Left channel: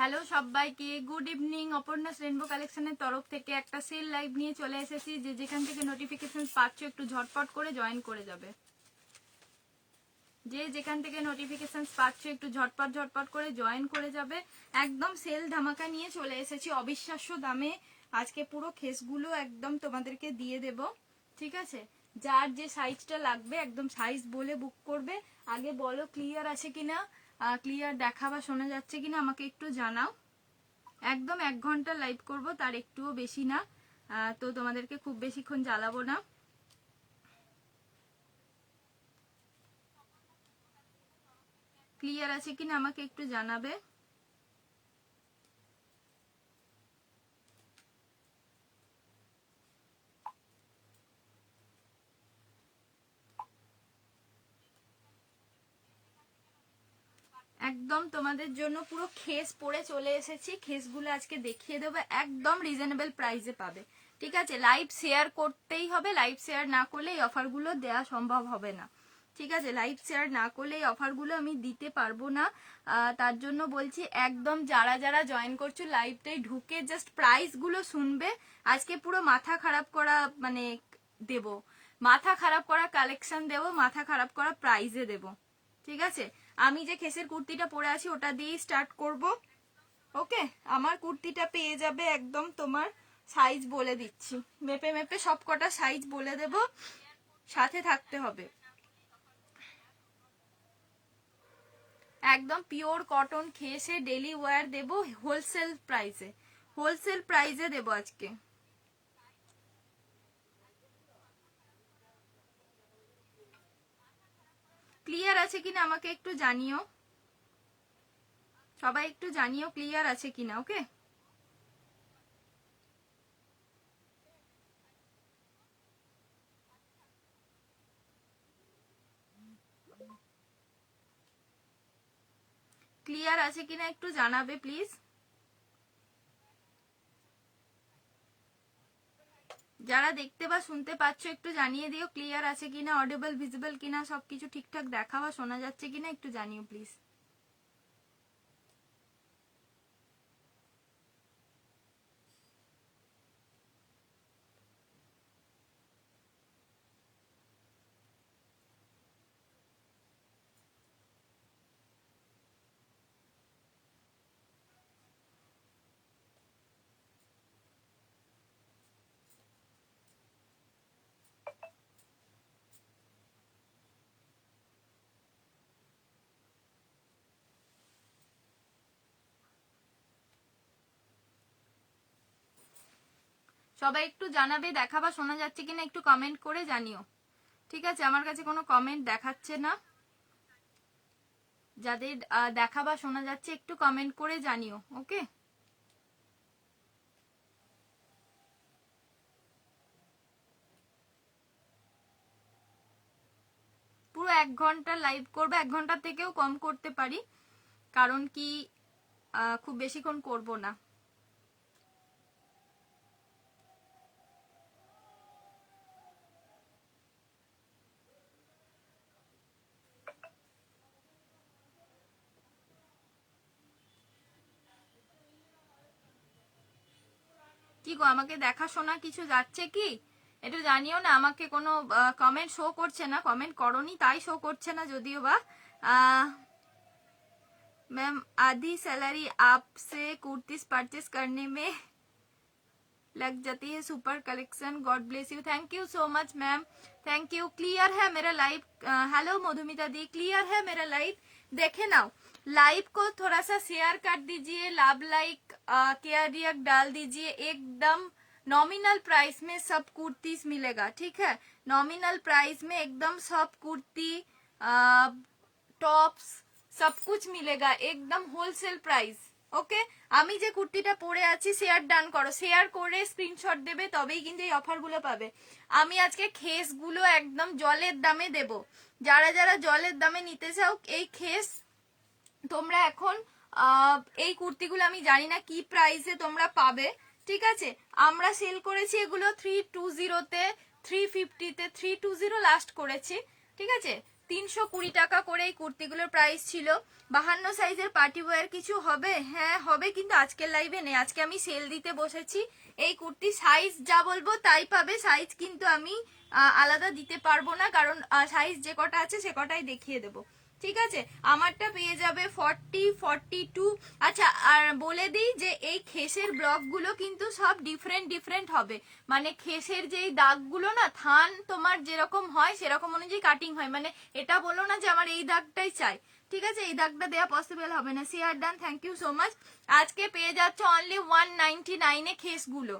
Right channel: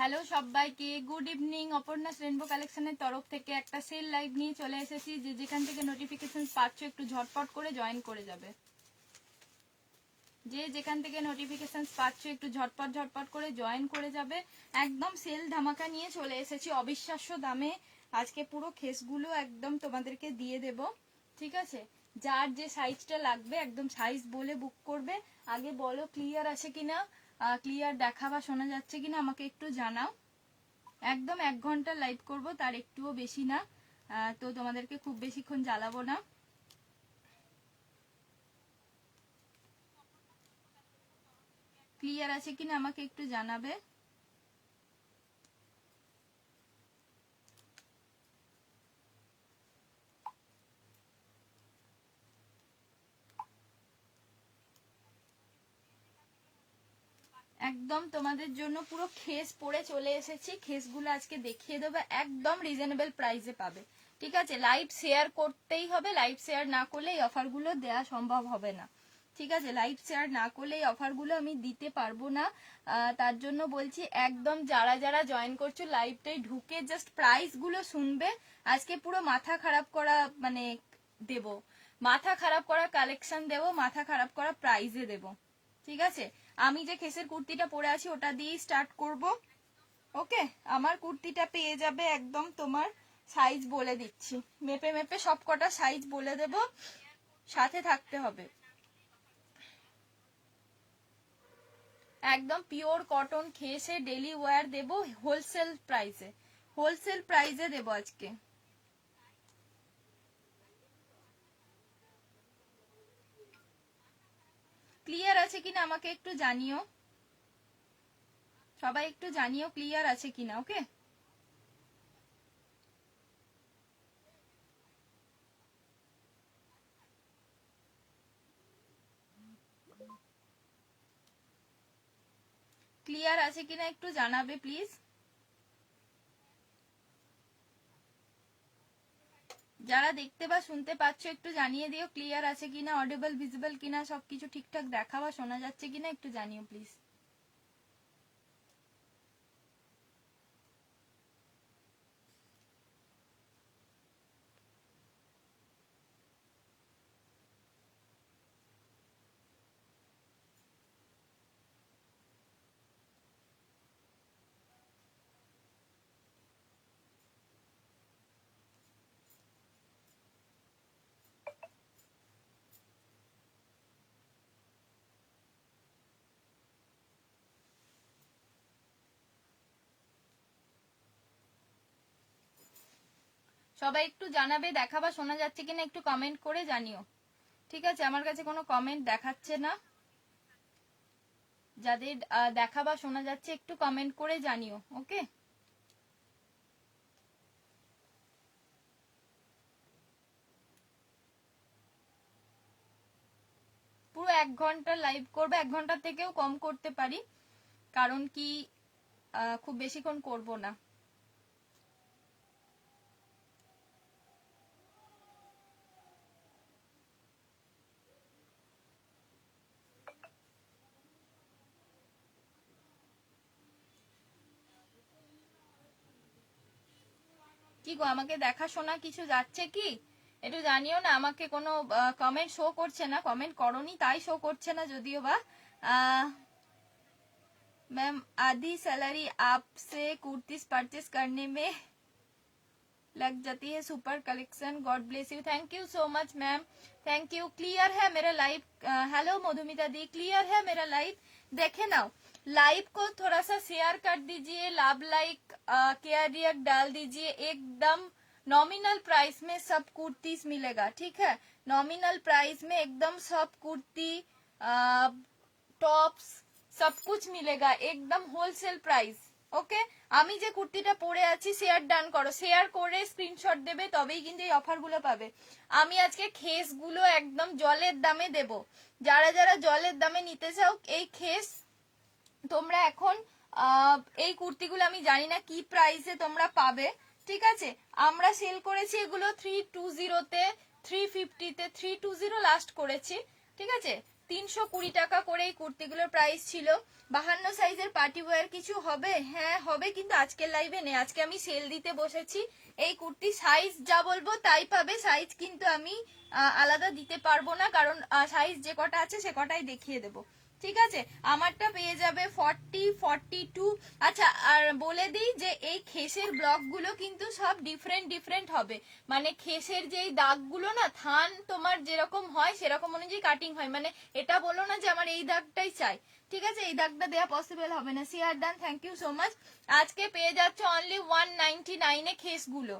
Hello সবাইকে, good evening. Aparna's rainbow কালেকশনের তরফ থেকে একটা সেল লাইভ নিয়ে চলে এসেছি। যে যেখান থেকে নোটিফিকেশন পাচ্ছ একটু ঝটপট করে জয়েন করে যাবে। যে যেখান থেকে নোটিফিকেশন পাচ্ছ একটু ঝটপট করে জয়েন করে যাবে। একদম সেল ধামাকা নিয়ে চলে এসেছি অবিশ্বাস্য দামে। আজকে পুরো খেসগুলো একদম তোমাদেরকে দিয়ে দেব, ঠিক আছে? যার যে সাইজটা লাগবে একদম সাইজ বলে বুক করবে। আগে বলো ক্লিয়ার আছে কিনা, ক্লিয়ার দেখা বা শোনা যাচ্ছে কিনা আমাকে একটু জানাও। একদম 1 ঘন্টা লাইভ করব, তার একটুও বেশি না। তো তোমাদেরকে খুব বেশিক্ষণ জ্বালাবো না। ক্লিয়ার আছে কিনা আমাকে একটু জানাবে। একদম তোমাদের জন্য পুরো খেস পরে চলে এসেছি। খেসগুলো আজকে দেখিয়ে দেবো, একদম রিজনেবল প্রাইসে পাবে, ঠিক আছে? লাইভ শেয়ার করতেই হবে, লাইভ শেয়ার না করলে এই অফারগুলো দেওয়া সম্ভব হবে না, ঠিক আছে? লাইভ শেয়ার না করলে এই অফারগুলো আমি দিতে পারবো না। তার জন্য বলছি একদম যারা যারা জয়েন করছো লাইভটাই ঢুকে জাস্ট প্রাইসগুলো শুনবে। আজকে পুরো মাথা খারাপ করা মানে দেব, মাথা খারাপ করা কালেকশন দেব, মাথা খারাপ করা প্রাইজে দেব, ঠিক আছে? আমি যে খেসের কুর্তিটা পরে আছি ওটা দিয়েই স্টার্ট করব। ওকে, আমার কুর্তিটা পেয়ে যাবে একদম তোমার সাইজ বলে দিচ্ছি, মেপে মেপে সব কটা সাইজ বলে দেব, সাথে থাকতে হবে। একদম পিওর কটন খেসে ডেলি ওয়্যার দেব, হোলসেল প্রাইসে দেব আজকে। ক্লিয়ার আছে কিনা আমাকে একটু জানিও, সবাই একটু জানিও ক্লিয়ার আছে কিনা। ওকে, ক্লিয়ার আছে কিনা একটু জানাবে প্লিজ। যারা দেখতে বা শুনতে পাচ্ছ একটু জানিয়ে দিও ক্লিয়ার আছে কিনা, অডিবল ভিজিবল কিনা, সবকিছু ঠিকঠাক দেখা বা শোনা যাচ্ছে কিনা একটু জানিও প্লিজ। সবাই একটু জানাবে দেখা বা শোনা যাচ্ছে কিনা, একটু কমেন্ট করে জানিও, ঠিক আছে? আমার কাছে কোনো কমেন্ট দেখাচ্ছে না। যাদের দেখা বা শোনা যাচ্ছে একটু কমেন্ট করে জানিও। ওকে, পুরো 1 ঘন্টা লাইভ করবে, 1 ঘন্টা থেকেও কম করতে পারি, কারণ কি খুব বেশিক্ষণ করব না। কি গো, আমাকে দেখা শোনা কিছু যাচ্ছে কি একটু জানিও না। আমাকে কোনো কমেন্ট শো করছে না, কমেন্ট করনি তাই শো করছে না যদিও বা। मैम आधी सैलरी आपसे कुर्तीज परचेस करने में लग जाती है। Super collection, God bless you. Thank you so much ma'am, thank you. Clear है मेरा लाइव? हेलो मधुमिता दी, क्लियर है मेरा लाइव? देखे ना, लाइव को थोड़ा सा शेयर कर दीजिए, लाभ लाइक केयर रिएक्ट डाल दीजिए। एकदम नॉमिनल प्राइस में सब कुर्तीज मिलेगा, ठीक है? नॉमिनल प्राइस में एकदम सब कुर्ती टॉप्स सब कुछ मिलेगा, एकदम होलसेल प्राइस। ওকে, আমি যে কুর্তিটা পরে আছি শেয়ার ডান করো, শেয়ার করে স্ক্রিনশট দেবে, তবেই কিন্তু এই অফারগুলো পাবে। আমি আজকে খেসগুলো একদম জলের দামে দেব। যারা যারা জলের দামে নিতে চাও এই খেস তোমরা এখন এই কুর্তিগুলো আমি জানি না কি প্রাইসে তোমরা পাবে, ঠিক আছে? আমরা সেল করেছি এগুলো 320-তে, 350-তে, 320 লাস্ট করেছি, ঠিক আছে? 320 টাকা করে এই কুর্তিগুলোর প্রাইস ছিল। 52 সাইজের পার্টি ওয়্যার কিছু হবে? হ্যাঁ হবে, কিন্তু আজকের লাইভে নেই, আজকে আমি সেল দিতে বসেছি। এই কুর্তি সাইজ যা বলবো তাই পাবে, সাইজ কিন্তু আমি আলাদা দিতে পারবো না, কারণ সাইজ যে কটা আছে সে কটাই দেখিয়ে দেবো, ঠিক আছে। আমারটা পেয়ে যাবে 40, 42। আচ্ছা, আর বলে দিই যে এই খেসের ব্লকগুলো কিন্তু সব ডিফারেন্ট হবে, মানে খেসের যেই দাগগুলো না, থান তোমার যেরকম হয় সেরকম অনুযায়ী কাটিং হয়, মানে এটা বলো না যে আমার এই দাগটাই চাই, ঠিক আছে, এই দাগটা দেওয়া পসিবল হবে না। সিয়ার ডান, থ্যাংক ইউ সো মাচ। আজকে পেয়ে যাচ্ছ অনলি 199 এ খেসগুলো,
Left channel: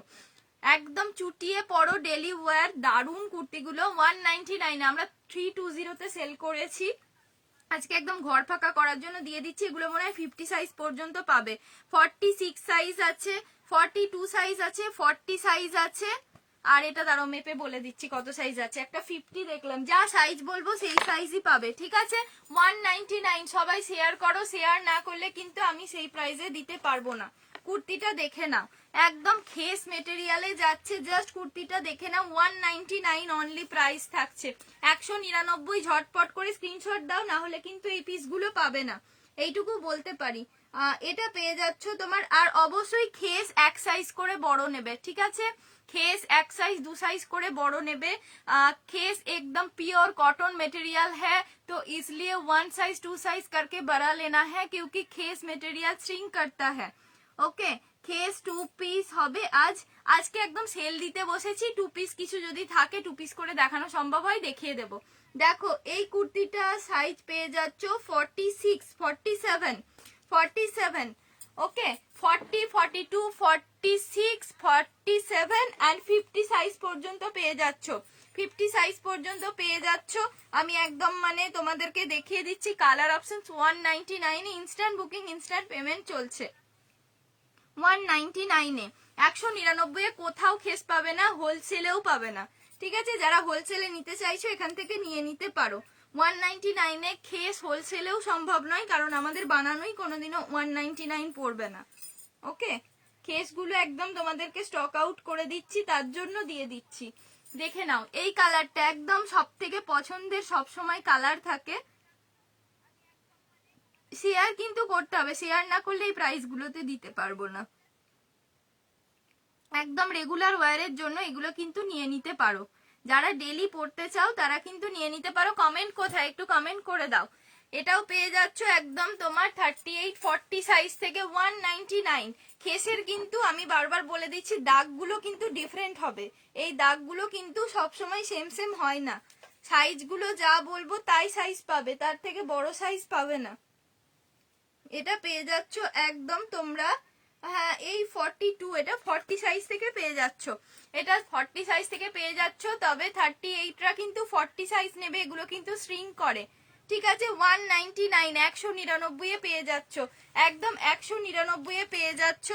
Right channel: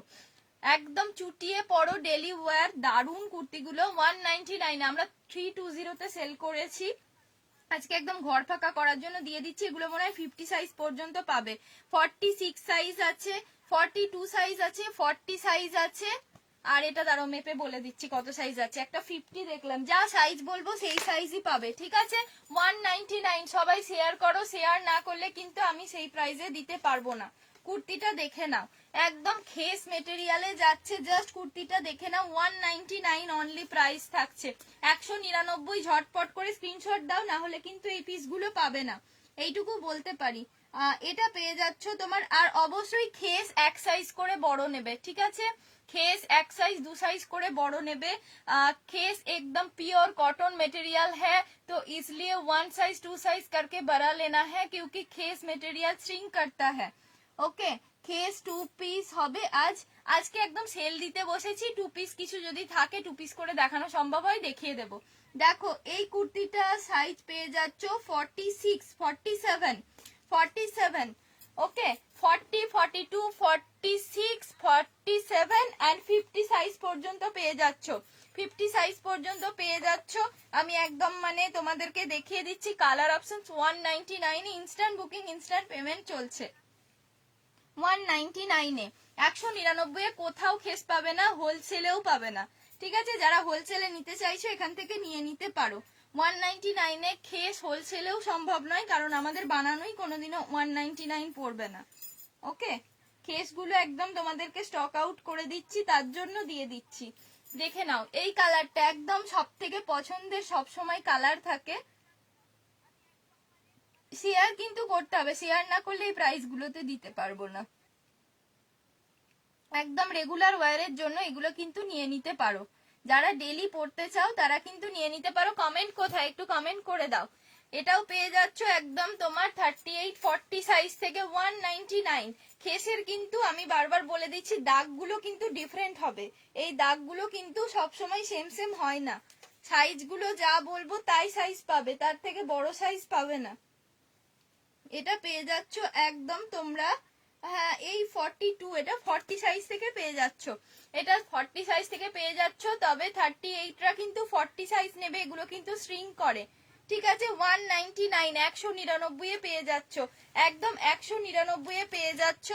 একদম চুটিয়ে পড়ো ডেলি ওয়্যার দারুন কুর্তিগুলো 199। আমরা 320 তে সেল করেছি, আজকে একদম ঘর ফাঁকা করার জন্য দিয়ে দিচ্ছি। এগুলো মনে হয় 50 সাইজ পর্যন্ত পাবে, 46 সাইজ আছে, 42 সাইজ আছে, 40 সাইজ আছে, আর এটা দাঁড়াও মেপে বলে দিচ্ছি কত সাইজ আছে। একটা 50 দেখলাম, যা সাইজ বলবো সেই সাইজই পাবে, ঠিক আছে। 199। সবাই শেয়ার করো, শেয়ার না করলে কিন্তু আমি সেই প্রাইসে দিতে পারবো না। কুর্তিটা দেখে নাও, একদম খেস মেটেরিয়ালে যাচ্ছে, জাস্ট কুর্তিটা দেখে নাও, 199 অনলি প্রাইস থাকছে। 199, ঝটপট করে স্ক্রিনশট দাও, না হলে কিন্তু এই পিসগুলো পাবে না, এইটুকু বলতে পারি। এটা পেয়ে যাচ্ছ তোমার, আর অবশ্যই খেস এক সাইজ করে বড় নেবে, ঠিক আছে, खेस एक साइज 2 साइज করে বড় নেবে। खेस एकदम प्योर कॉटन मटेरियल है, तो इसलिए 1 साइज 2 साइज करके बड़ा लेना है, क्योंकि खेस मटेरियल श्रिंक करता है। ओके, খেস 2 পিস হবে আজকে একদম সেল দিতে বসেছি। 2 পিস কিছু যদি থাকে 2 পিস করে দেখানো সম্ভব হয় দেখিয়ে দেব। দেখো এই কুর্তিটা সাইজ পেয়ে যাচ্ছ 46, 47, 47, ওকে, 40, 42, 46, 47 and 50 সাইজ পর্যন্ত পেয়ে যাচ্ছ, 50 সাইজ পর্যন্ত পেয়ে যাচ্ছ। আমি একদম মানে তোমাদেরকে দেখিয়ে দিচ্ছি। কালার অপশনস 199 এ ইনস্ট্যান্ট বুকিং, ইনস্ট্যান্ট পেমেন্ট চলছে। 199 এ, 199 এ কোথাও খেস পাবে না, হোলসেলেও পাবে না, ঠিক আছে। যারা হোলসেলে নিতে চাইছো এখান থেকে নিয়ে নিতে পারো। 199 এ খেস হোলসেলেও সম্ভব নয়, কারণ আমাদের বানানোই কোনোদিনও 199 পড়বে না। ওকে, খেসগুলো একদম তোমাদেরকে স্টক আউট করে দিচ্ছি, তার জন্য দিয়ে দিচ্ছি। দেখে নাও এই কালারটা একদম সব থেকে পছন্দের, সব সময় কালার থাকে। শেয়ার কিন্তু করতে হবে, শেয়ার না করলে এই প্রাইস গুলোতে দিতে পারবো না। একদম রেগুলার ওয়্যারের জন্য এগুলো কিন্তু নিয়ে নিতে পারো, যারা ডেলি পড়তে চাও তারা কিন্তু নিয়ে নিতে পারো। কমেন্ট কোথায়, একটু কমেন্ট করে দাও। এটাও পেয়ে যাচ্ছ একদম তোমার 38, 40 সাইজ থেকে 199। খেসের কিন্তু আমি বারবার বলে দিচ্ছি দাগগুলো কিন্তু ডিফারেন্ট হবে, এই দাগগুলো কিন্তু সবসময় সেম সেম হয় না, সাইজগুলো যা বলবো তাই সাইজ পাবে, তার থেকে বড় সাইজ পাবে না। এটা পেয়ে যাচ্ছ একদম তোমরা, হ্যাঁ এই 42, এটা 40 সাইজ থেকে পেয়ে যাচ্ছ, এটা 40 সাইজ থেকে পেয়ে যাচ্ছ। তবে 38রা কিন্তু 40 সাইজ নেবে, এগুলো কিন্তু শ্রিঙ্ক করে, ঠিক আছে। 199, 199 এ পেয়ে যাচ্ছ, একদম 199 এ পেয়ে যাচ্ছ।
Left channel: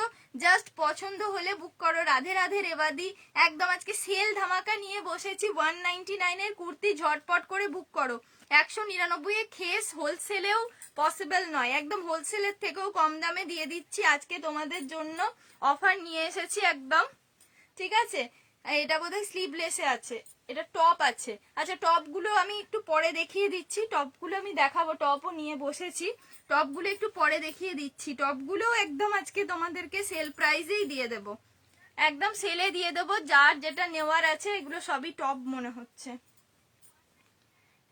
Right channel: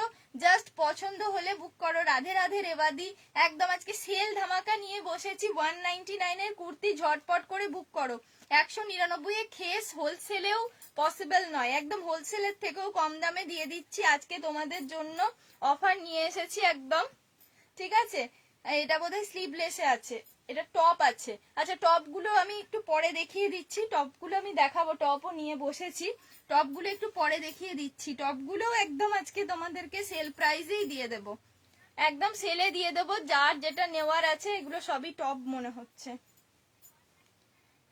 জাস্ট পছন্দ হলে বুক করো। রাধে রাধে রেবাদি, একদম আজকে সেল ধামাকা নিয়ে বসেছি। 199 এর কুর্তি ঝটপট করে বুক করো। 199 এ খেস হোলসেলেও পসিবল নয়, একদম হোলসেলের থেকেও কম দামে দিয়ে দিচ্ছি আজকে তোমাদের জন্য, অফার নিয়ে এসেছি একদম, ঠিক আছে। এটা বোধহয় স্লিভলেসে আছে, এটা টপ আছে। আচ্ছা টপগুলো আমি একটু পরে দেখিয়ে দিচ্ছি, টপগুলো আমি দেখাবো, টপও নিয়ে বসেছি, টপগুলো একটু পরে দেখিয়ে দিচ্ছি। টপগুলোও একদম আজকে তোমাদেরকে সেল প্রাইসেই দিয়ে দেব, একদম সেলে দিয়ে দেবো। যার যেটা নেওয়ার আছে, এগুলো সবই টপ মনে হচ্ছে,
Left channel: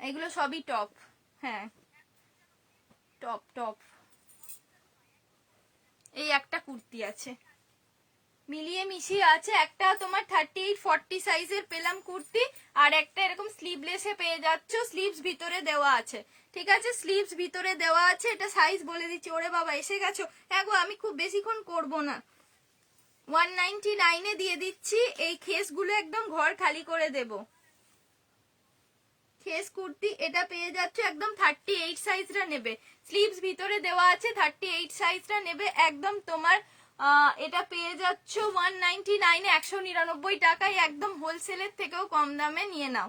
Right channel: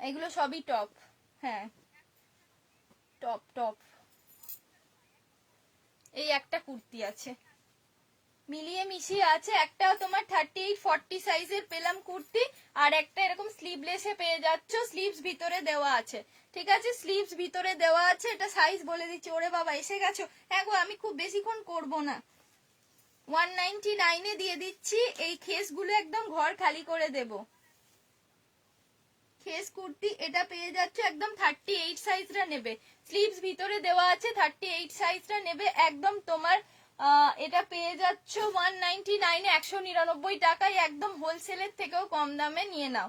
এগুলো সবই টপ, হ্যাঁ টপ টপ। এই একটা কুর্তি আছে, মিলিয়ে মিশিয়ে আছে, একটা তোমার 38, 40 সাইজের পেলাম কুর্তি, আর একটা এরকম স্লিভলেসে পেয়ে যাচ্ছ, স্লিভস ভিতরে দেওয়া আছে, ঠিক আছে, স্লিভস ভিতরে দেওয়া আছে। এটা সাইজ বলে দিচ্ছি। ওরে বাবা এসে গেছো, হ্যাঁ গো আমি খুব বেশিক্ষণ করবো না। 199 এ দিয়ে দিচ্ছি। এই খেসগুলো একদম ঘর খালি করে দেব। খেস কুর্তি এটা পেয়ে যাচ্ছ একদম 38 সাইজটা নেবে, স্লিভস ভিতরে দেওয়া আছে, 38 সাইজটা নেবে একদম তোমার। এটা পেয়ে যাচ্ছ 199 এ, 199 টাকায়, একদম হোলসেলের থেকেও কম দামে নিয়ে নাও,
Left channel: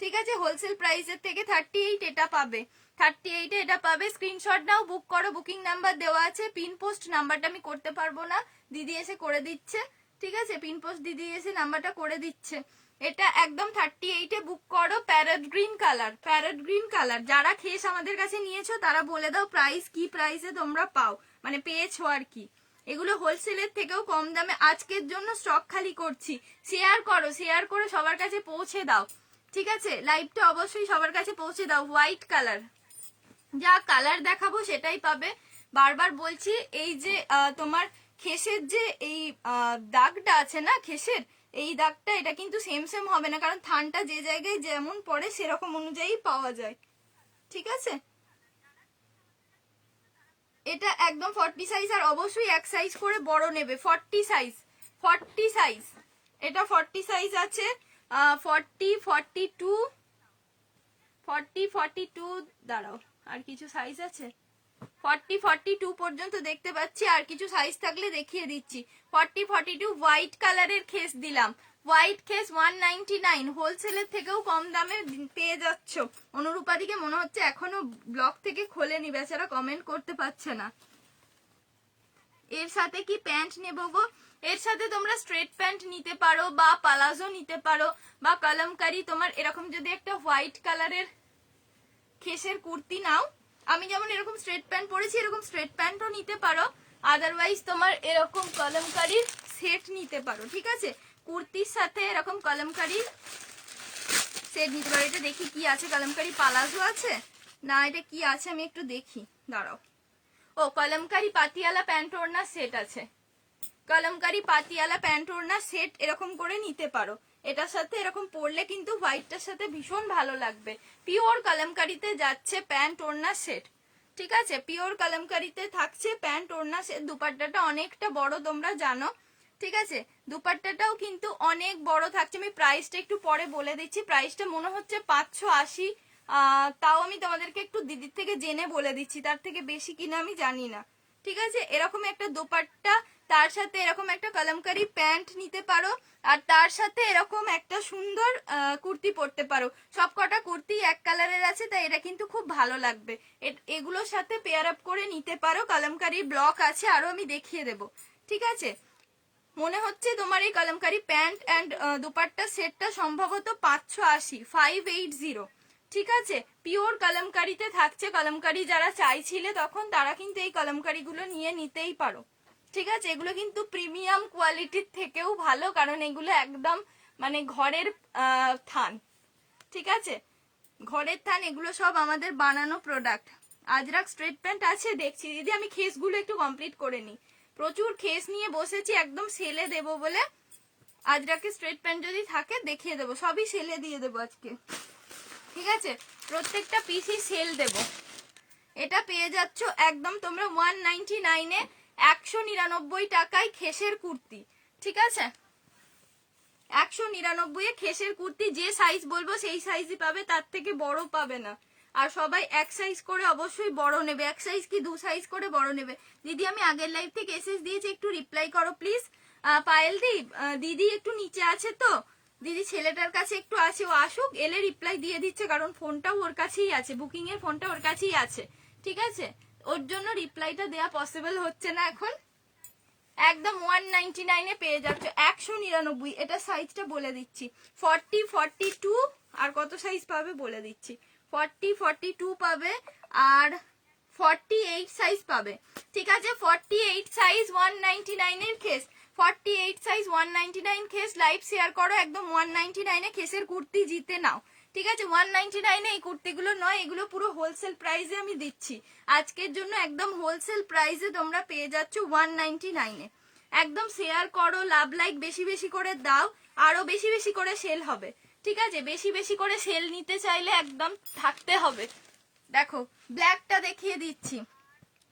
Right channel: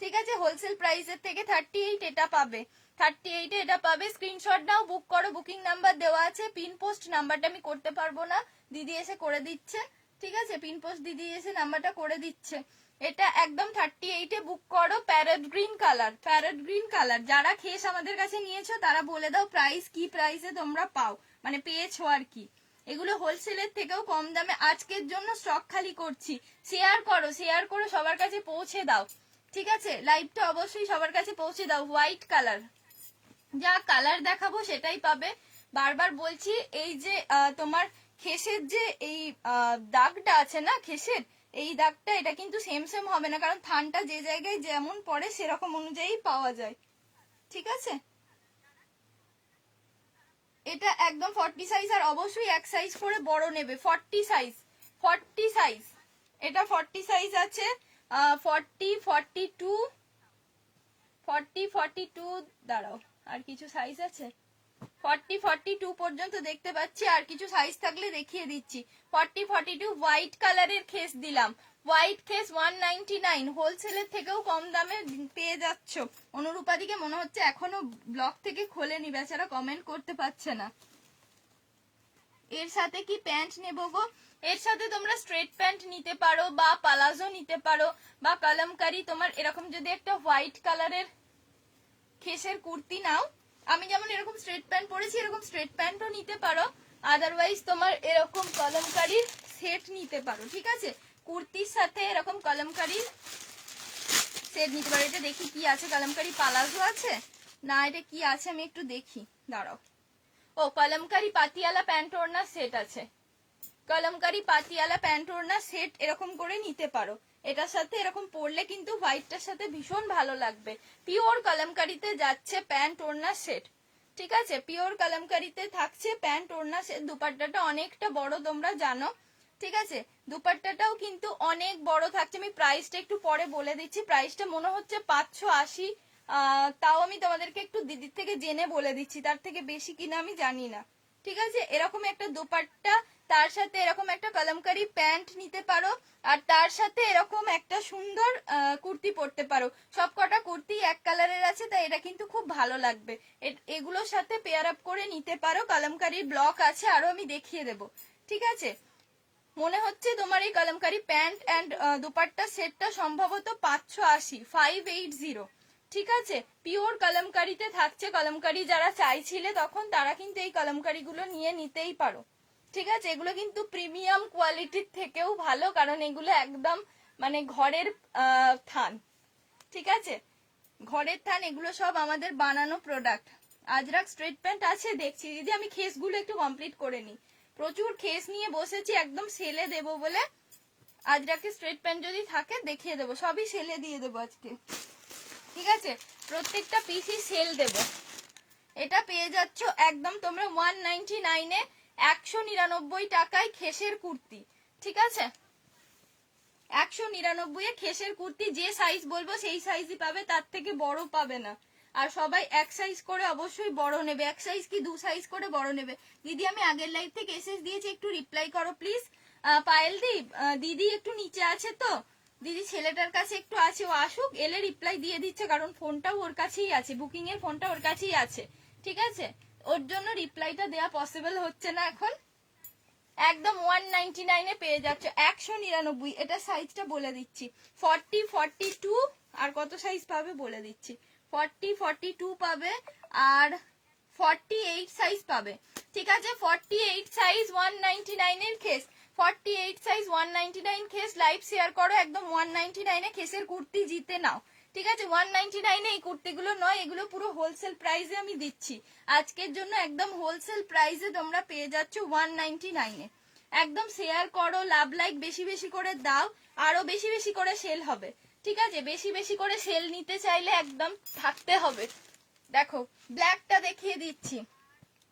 ঠিক আছে। হোলসেল প্রাইসের থেকে 38 এটা পাবে, 38 এ এটা পাবে। স্ক্রিনশট নাও, বুক করো, বুকিং নাম্বার দেওয়া আছে। পিন পোস্ট নাম্বারটা আমি করতে পারবো না, দিদি এসে করে দিচ্ছে, ঠিক আছে, পিন পোস্ট দিদি এসে নাম্বারটা করে দিচ্ছে। এটা একদম 38-এ বুক করো। Parrot green colour, parrot green colour. যারা খেস আমাদের কাছে নিয়েছো তারা বলে দাও প্রাইস কি প্রাইসে তোমরা পাও, মানে পেয়েছো আর কি। এগুলো হোলসেলের থেকেও কম দামে আজকের জন্য স্টক খালি করছি। শেয়ার করো, শেয়ার করে সবার কাছে পৌঁছে দাও, ঠিক আছে? লাইভটা অবশ্যই সবার কাছে পৌঁছে দাও। হোয়াইট কালার, যা কালার দেখাবো সেটাই পাবে। বারবার বলছি, এই যে তোমার খেসের যে এই দাগটা আছে না, খেসের এই দাগটা, এটা কিন্তু সেম সেম হবে না, কারণ থানটা যে জায়গায় যেমন পড়ে সেরকম অনুযায়ী পাওয়া যায়, ঠিক আছে? এটা একদম 40 সাইজ, আর অবশ্যই এক সাইজ করে বড় নেবে। 40 সাইজ, 40 সাইজ, এটা 40 সাইজ আছে। 40, 42, 40, 42, দাঁড়াও আর কিছু সাইজ আছে। 40, 42 পর্যন্ত দেখতে পাচ্ছি, আর কিছু সাইজ থাকলে দেখিয়ে দিচ্ছি। 40, 42 হোয়াইট কালারের খেস দিলাম। হোয়াইট খেস 199, হোলসেলের থেকেও কম দামে পেয়ে যাচ্ছ। অনুরূপাদিকে মনে হচ্ছে এখনো ব্লগ থেকে খোলেনি, বেচারা কমেন্ট করতে পারছে না। এর সাথে কি প্যান্ট নেবো গো? এর সাথে তোমরা স্ট্রেট প্যান্ট নিতে পারো, বা পালাজো নিতে পারো, বা কলমকারি। তোমার এরকম যদি একটা হোয়াইট কালারের খেসের কুর্তি নাও, আমি যেমন এরকম স্ট্রেট প্যান্ট পরেছি, এরকম স্ট্রেট প্যান্টও নিতে পারো। আদারওয়াইজ তোমার এরকম কলমকারির সেট নিতে পারো, ঠিক আছে? কুর্তির সাথে এরকম কলমকারির সেট নিতে পারো। এটা দেখি কি আছে, কলমকারি পালাজো আছে না, এটা কি আছে আমি একটু দেখি, দাঁড়াও। ও, কলমকারি পাতিয়ালা প্যান্ট ওড়না সেট আছে। কলমকারি পাতিয়ালা প্যান্ট ওড়না সেট এরকম করে নিতে পারো। এটার সাথে এরকম পরলে কিন্তু হোয়াইটটার সাথে ভীষণ ভালো লাগবে। পিওর কলমকারিতে যাচ্ছে প্যান্ট ওড়না সেট, ঠিক আছে? পিওর কলমকারিতে থাকছে প্যান্ট ওড়না সেট। দুপাট্টাটা অনেকটা বড়, তোমরা জানো, ঠিক আছে? দুপাট্টাটাও কিন্তু অনেক বড় থাকছে। আমি প্রাইসটা একটু পরে বলে দিচ্ছি। প্রাইসটা মনে হচ্ছে 580, তাও আমি তোমাদেরকে একটু দিদির থেকে জেনে বলে দিচ্ছি, তার থেকে বেশি কিনা আমি জানি না, ঠিক আছে? এরকম একটা দোপাট্টা, তার সাথে এরকম একটা কলমকারি প্যান্ট নিতে পারো, আর তার সাথে এরকম একটা সুন্দর কুর্তি পরতে পারো। সব কটা কুর্তি এক কালারের আছে, তাই এটা কিন্তু খুব ভালো লাগবে। এগুলোর সাথে পেয়ার আপ করে নিতে পারো। কলমকারির ব্লক আছে, আরো আমি দেখিয়ে দেবো, ঠিক আছে? মনে হচ্ছে তোমার এই কলমকারি প্যান্ট অ্যান্ড দুপাট্টা সেটটা সম্ভবত 580, 580, ঠিক আছে? পিওর কলমকারিতে থাকছে। কলমকারি যারা চাইছিলে তখন, তারা কিন্তু এই কলমকারিগুলো নিয়ে নিতেই পারো, ঠিক আছে? এগুলো কিন্তু প্রিমিয়াম কোয়ালিটির থেকেও ভালো, কারণ এগুলো একদম মানে ঘরের থান, ঠিক আছে? ঘরের থান, এগুলো সব আমাদের বানানো প্রোডাক্ট। আজরাক স্ট্রেট প্যান্ট আছে দেখছি দিদি, আমি খেসগুলো একটু কমপ্লিট করে নিই। প্রচুর খেস নিয়ে বসেছি একদম সেলে দেবো বলে। আজরাকে স্ট্রেট প্যান্ট যদি থাকে দেখিয়ে দেবো, সবই সেলে দিয়ে দেবো আজকে, ঠিক আছে? প্রত্যেকটা পিসই সেল দেবো। এটা পেয়ে যাচ্ছ একদম তোমরা 199-এ, 199 টাকায় খেসের কুর্তি, ঠিক আছে? 199-এ খেসের কুর্তি। যে সাইজ বলবো সেই সাইজই পাবে, তার থেকে বড় পাবে না। আর সবাই এক সাইজ করে অবশ্যই বড় নেবে, এক সাইজ কি দু সাইজ করে বড় নেবে। দিদি আমি আগের লাইভ থেকে এসএস দিয়েছি, একটু রিপ্লাই করো প্লিজ। পায়েল দি, দিদি একটু নিচে আছে তো, দিদি ছেলেটার কাছে একটু আছে, ও আসুক, এলে রিপ্লাই দিয়ে দিচ্ছে, কারণ ফোনটাও ওর কাছেই আছে, বুকিং এর ফোনটা ওর কাছেই আছে, ঠিক আছে? ওর জন্য রিপ্লাইটা দেওয়া পসিবল হচ্ছে না এখন। একদম 199-এ পেয়ে যাচ্ছে, 199। এটা সাইজটা বলে দিচ্ছি, 40, 42, আর কত সাইজ পাবে বলে দিচ্ছি। 40, 42 পাবে, আর 48 সাইজ পাবে, ঠিক আছে? 48 সাইজ 199-এর খেস, 48 সাইজ 199 খেস। লাইভ শেয়ার করো, একদম 199-এ খেসের কুর্তি জিতে নাও, ঠিক আছে? 199-এ এই কুর্তিগুলো নয়, এগুলো পুরো হোলসেল প্রাইসে আমি দিচ্ছি আজকের জন্য। একদম হোলসেল প্রাইসে তোমরা পেয়ে যাচ্ছ 199-এ। একদম শেয়ার করো, লাভ লাইক বেশি বেশি করে দাও, আরো বেশি বেশি করে সেল হবে, ঠিক আছে? বেশি বেশি করে সেল নিতে চাইলে একদম থাকতে হবে। দেখো ব্ল্যাকটা দেখিয়ে দিচ্ছি,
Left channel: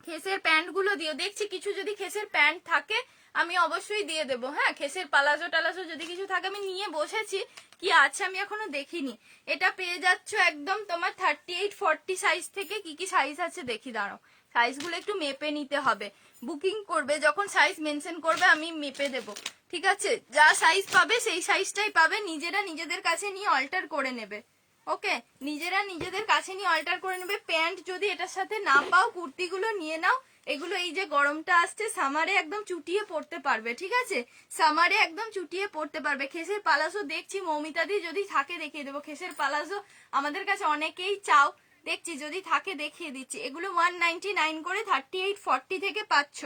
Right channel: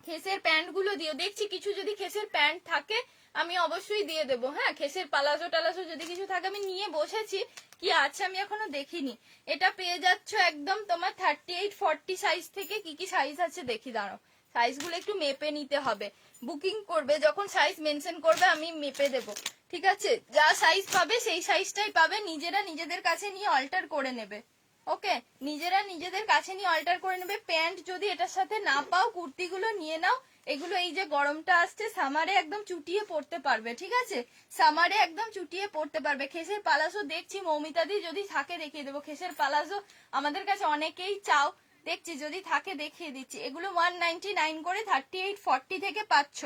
খেসের প্যান্ট গুলো দিও। দেখছি কিছু যদি খেসের প্যান্ট থাকে আমি অবশ্যই দিয়ে দেবো, হ্যাঁ? খেসের পালাজো টালাজো যদি কিছু থাকে, আমি নিয়ে বসেছি, কি আছে আমি এখনো দেখিনি। এটা পেয়ে যাচ্ছ একদম তোমার 38, 40 সাইজ থেকে। কি কি সাইজ আছে দেখি, দাঁড়াও, সাইজগুলো একটু মেপে নিতে হবে। বুকিং করবে যখন সাইজ মেনশন করবে আমি মেপে দেব, ঠিক আছে? যা সাইজ পাবে সেই সাইজটাই পাবে, নিজেরা নিজেদের কাছে নিয়ে অল্টার করে নেবে, ওকে? নিজেরা নিজেদের কাছে নিয়ে অল্টার করে নেবে। প্যান্ট যদি এটার সাথে না পাও, কুর্তিগুলো নিয়ে নাও, এগুলো এই যে গরমটা আসছে সামারে একদম চুটিয়ে পড়তে পারবে, ঠিক আছে, সামারে একদম চুটিয়ে পড়তে পারবে। খেসের পালাজো দেখছি মৌমিতাদি যদি থাকে দেখিয়ে দেবো। খেসের পালাজো আমাদের কাছে অনেকেই চাও, দেখছি যদি থাকে দেখিয়ে দিচ্ছি। এগুলো 199 করে 38-40 থেকে পাচ্ছ,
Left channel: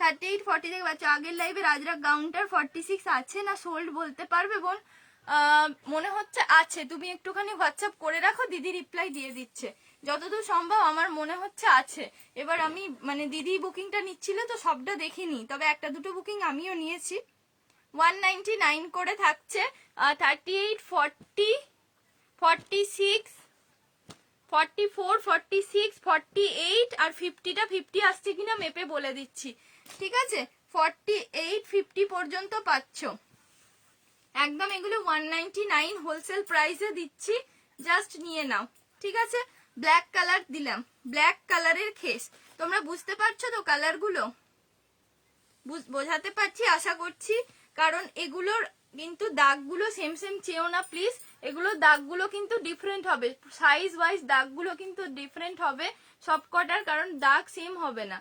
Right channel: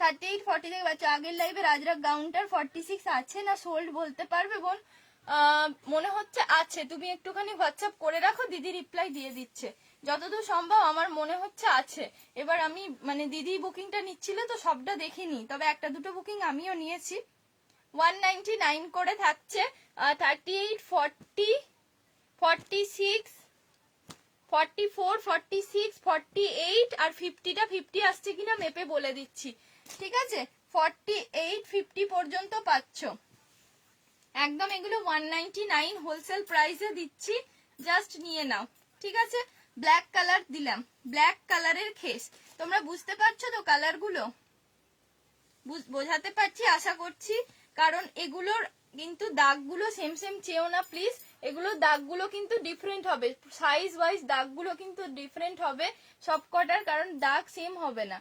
38-40 থেকে পাচ্ছ। আগের লাইভে রাজরাগ গাউনটার 46 আছে না সোল্ড বলতে পারবে বোন? মনে হচ্ছে আছে, তুমি একটুখানি হোয়াটসঅ্যাপ করে রাখো, দিদি রিপ্লাই দিয়ে দিচ্ছে। যতদূর সম্ভব আমার মনে হচ্ছে আছে। এবার আমি মানে দিদি বুকিংটা নিচ্ছিল তো সবটা দেখিনি, তবে একটা দুটো বুকিং আমিও নিয়েছি। 199 করে থাকছে, 38-40, 46, 44, 46, 48 আর 50টা 50 আসছে কিনা মেপে বলে দিচ্ছি, ঠিক আছে। 48-50 পর্যন্ত পাচ্ছ একদম। এগুলো 199 হোলসেল প্রাইসে দিচ্ছি, জাস্ট নিয়ে নাও, ঠিক আছে। ব্ল্যাক কালার দিলাম, ব্ল্যাক কালারের খেস। তোমরা বুঝতে পারছো তো কালারগুলো? বোঝাতে পারছি আশা করছি, কারণ এগুলোর কিন্তু দাগগুলো সেম সেম চেও না প্লিজ। এগুলোর দাগগুলো কিন্তু ডিফারেন্ট হবে, সাইজ ওয়াইজ দাগগুলো কিন্তু ডিফারেন্ট হবে সব কটার, কারণ দাগ সেম হবে না।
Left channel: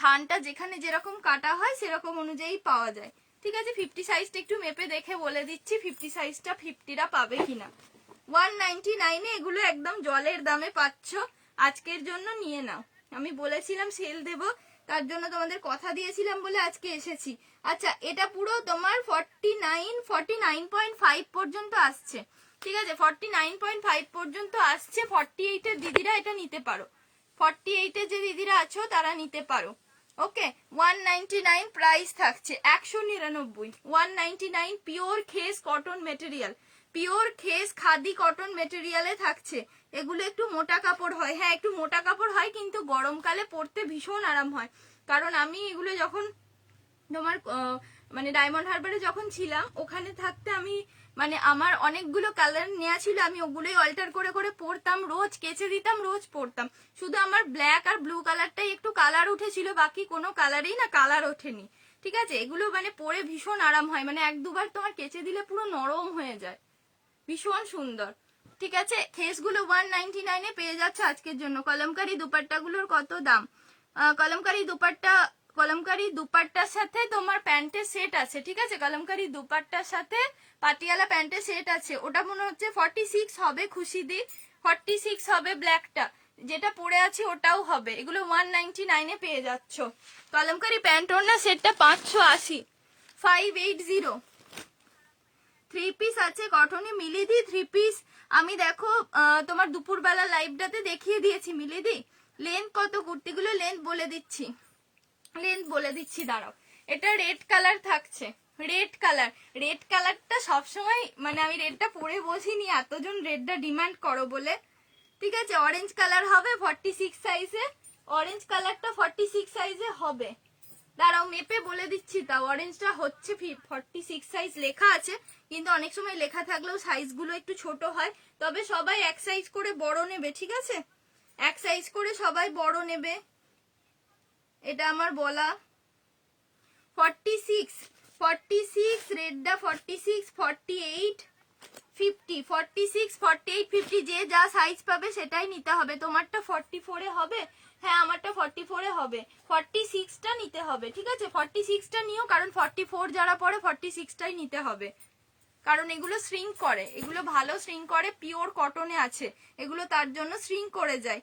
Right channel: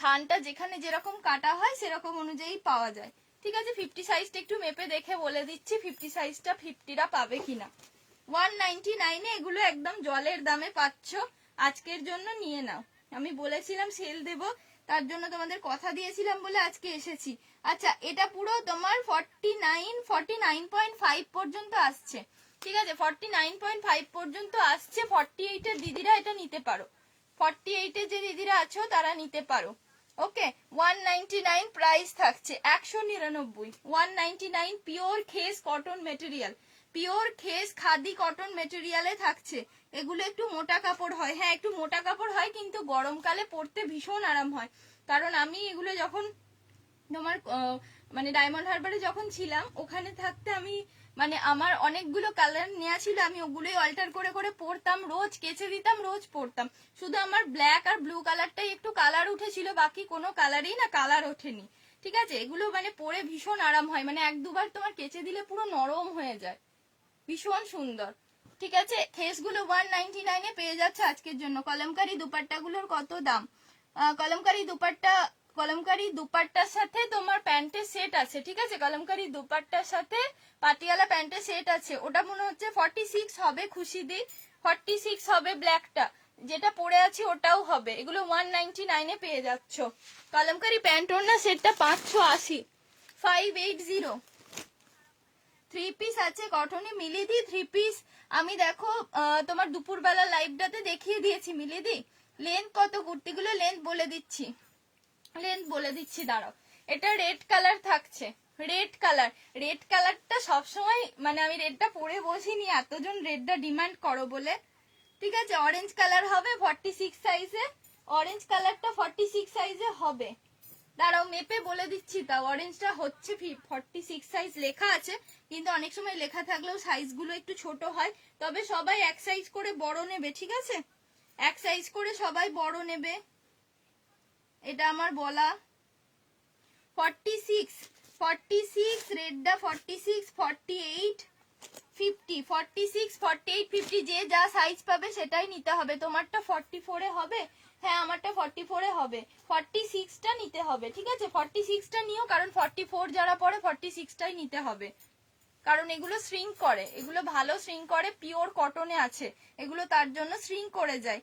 থানটা যেখানে যেরকম কাটা হয় সেরকম অনুযায়ী পাওয়া যায়, ঠিক আছে। 50 সাইজটা একটু মেপে দেখে বলে দিচ্ছি 50 সাইজটা 50টা পাবে কিনা। 199 এ এগুলো একদম জলের দামে পাচ্ছ, আজকের জন্য নিয়ে নাও। আমি বলেছিলাম সেল দেব, তার জন্য তোমাদের কথা দিয়েছিলাম বলে আজকে এসেছি। আচ্ছা, এটা পুরো তোমার 49.5 পর্যন্ত আসছে, ঠিক আছে, 49.5 পর্যন্ত আসছে। 48 এর দিদিরা এটা নিতে পারো, 48 এর যে দিদিরা আছো তারা নিতে পারো। ওকে, 199 প্রাইস থাকছে, 199, 199 pure khes cotton material, pure khes khadi cotton মেটেরিয়ালে থাকছে। এগুলো একটু মোটা কাপড় হয়, হ্যাঁ একটু মোটা কাপড় হয়, কিন্তু গরমকালে পরতে ভীষণ আরাম হয়। কারণ আমি এগুলো যখন তোমার মানে ডায়মন্ড হারবারে যখন ছিলাম ওখানে থাকতে আমি মানে আমার অনেকগুলো কালার নেওয়া ছিল, আমি ওগুলোই অল্টার করে করে পরতাম, রোজ কেচে দিতাম, রোজ পরতাম। শুধু আমার ব্ল্যাক আর ব্লু কালারটাই একটু কালার উঠেছিল, বাকি কোনো কালারেই না কালার ওঠেনি, ঠিক আছে। এগুলো মানে পরে ভীষণ আরাম হয়, মানে এক দুবার তোমার কেচে দিলে পুরো নরম হয়ে যায়, ভীষণ সুন্দর, ঠিক আছে। খেসগুলো 199 এ পেয়ে যাচ্ছে আজকের জন্য। কলমকারি দুপাট্টাগুলোর কত দাম? কলমকারি দুপাট্টার সাথে তোমার প্যান্টের সেট আছে, ঠিক আছে। কলমকারি দুপাট্টার সাথে পাটিয়ালা প্যান্টের সেট আছে, ওটা মনে হচ্ছে 46 হবে, খুশি দি 46 হবে। ব্ল্যাকটা যেটা পরে আছি ওটাও হবে। এগুলো 199 এ পেয়ে যাচ্ছ। কলমকারি প্যান্ট ওড়না সেটটা 580, 580। 3 পিস আছে কটনে মিলিদি, 3 পিস আমি দেখো তোমার দুপুরবেলা লাইভটাতে দেখিয়ে দিয়েছি মিলিদি। লেন্থ কত কুর্তিগুলো লেন্থ বলে দিচ্ছি, দাঁড়াও। এটা রেড কালার থাকছে, রেড কালারটা সবসময় মানে আমি রেডটা পরে বসিনি, এতজন রেডটা ডিমান্ড করো বলে, ঠিক আছে। অরেঞ্জ কালার হবে 46 সাইজে, অরেঞ্জ কালারটা 46 সাইজে হবে। দাঁড়াও মেপে বলে দিচ্ছি, তাও অরেঞ্জটা হচ্ছে 46 সাইজ লেখা আছে, কিন্তু অনেক সময় লেখা থাকলেও সাইজগুলো একটু ছোট হয়। তবে সবাই এক সাইজ করে বড় নেবে, ঠিক আছে, এক সাইজ করে সবাই বড় নেবে, এটা আমার বলা। 46 রেডটা 46, 48, 50, 46, 48, 50 যে যা সাইজ পাবে সেটাই নিতে হবে। তোমারটা 44 এ হবে, হ্যাঁ আমারটা 44 এ হবে, 46টা নিতে হবে, ঠিক আছে। 46টা নিও, কারণ 44 যারা পরে 46টাই নিতে হবে, কারণ এগুলো শ্রিঙ্ক করে, এগুলো ভালো শ্রিঙ্ক করে, পিওর কটনে আছে এগুলো, তার জন্য শ্রিঙ্ক করে যায়।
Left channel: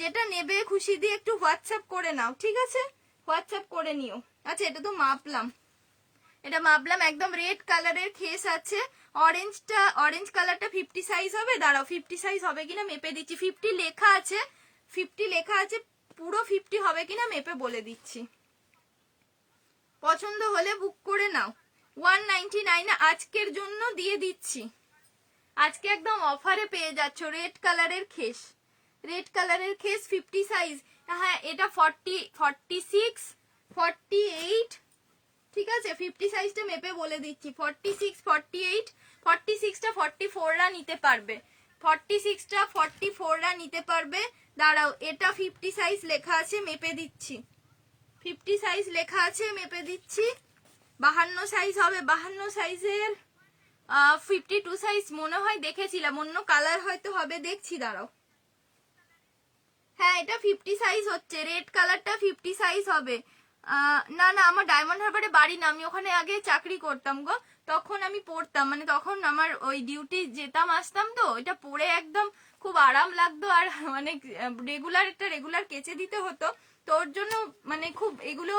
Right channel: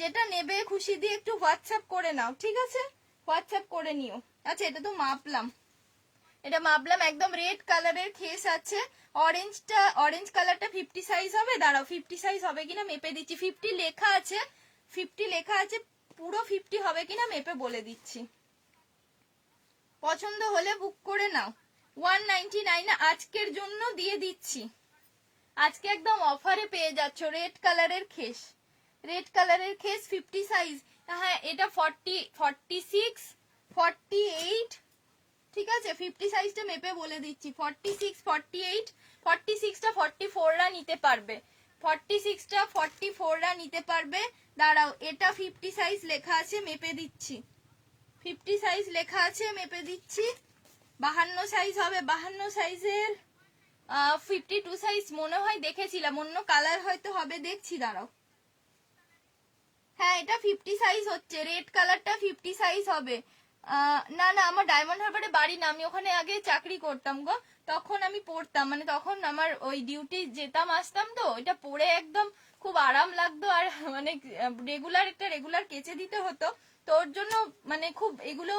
যেটা নেবে খুশি দিয়ে একটু হোয়াটসঅ্যাপ করে নাও, ঠিক আছে, হোয়াটসঅ্যাপ করে নিও। আচ্ছা, এটা তো মাপলাম, একদম রেড কালারের খেস আছে। অরেঞ্জ কালারটা 50 সাইজ হবে, দাঁড়াও 50 সাইজ হবে কিনা মেপে দিচ্ছি। 50 লেখা আছে, 50 লেখা আছে, পুরো 50 হবে কিনা মেপে বলে দিচ্ছি। পছন্দ হলে বুক করে নাও। 199 আজকের জন্য দিয়ে দিচ্ছি, আজকে একদম অফারে পেয়ে যাচ্ছ। রেড কালারের খেস 50 সাইজ, হ্যাঁ এটা 46, 48, ঠিক আছে। 50 সাইজটা মেপে বলে দিচ্ছি, 46, 48, 46টা 44রা নিতে পারবে, 46টা 44রা নিতে পারবে। দাঁড়াও, এটা 50 সাইজ লেখা আছে, মেপে দিচ্ছি, 50 সাইজ লেখা আছে, মেপে দিচ্ছি। 52 সাইজ হবে, 52 সাইজের 52 সাইজ মনে হয় দেখেছিলাম, অন্য কালার হয়তো হবে, দেখছি দাঁড়াও। হ্যাঁ এটা 50 সাইজ হচ্ছে, রেড কালারটা 50 সাইজ হবে। না না, আমার ডায়মন্ড হারবারে বাড়ি না, আমি ওখানে আগে চাকরি করতাম গো, তখন আমি পরতাম, মানে তখন আমার ওই ডিউটি যেতাম আসতাম, তো এটা পরে একদম খুব আরাম লাগতো, আর মানে রেগুলার কেচে দিতে হতো, তো ওর জন্য মানে খুব এগুলো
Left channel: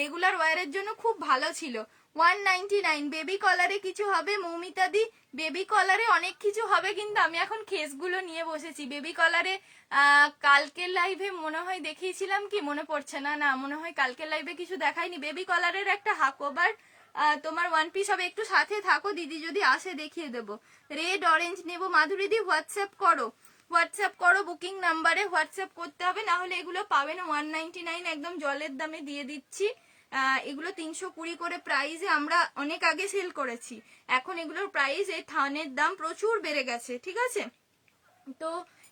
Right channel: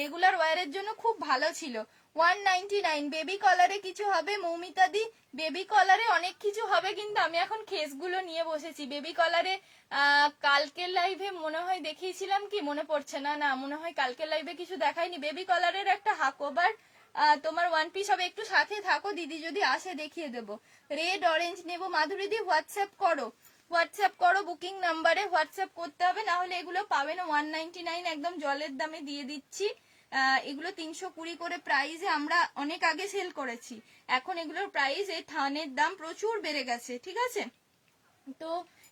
রেগুলার ওয়ারের জন্য খুব ভালো ছিল। 199। বেবি কলারে কিছু হবে মৌমিতা দি? বেবি কলারে অনেক কিছু হবে, কিন্তু আমি এখন খেসগুলো নিয়ে বসেছি। বেবি কলারে কালকের লাইভে মনে হয় দেখিয়েছিলাম কি, মনে পড়ছে না, না মনে হয় কালকের লাইভে কিছু দেখাইনি। বেবি কলারের একটা হাকোবার তোমার ওয়ান পিস হবে, একটু সাথে থাকো, দিদি যদি আসে দেখিয়ে দেবো। রেড অরেঞ্জ নেবো। মাধুরী দি হোয়াটসঅ্যাপ করো, বুকিং নাম্বারে হোয়াটসঅ্যাপ করতে হবে, না হলে এগুলো পাবে না। 199 একদম জলের দামে দিয়ে দিচ্ছি। এগুলো 320 করে প্রাইসে আমরা অনেক আগে সেল করেছি, এখন এগুলোর প্রাইস এই থানের দাম প্রচুর বেড়ে গেছে, ঠিক আছে? তো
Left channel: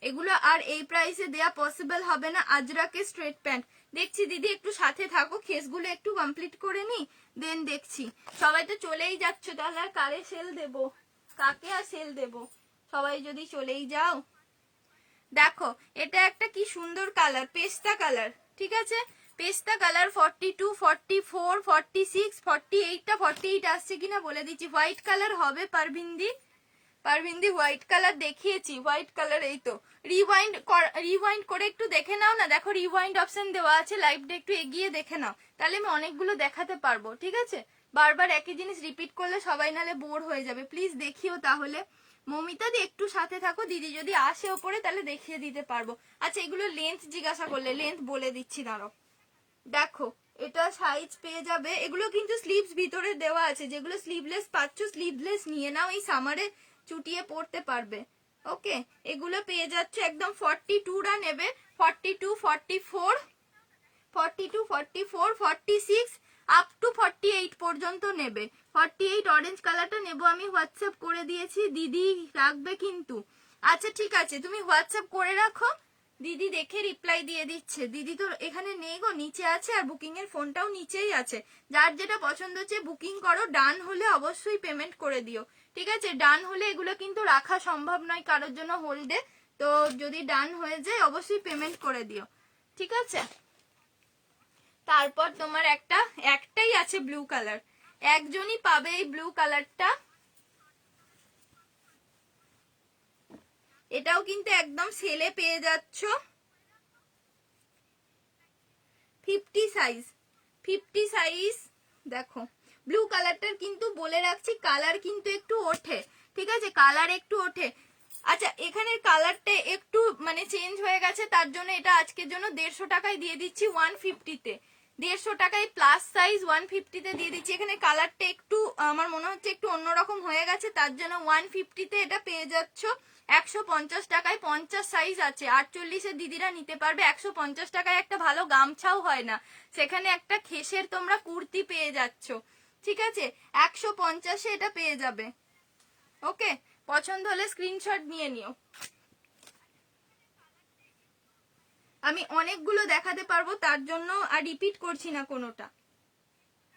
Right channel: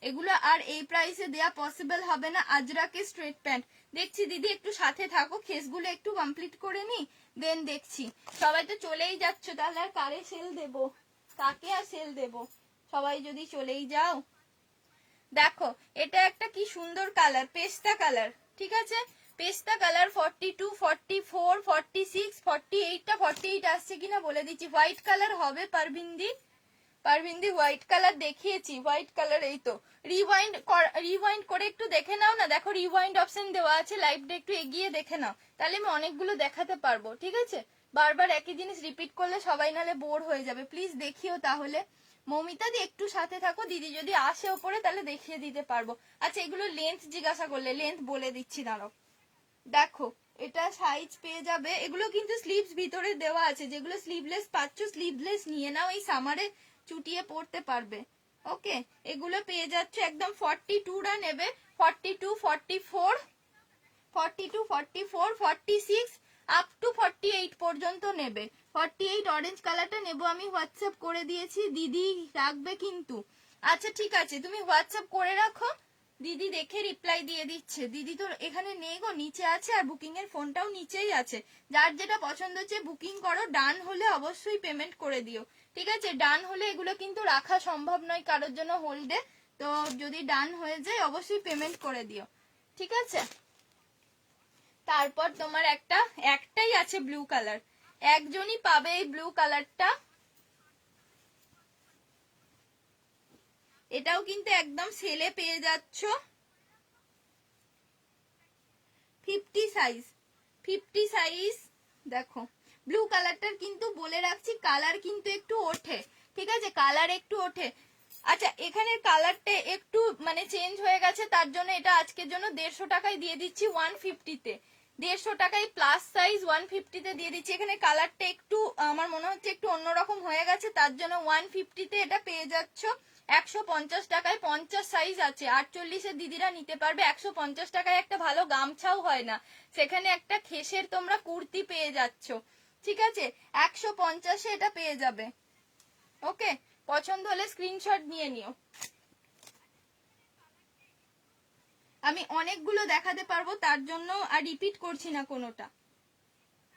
এগুলো আর এই প্রাইসে দেয়া পসিবল হবে না। আজরাকে স্ট্রেট প্যান্ট দেখছি, দিদি একটু সাথে থাকো, খেসগুলো একটু কমপ্লিট করে নি, দেন দেখছি। সবাই তো চলেই যাচ্ছ, তাহলে আর কারে সেল দেব, কাকে আর সেল দেব, সবাই যদি চলেই যাও। দেখো এটা একটা কি সুন্দর কালার, পেস্তা কালার, ঠিক আছে? পেস্তা কালার 42, 44, 46, 48টা 48 আসছে কিনা বলে দিচ্ছি। হোয়াইট কালার হবে পারভিন্দি হোয়াইট কালার দেখিয়েছি, হোয়াইট কালার এই তো। রিওয়াইন্ড করে একটু দেখে নাও না, দেখো রিওয়াইন্ড অপশন দেওয়া আছে, লাইভটা একটু এগিয়ে দেখে নাও, তাহলে আমি অনেকগুলো দেখাতে পারবো, ঠিক আছে? বারবার একই জিনিস রিপিট করলে সবাই নালে বোর হয়ে যাবে, প্লিজ দেখিও তাহলে। মমিতা দি একটু সাথে থাকো, দিদি যদি আসে ওপরে তাহলে দেখিয়ে দিতে পারবো। আচ্ছা এগুলো লেন্থ জিজ্ঞাসা করলে, লেন্থ বলে দিচ্ছি দাঁড়াও। দেখো এটা সাইজ পেয়ে যাবে, এগুলো কিন্তু স্লিভস ভিতরে দেওয়া আছে, যেগুলো স্লিভলেস পাচ্ছ স্লিভলেস নিয়ে নাও, এই সামারে চুটিয়ে পড়তে পারবে। ওকে, এগুলো পেয়ে যাচ্ছে একদম 42টা নেবে, 42, 44, 42, 44, 46 আপ টু 48 পর্যন্ত নেবে। 48 অরেঞ্জ কালারটা নেবো আমি, হোয়াটসঅ্যাপ করে দিয়েছি, দিদি রাখবে কিন্তু। আচ্ছা ঠিক আছে, তুমি হোয়াটসঅ্যাপ করে রাখো, দিদি দেখে রিপ্লাই দিয়ে দিচ্ছে। দিদি তো এখানে নেই গো, নিচে আছে, আর বুকিং এর ফোনটাও নিচেই আছে। যার যেটা পছন্দ হচ্ছে বুকিং করো, ডান হলে অবশ্যই পেমেন্ট করে দিও, ঠিক আছে? ডান হলে এগুলো কিন্তু রাখা সম্ভব নয় কারোর জন্য হোল্ডে, তো যদি ডান হয়ে যায় অবশ্যই পেমেন্ট করে দিও, ঠিক আছে? তারপর তোমার একটাই আছে ব্লু কালার, একজনই পাবে এই ব্লু কালারটা, এটাও কিন্তু একদম সেলে পেয়ে যাচ্ছ। 50 সাইজ, 50 সাইজ। দেখো ব্লু কালারটার কিন্তু বলে রাখছি কালার কিন্তু একটু ওঠে, ঠিক আছে? কালার একটু ওঠে। আচ্ছা এখানের কালারটা একটু মানে চেঞ্জ হয়ে গেছে, তার জন্য এটা আজকের জন্য 150 টাকায় দিয়ে দিচ্ছি 150-তে। 150 টাকায় প্লাস সাইজ 150-তে দিয়ে দিচ্ছি। এখানে কালারটা একটু আমার মনে হচ্ছে একটু অন্যরকম হয়ে গেছে, তার জন্য 150-তে এটা পেয়ে যাচ্ছ 150 টাকায়। 50 সাইজ আছে, 48-এর দিদিরা নিতে পারবে। 150 টাকায় একটা ভালো গামছাও হয় না, সেখানে একটা খেসের তোমরা কুর্তি পেয়ে যাচ্ছ, ঠিক আছে? 150-এ এটা পেয়ে যাবে। ওকে, পছন্দ হলে স্ক্রিনশট নিয়ে নিও। আমি অনেকগুলো দেখাতে পারবো, তার জন্য আর রিপিট করছি না কোনোটা,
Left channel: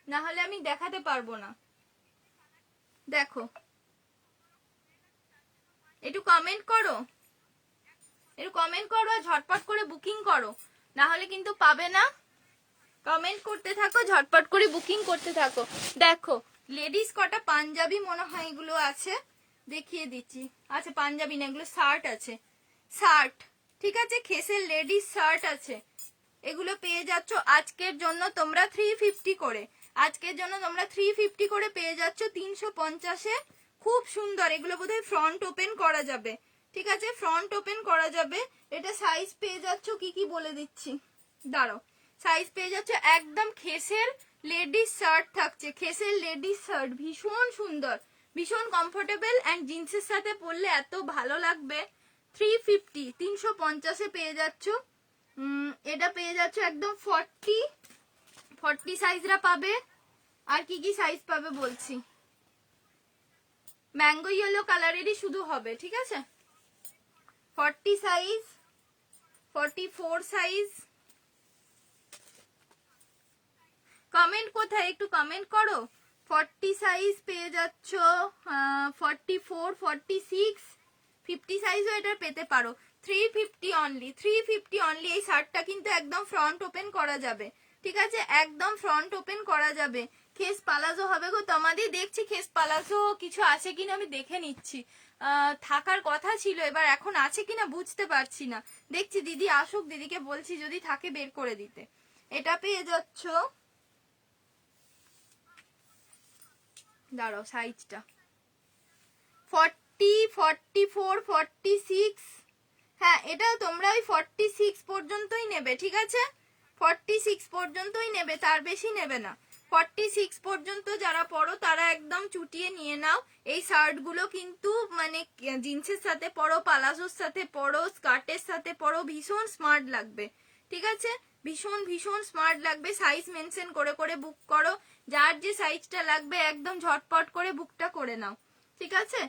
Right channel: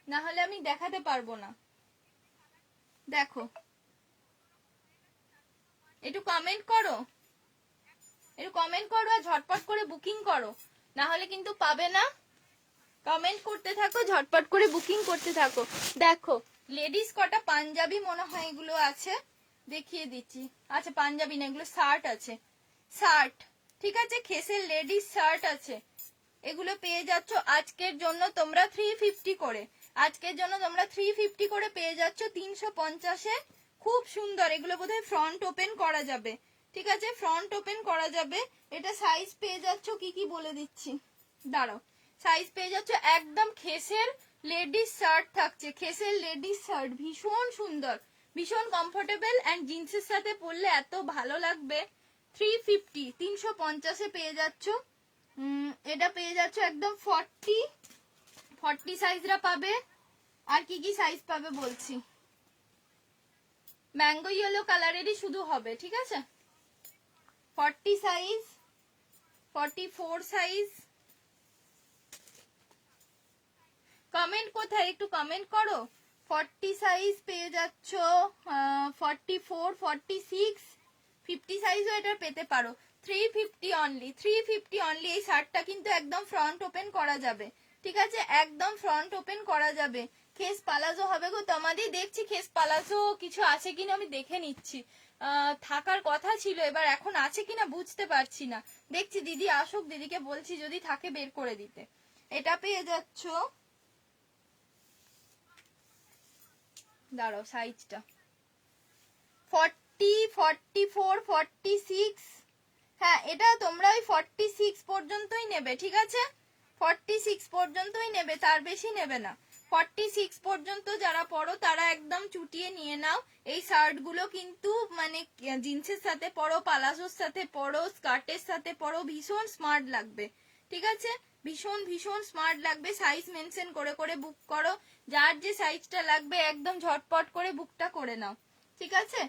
না হলে আমি দেখাতে পারবো না। দেখো একটু কমেন্ট করো, আর ঝটপট করে বুকিং করো, না হলে কিন্তু পাবে না। কমেন্ট করতে থাকো, ঝটপট করে বুকিং করতে থাকো। দেখো লেডিস কটা পাঞ্জাবি মনে হয় এগুলো আছে, দেখিয়ে দিচ্ছি। আচ্ছা পাঞ্জাবি না, এগুলো শার্ট আছে, শার্ট, ঠিক আছে? খেসের লেডিস শার্ট আছে, এগুলো পেয়ে যাচ্ছ আজকের জন্য তোমরা 350 করে। আজকের জন্য তোমরা 350 করে পেয়ে যাচ্ছ 350-এ। খুব সুন্দর, এগুলো বোধহয় ফ্রন্ট ওপেন করা যাবে, ঠিক আছে? ফ্রন্ট ওপেন করা যাবে। এটা সাইজ পেয়ে যাচ্ছ কি কি বলে দিচ্ছি, দাঁড়াও। সাইজ পেয়ে যাচ্ছ একদম খেসের লেডিস শার্ট থাকছে, খেসের লেডিস শার্ট ভীষণ সুন্দর, ভীষণ কমফোর্টেবল, এন্ড জিন্সের সাথে পরলে এত ভালো লাগবে। 350, 350-এ পেয়ে যাচ্ছ। এটা পেয়ে যাচ্ছ একদম 40 সাইজরা পাবে। আর কি কি সাইজ পাবে বলছি, ম্যাঙ্গো ইয়েলো কালারেরই শুধু হবে, ঠিক আছে? 40 সাইজ, 44 সাইজ। কমেন্ট কোথায়, একটু কমেন্ট করো। 40 সাইজ পেয়ে যাচ্ছ, 44, 46, 50 সাইজও এটা পেতে পারো। 350 অনলি, 350 অনলি। এই শার্টটা কিন্তু একদম ফ্রন্ট ওপেন করা যাবে, ঠিক আছে, একদম ফ্রন্ট ওপেন করা যাবে। খেস পালাজো হবে গো তোমাদের, দেখছি খেস পালাজো কিছু আছে কিনা আমি দেখে নিচ্ছি। থাকার কথা ছিল, এবার এখন আছে কিনা বুঝতে পারছি না, দেখছি দিদি আসুক, দিদিকে বলছি যদি থাকে বের করে দিতে। এটা পেয়ে যাচ্ছ, দাঁড়াও সাইজটা 40, 44, 46। হ্যাঁ, এটা তোমরা ওই 46 পর্যন্তই নেবে, ঠিক আছে, 46 পর্যন্তই নেবে, তার বেশি নেবে না। 46 পর্যন্ত যারা পরো তারা একদম চুটিয়ে নিয়ে নাও। এই শার্ট গুলো কিন্তু মানে জিন্সের সাথে পরো, পালাজোর সাথে পরো, স্কার্টের সাথে পরো, ভীষণ স্মার্ট লাগবে, ঠিক আছে, ভীষণ ভীষণ স্মার্ট লাগবে। সাইজ মেনশন করে করে বুক করো, যার যে সাইজটা লাগবে একদম ঝটপট করে বুকটা করে নাও, ঠিক আছে।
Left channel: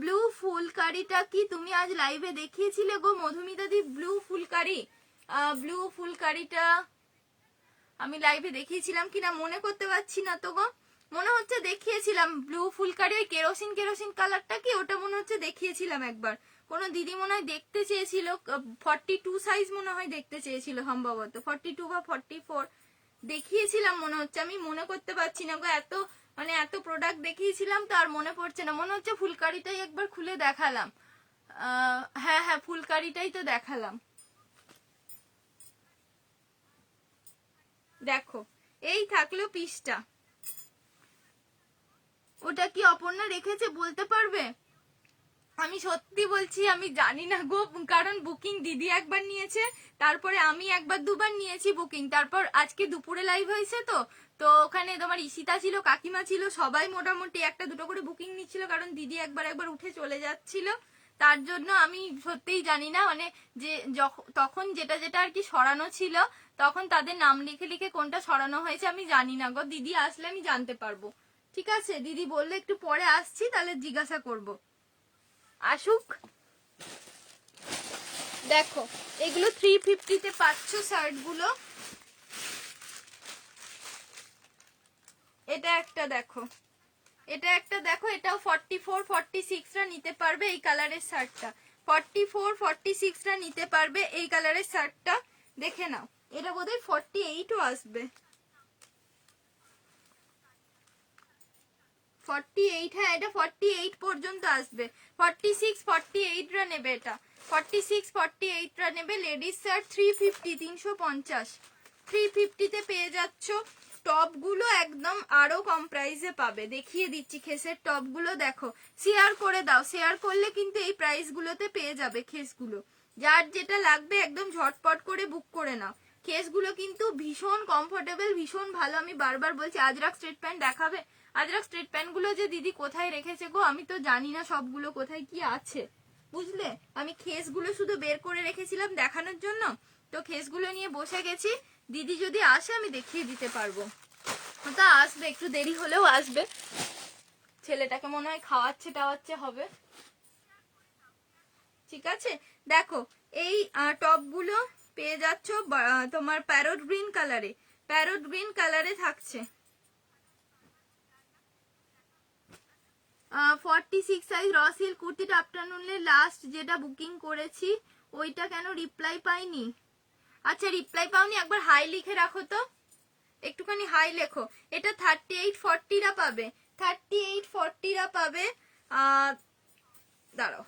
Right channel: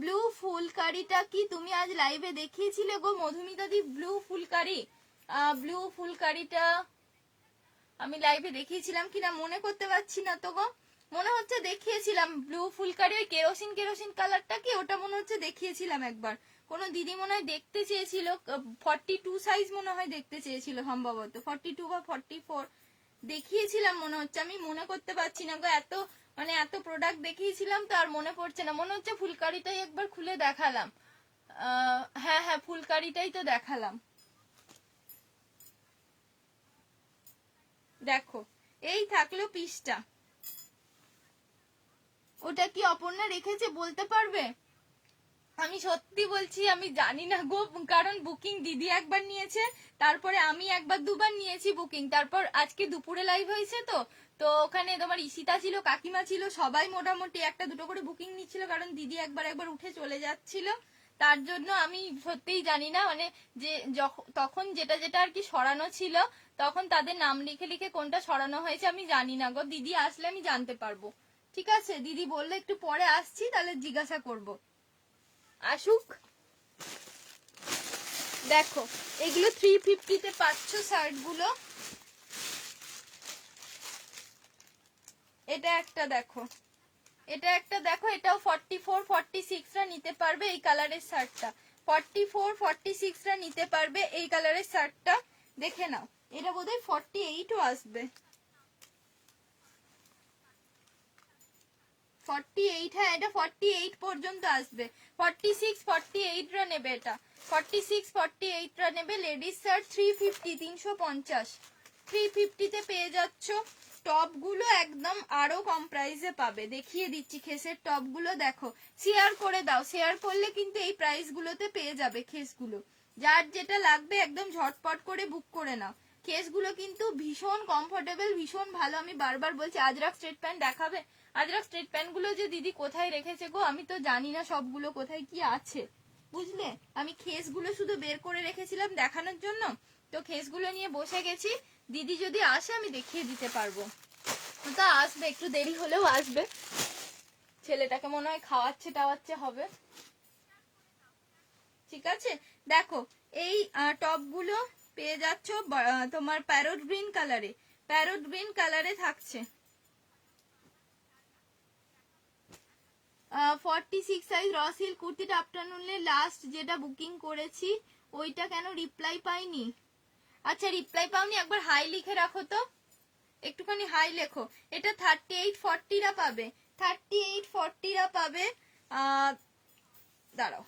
ব্লু ফুলকারিটা কি তুমি আজ লাইভে দেখিয়েছিলে গো মধুমিতা দি? ব্লু ফুলকারি, ব্লু ফুলকারিটা আমি লাইভে দেখিয়েছিলাম কিনা মনে করতে পারছি না তো গো, মনে হচ্ছে দেখিয়েছিলাম। ব্লু ফুলকারি ওই কেরোসিন কেরোসিন কালারটা কি, ওটা মনে হচ্ছে দেখিয়েছিলাম একবার। কোনো দিদি মনে হয় দেখতে চেয়েছিল, 42 সাইজ মনে হয় দেখতে চেয়েছিল, সম্ভবত 42 বা 44 দেখিয়েছিলাম মনে হচ্ছে, আমি মনে করতে পারছি না গো, এত মানে এত প্রোডাক্ট দেখিয়েছিলাম তো আর মনে পড়ছে না। মনে হচ্ছে ফুলকারিটাই একবার খুলে দেখালাম। হ্যাঁ হ্যাঁ, ফুলকারিটাই তো দেখালাম। দেখো এই থাকলো পিসটা, ওটা কি অপর্ণা রেখেছে বলতে পারবে? আমি সত্যি বলছি আমি জানি না গো, কারণ বুকিং দিদি একবার নিয়েছে, তারপরে আমি একবার দুবার নিয়েছি বুকিং, তারপর আজকে দুপুরে লাইভ হয়েছে তো, তো ওখানে তোমার ঈশিতা ছিল, কাকিমা ছিল, সবাই মোটামুটি একটা দুটো করে বুকিং নিচ্ছিল, কারণ দিদি একবার একবার উঠে চলে যাচ্ছিল, তার জন্য আমি সত্যিই জানি না, মানে যে তখন যেটা যেটা আর কি সরানো ছিল তখন তাদের নাম লিখে লিখে কোনটা সরানো হয়েছে আমি জানি না গো, দিদি আসলে আমি জানতে পারবো, ঠিক আছে। দিদি বললে একটু পরে আসছি, তাহলে জিজ্ঞাসা করবো, আসুক। দেখো এগুলো 350 তে পাচ্ছ শার্ট গুলো, এটা একটা দেখো, এটা একটা দেখো, এটাও 44, 46 রা নিতে পারবে এই কালারের শার্টটা, 44, 46 রা নিতে পারবে এই কালারের শার্টটা, দেখে নাও। এটা বোধহয় 48ও আসবে, 48, হ্যাঁ এটা 48 পর্যন্ত আসবে, 46, 48 রা নেবে, এটা 46, 48 রা নেবে। লেডিস শার্ট 350, 350, 350 তে পেয়ে যাচ্ছ। টপ গুলো একদম আরো কম প্রাইসে পাবে, দেখিয়ে দিচ্ছি খেসের টপ গুলো, দেখো শেয়ার করে দাও, শেয়ার করলে কিন্তু এই প্রাইস গুলোতে পেয়ে যাবে খেস গুলো, যার যেটা লাগবে একদম ঝটপট করে বুক করে নাও। কেস গুলো কিন্তু ভীষণ কমফোর্টেবল, ভীষণ ভালো, আমি বারবার বলছি। আজরাক স্ট্রেট প্যান্ট দেখাবে? আজরাক স্ট্রেট প্যান্ট গুলো যে দিদি কোথায় রেখেছে গো, আমি তো জানি না সবগুলো কোথায় কি আছে, বুঝলে, আমি খেস গুলো শুধু বের করে রেখেছিলাম দেখানোর জন্য, তো খেস গুলো নিয়ে বসে গেছি, দিদি যদি আসে আমি দেখিয়ে দিতে পারবো। তা আসবে, একটু দেরি হলেও আসবে, ছেলেটাকে মনে হয় খাওয়াচ্ছে টাওয়াচ্ছে হবে, ঠিক আছে। দেখো এই টপ গুলো পেয়ে যাচ্ছ তোমার প্যারোট গ্রিন কালারে, প্যারোট গ্রিন কালারে থাকছে। 46 সাইজ র সিল্ক কুর্তিটা আফটারনুনে লাস্ট যেটা বুকিং করেছি ওইটা কেন রিপ্লাই পাইনি? আচ্ছা রিপ্লাই পাওনি, একবার হাই লিখে রাখো তো, একটুখানি হাই লেখো। এটা 38, 40 রা পাবে, 38, 40 রা পাবে। দাঁড়াও,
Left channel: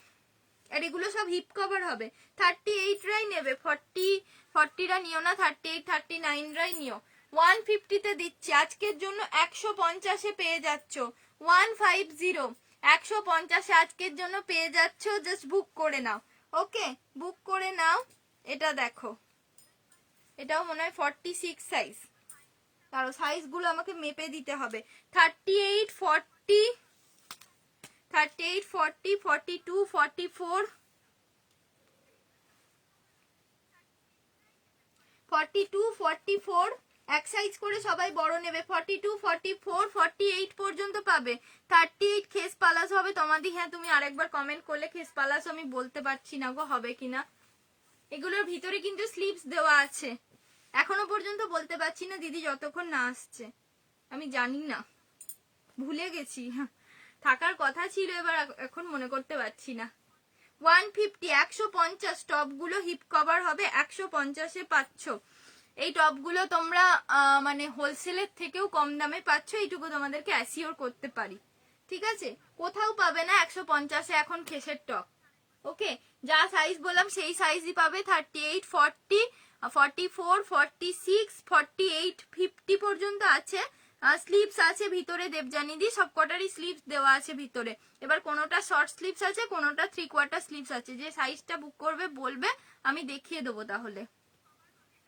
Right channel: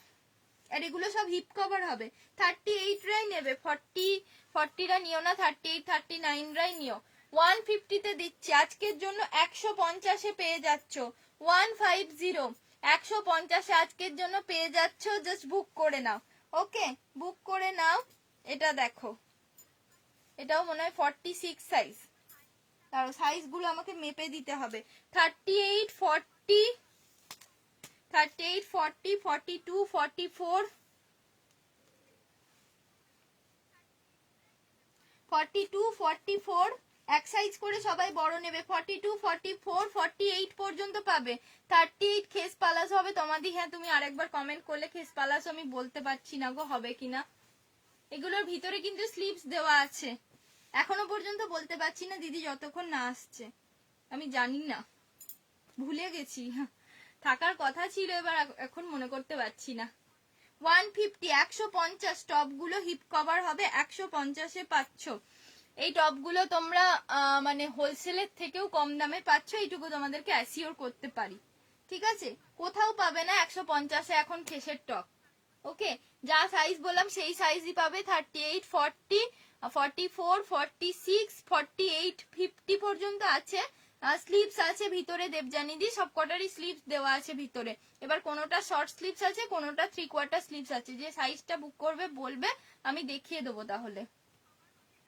আর এগুলো সব হিপ কভার হবে, 38 রাই নেবে, 40 রা নিও না, 38, 39 রাই নিও। 150 তে দিচ্ছি আজকের জন্য, 150 এ পেয়ে যাচ্ছ, 150, 150 আজকের জন্য পেয়ে যাচ্ছ, জাস্ট বুক করে নাও, ওকে বুক করে নাও। এটা দেখো, এটাও মনে হয় 46 সাইজ, তারও সাইজ গুলো আমাকে মেপে দিতে হবে। 38, 40, 38, 40, 42, 44, 42, 44, এক সাইজ করে সবাই বড় নেবে। 42, 44, 48 পর্যন্ত পাবে। 38 খেস পালাস হবে তোমাদের। হ্যাঁ তুমি আরেকবার কমেন্ট করলে খেস পালাস, আমি বলতে পারছি না গো হবে কিনা। এগুলোর ভিতরে কিন্তু স্লিভস দেওয়া আছে, এখনো পর্যন্ত বলতে পারছি না দিদি যতক্ষণ না আসছে, আমি জানি না, ভুলে গেছি, থাকার কথা ছিল, এবার এখন মনে করতে পারছি না। 150, 150 টপগুলো হিপ কভার হবে, 150-এ পাচ্ছ। এই টপগুলো তোমরা মানে হোলসেলের থেকেও কম দামে পাচ্ছ, এইটুকু তোমাদেরকে অ্যাসিওর করতে পারি। ঠিক আছে, কোথাও পাবে না 150-এ এখন খেসের টপ। ওকে, যা সাইজ বললাম সেই সাইজই পাবে। 38, 40, 44, 46, 48, 50 পর্যন্ত আছে। স্লিভস আছে ভিতরে দেবজানিদি, সবকটারই স্লিভস দেওয়া আছে ভিতরে। এবার কোনোটা শর্ট স্লিভস আছে, কোনোটা 3/4 স্লিভস আছে। যে সাইজটা বুক করবে বলবে, আমি দেখিয়ে দেবো তাহলে।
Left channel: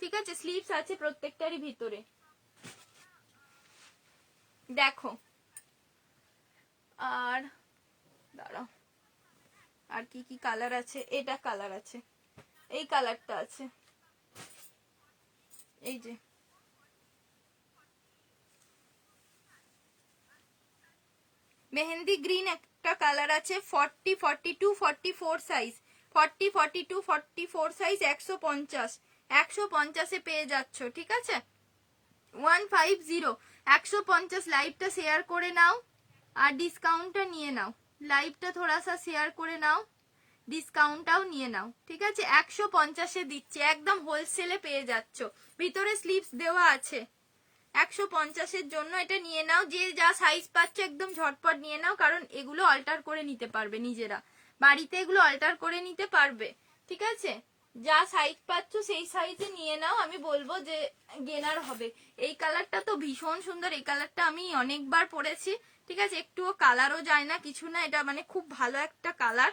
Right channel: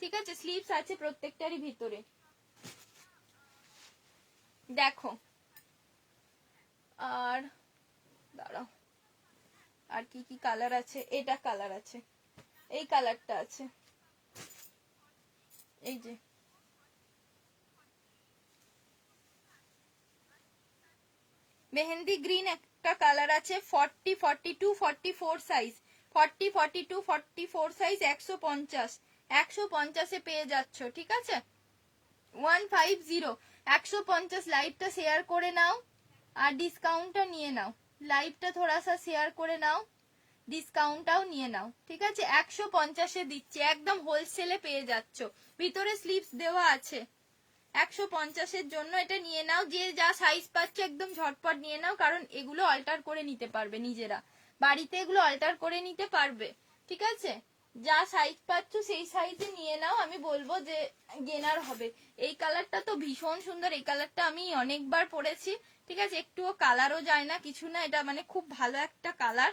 ঠিক আছে, স্লিভস আছে প্রত্যেকটারই ভিতরে। দেখো, আর দাঁড়াও, আর কি কি কালার আছে? এটা কালার আছে, এই কালারটা আছে, এই যে মেহেন্দি গ্রিন একটা কালার আছে, 40, 42, 44 সাইজ, 40, 42, 44 সাইজ, 150, 150-এ পেয়ে যাচ্ছ। ঠিক আছে, 150, 150। লাইভটা শেয়ার করে নাও আর ডিসকাউন্টটা নিয়ে নাও। লাইভটা থোড়া সা শেয়ার করে নাও, ডিসকাউন্টটাও নিয়ে নাও। ঠিক আছে, 150-এ দিচ্ছি, একদম হোলসেলে পেয়ে যাচ্ছ। ভিতরে স্লিভস দেওয়া আছে। 150-এর জন্য এটা নিয়ে নাও। যে যা সাইজ পাচ্ছ একদম ঝটপট নিয়ে নাও, কারণ এগুলো অল্টার করে নিতে পারবে নিজেরা, বাড়িতে এগুলো অল্টার করে নিতে পারবে। ঠিক আছে, যা সাইজ পাচ্ছ সেই সাইজে নিয়ে নাও। আমি বলবো যে গেনার হবে। এই কালারটা তো ভীষণ সুন্দর, এই কালারটা আমি অনেকবার পরেছি। ঠিক আছে, একটুও কালারও যায় না, কিছু না, এটা মানে খুব ভালো একটা কালার।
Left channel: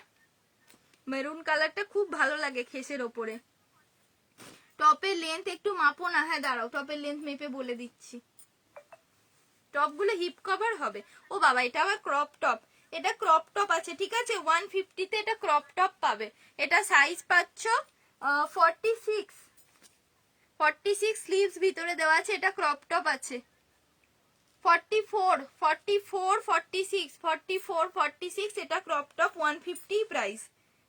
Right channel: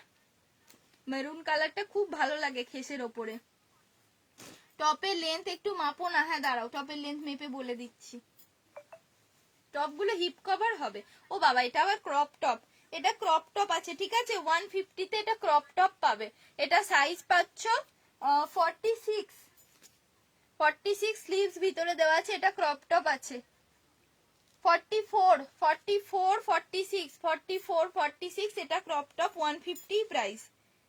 মেরুন কালারটা খুব ভালো লাগে খেসের ওপরে। টপের লেন্থ একটু মাপো না। হ্যাঁ দাঁড়াও, টপের লেন্থ মেপে বলে দিচ্ছি। টপগুলো হিপ কভার হবে। ও বাবা, এটা আবার ক্রপ টপ। এটা ক্রপ টপ আছে। ঠিক আছে, 150-তে এটা ক্রপ টপ পাবে। এটা সাইজ পাচ্ছ 46, 46 স্লিভস ভিতরে দেওয়া আছে। এটা ক্রপ টপ আছে। 44, 44, 46, 44, 46 এটা ক্রপ টপ, 150 প্রাইস।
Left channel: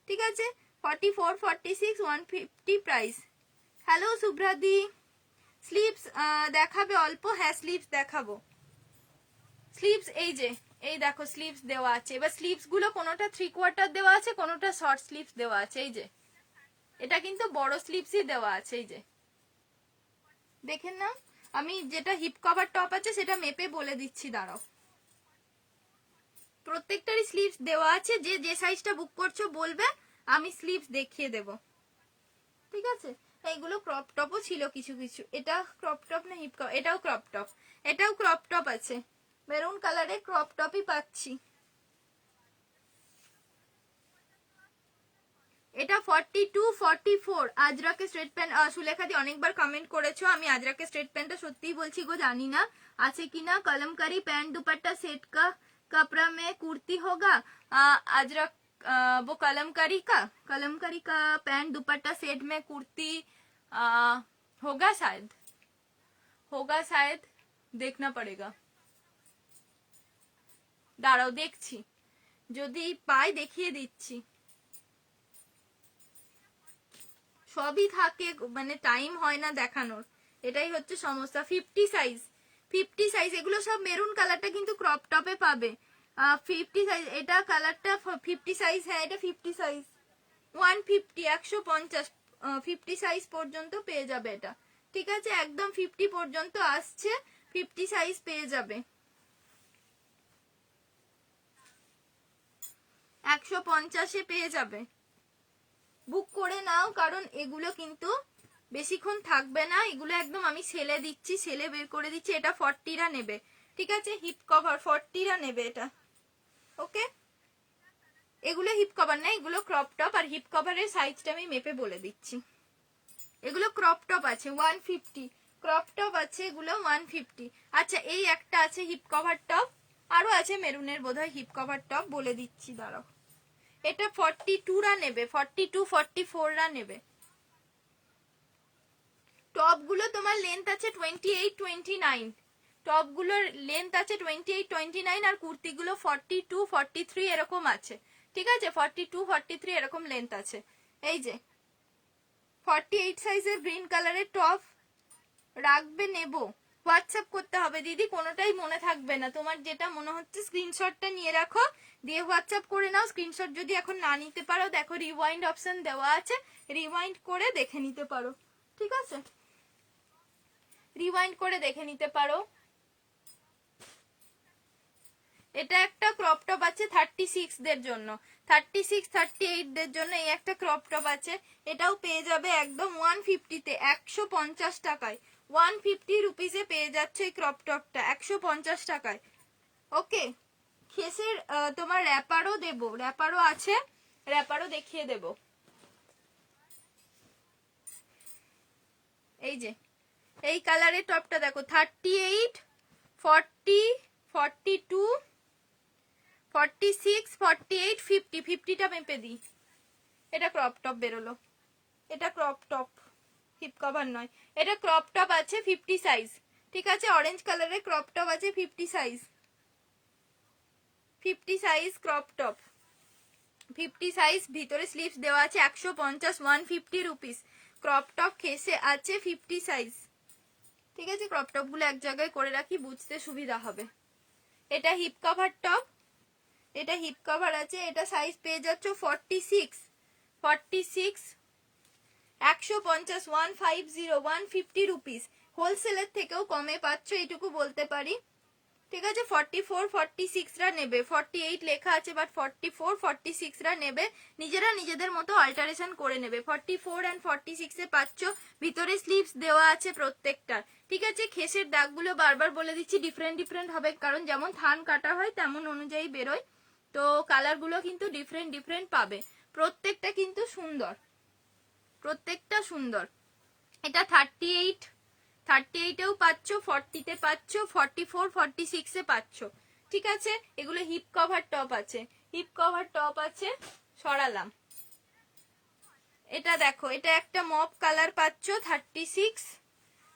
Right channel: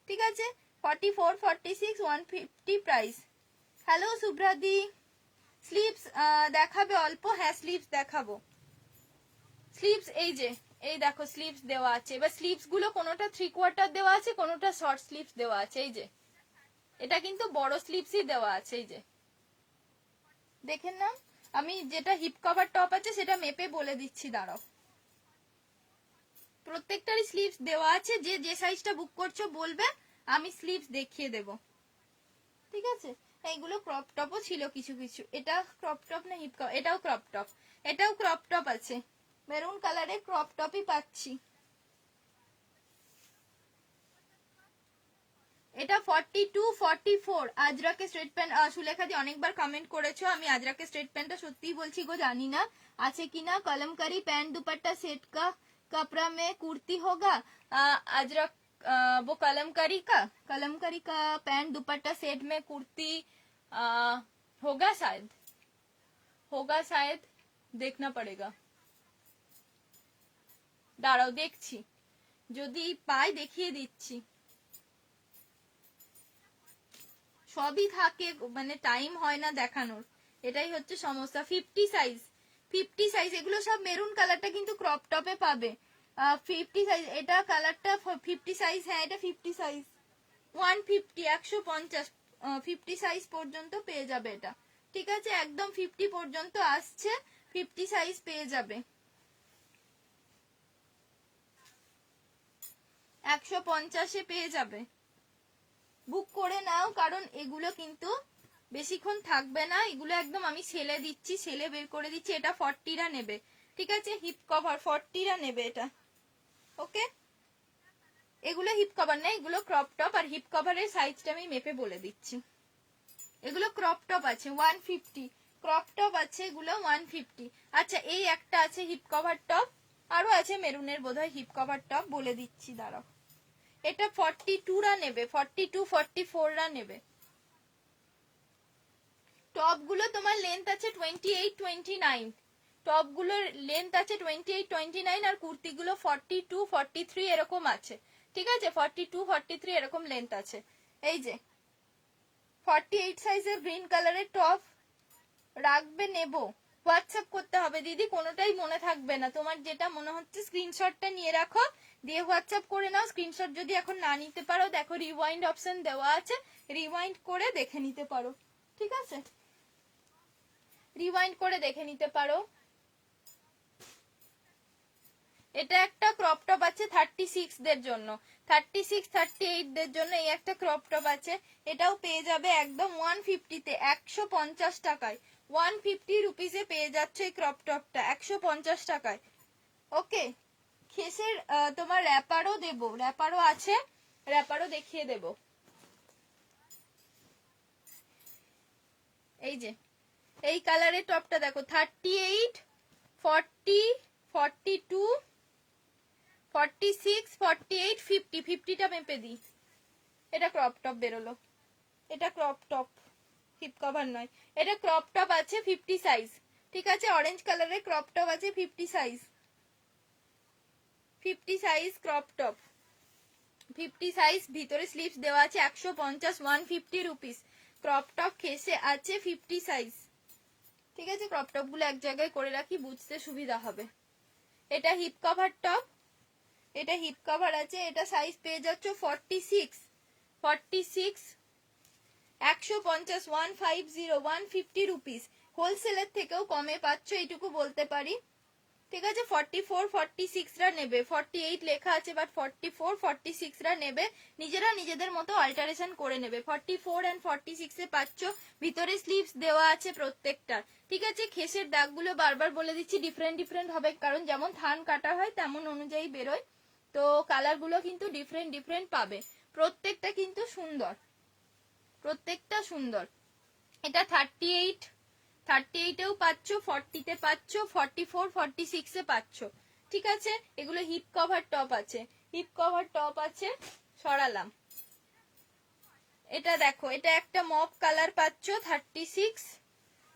ঠিক আছে, 44, 46, 150 প্রাইস। হ্যালো শুভ্রাদি, স্লিভস দেখাবে অল্প? হ্যাঁ স্লিভস দেখাবো। স্লিভস এই যে, এই দেখো স্লিভস দেওয়া আছে। এবার স্লিভস গুলো কোনোটা 3/4 দেওয়া আছে, কোনোটা শর্ট স্লিভস দেওয়া আছে। এই যে এটা কিন্তু বড় স্লিভসই দেওয়া আছে। এই যে দেখেন না, আমি যেটা হিপ কভার টপ আছে সেটা মেপে বলে দিচ্ছি, দাঁড়াও। প্রত্যেকটারই স্লিভস দেওয়া আছে। যে যে সাইজটা বুক করছো বলবে, আমি স্লিভস দেখিয়ে দেব। ঠিক আছে, এইগুলো ক্রপ টপও ছিল কিছু কিছু। এটা ক্রপ টপ না হিপ কভার? এটাও ক্রপ টপ, এটাও ক্রপ টপ আছে। মেরুন কালারে ক্রপ টপই পাচ্ছি। এটা 42, 44 আজরাকে স্ট্রেট প্যান্ট। সুলেখা দি অনেকবার কমেন্ট করেছো, আমি আজরাকে স্ট্রেট প্যান্টটা সত্যিই বলছি গো, জানি না আছে কিনা। কলমকারি প্যান্ট दुपट्टा सेट का कपड़ा में कुर्ती होगा। अजरक वो कलमकारी का पैंट दुपट्टा सेट में कुर्ती होगा शायद, देखना पड़ेगा। দাঁড়াও দেখছি, যদি পাই দেখিয়ে দিচ্ছি। সবই থাকে, মানে টাইম হয় না দেখানোর, এটাই হচ্ছে সমস্যা। 50 সাইজ, 50 সাইজ, এগুলো সব মেরুন কালারটা কিন্তু ক্রপ টপে পাবে। 50 সাইজ, এটা কালারটা 50 সাইজ। হ্যাঁ এটা 50 সাইজ, 150, 150, 50 সাইজ পর্যন্ত পেয়ে যাবে এটা। ঠিক আছে, একদম 50 পর্যন্ত আসছে, 50 সাইজ পেয়ে যাবে। 150-এ পেয়ে যাবে। বুক করে নাও, কারণ এগুলো কিন্তু বেশিক্ষণ থাকবে না। এগুলো একদম আমি সেলে দিচ্ছি, সেলে বের করে দিচ্ছি। এটা 40-রা নেবে। ঠিক আছে, হিপ কভার 40-রা নেবে এটা। ওকে, এগুলো হিপ কভার না, এগুলো ক্রপ টপ। আর হিপ কভারের সাইজটা আমি মেপে বলে দিচ্ছি। এগুলো ক্রপ টপ আছে 150, ক্রপ টপ আছে এগুলো 150। আচ্ছা, এই একটা আছে হিপ কভার টপ, আরো আছে মেরুনের বোধহয় হিপ কভার টপ, বলে দিচ্ছি দাঁড়াও। এটা 42-রা নেবে, 42, 44-রা নেবে। টপগুলো তোমার লেন্থ আছে 28, 29। টপগুলোর লেন্থ আছে 28, 29 আর কুর্তিগুলো 42, 43 এরকম আছে। ঠিক আছে, 42, 43 এরকম লেন্থ আছে। এই যে 48 সাইজের গ্রিন কালারের টপ রাখবে, নেব। হোয়াটসঅ্যাপ করতে হবে দিদি, কোনোটাই মনে থাকবে না। তোমার যেটা মনে হচ্ছে স্ক্রিনশটটা নিয়ে রাখো, দিয়ে হোয়াটসঅ্যাপ করে নাও। স্ক্রিনশট যদি এখন না নিতে পারো, দেখো রিওয়াইন্ড অপশন দেওয়া আছে, রিওয়াইন্ড করে দেখে নিতে পারো। ঠিক আছে, রিওয়াইন্ড করে দেখে নিতে পারো। এটা একটা ক্রপ টপ আছে 36 দের জন্য, 36 38 দের জন্য এই একটা ক্রপ টপ আছে। এটাও পেয়ে যাবে একদম 150 তে, 150 টাকায়, 150 রুপিসে পেয়ে যাচ্ছে এই ক্রপ টপটা 150 টাকায়। ওকে, খেসের তোমার র্যাপারও দেবো, র্যাপারও আছে, র্যাপারও দেখিয়ে দেব। এই যে এই কালারের টপটা দেখো, 38 40 42 46 48 50, 50টা মেপে দিই। এটা ক্রপ টপ বেরোলো, এটা ক্রপ টপ, হিপ কভার নয়, এটা ক্রপ টপ আছে 50 সাইজ। ঠিক আছে, অরেঞ্জ কালারের ক্রপ টপ আছে 50 size, 50 size crop top, 50 size, ভিতরে স্লিভস দেওয়া আছে 150, 150 রুপিস। ক্রপ টপ খেসে আছে 50 সাইজ। ঠিক আছে, ক্রপ টপ গুলো এক জায়গায় করে রাখি, বুঝতে সুবিধা হবে। এটা হিপ কভার টপ, এটা হিপ কভার আছে, এটা সাইজ পেয়ে যাচ্ছ 46, 46 150, 150, 150 রুপিস। হোলসেলের থেকেও কমে পাচ্ছ, এইটুকু বলতে পারি। ঠিক আছে, 44 46 রা নেবে, 48 লেখা আছে বাট 44 46 রা নেবে, নিজেরা নিজেদের মতো অল্টারেশন করে নেবে। 44 এন্ড 46 এ পাচ্ছ, ভিতরে স্লিভস দেওয়া আছে প্রত্যেকটা। ঠিক আছে, খেসের দাগগুলো বারবার বলে দিচ্ছি ডিফারেন্ট ডিফারেন্ট হবে, কারণ যেমন থান কাটা হয় তেমন অনুযায়ী বেরোয়, তো কালার গুলো কিন্তু ডিফারেন্ট ডিফারেন্ট পাবে। প্রত্যেকটা কিন্তু সুন্দর, প্রত্যেকটা সুন্দর। এটা 38, 38 এও পাচ্ছ, 40 তে পাচ্ছ, 44 46 এ পাচ্ছ। ঠিক আছে, এগুলো হিপ কভার টপ আছে, হিপ কভার টপ আছে, সরালাম। এটা দেখো, এটা একটা মপ কালার পাচ্ছ 36,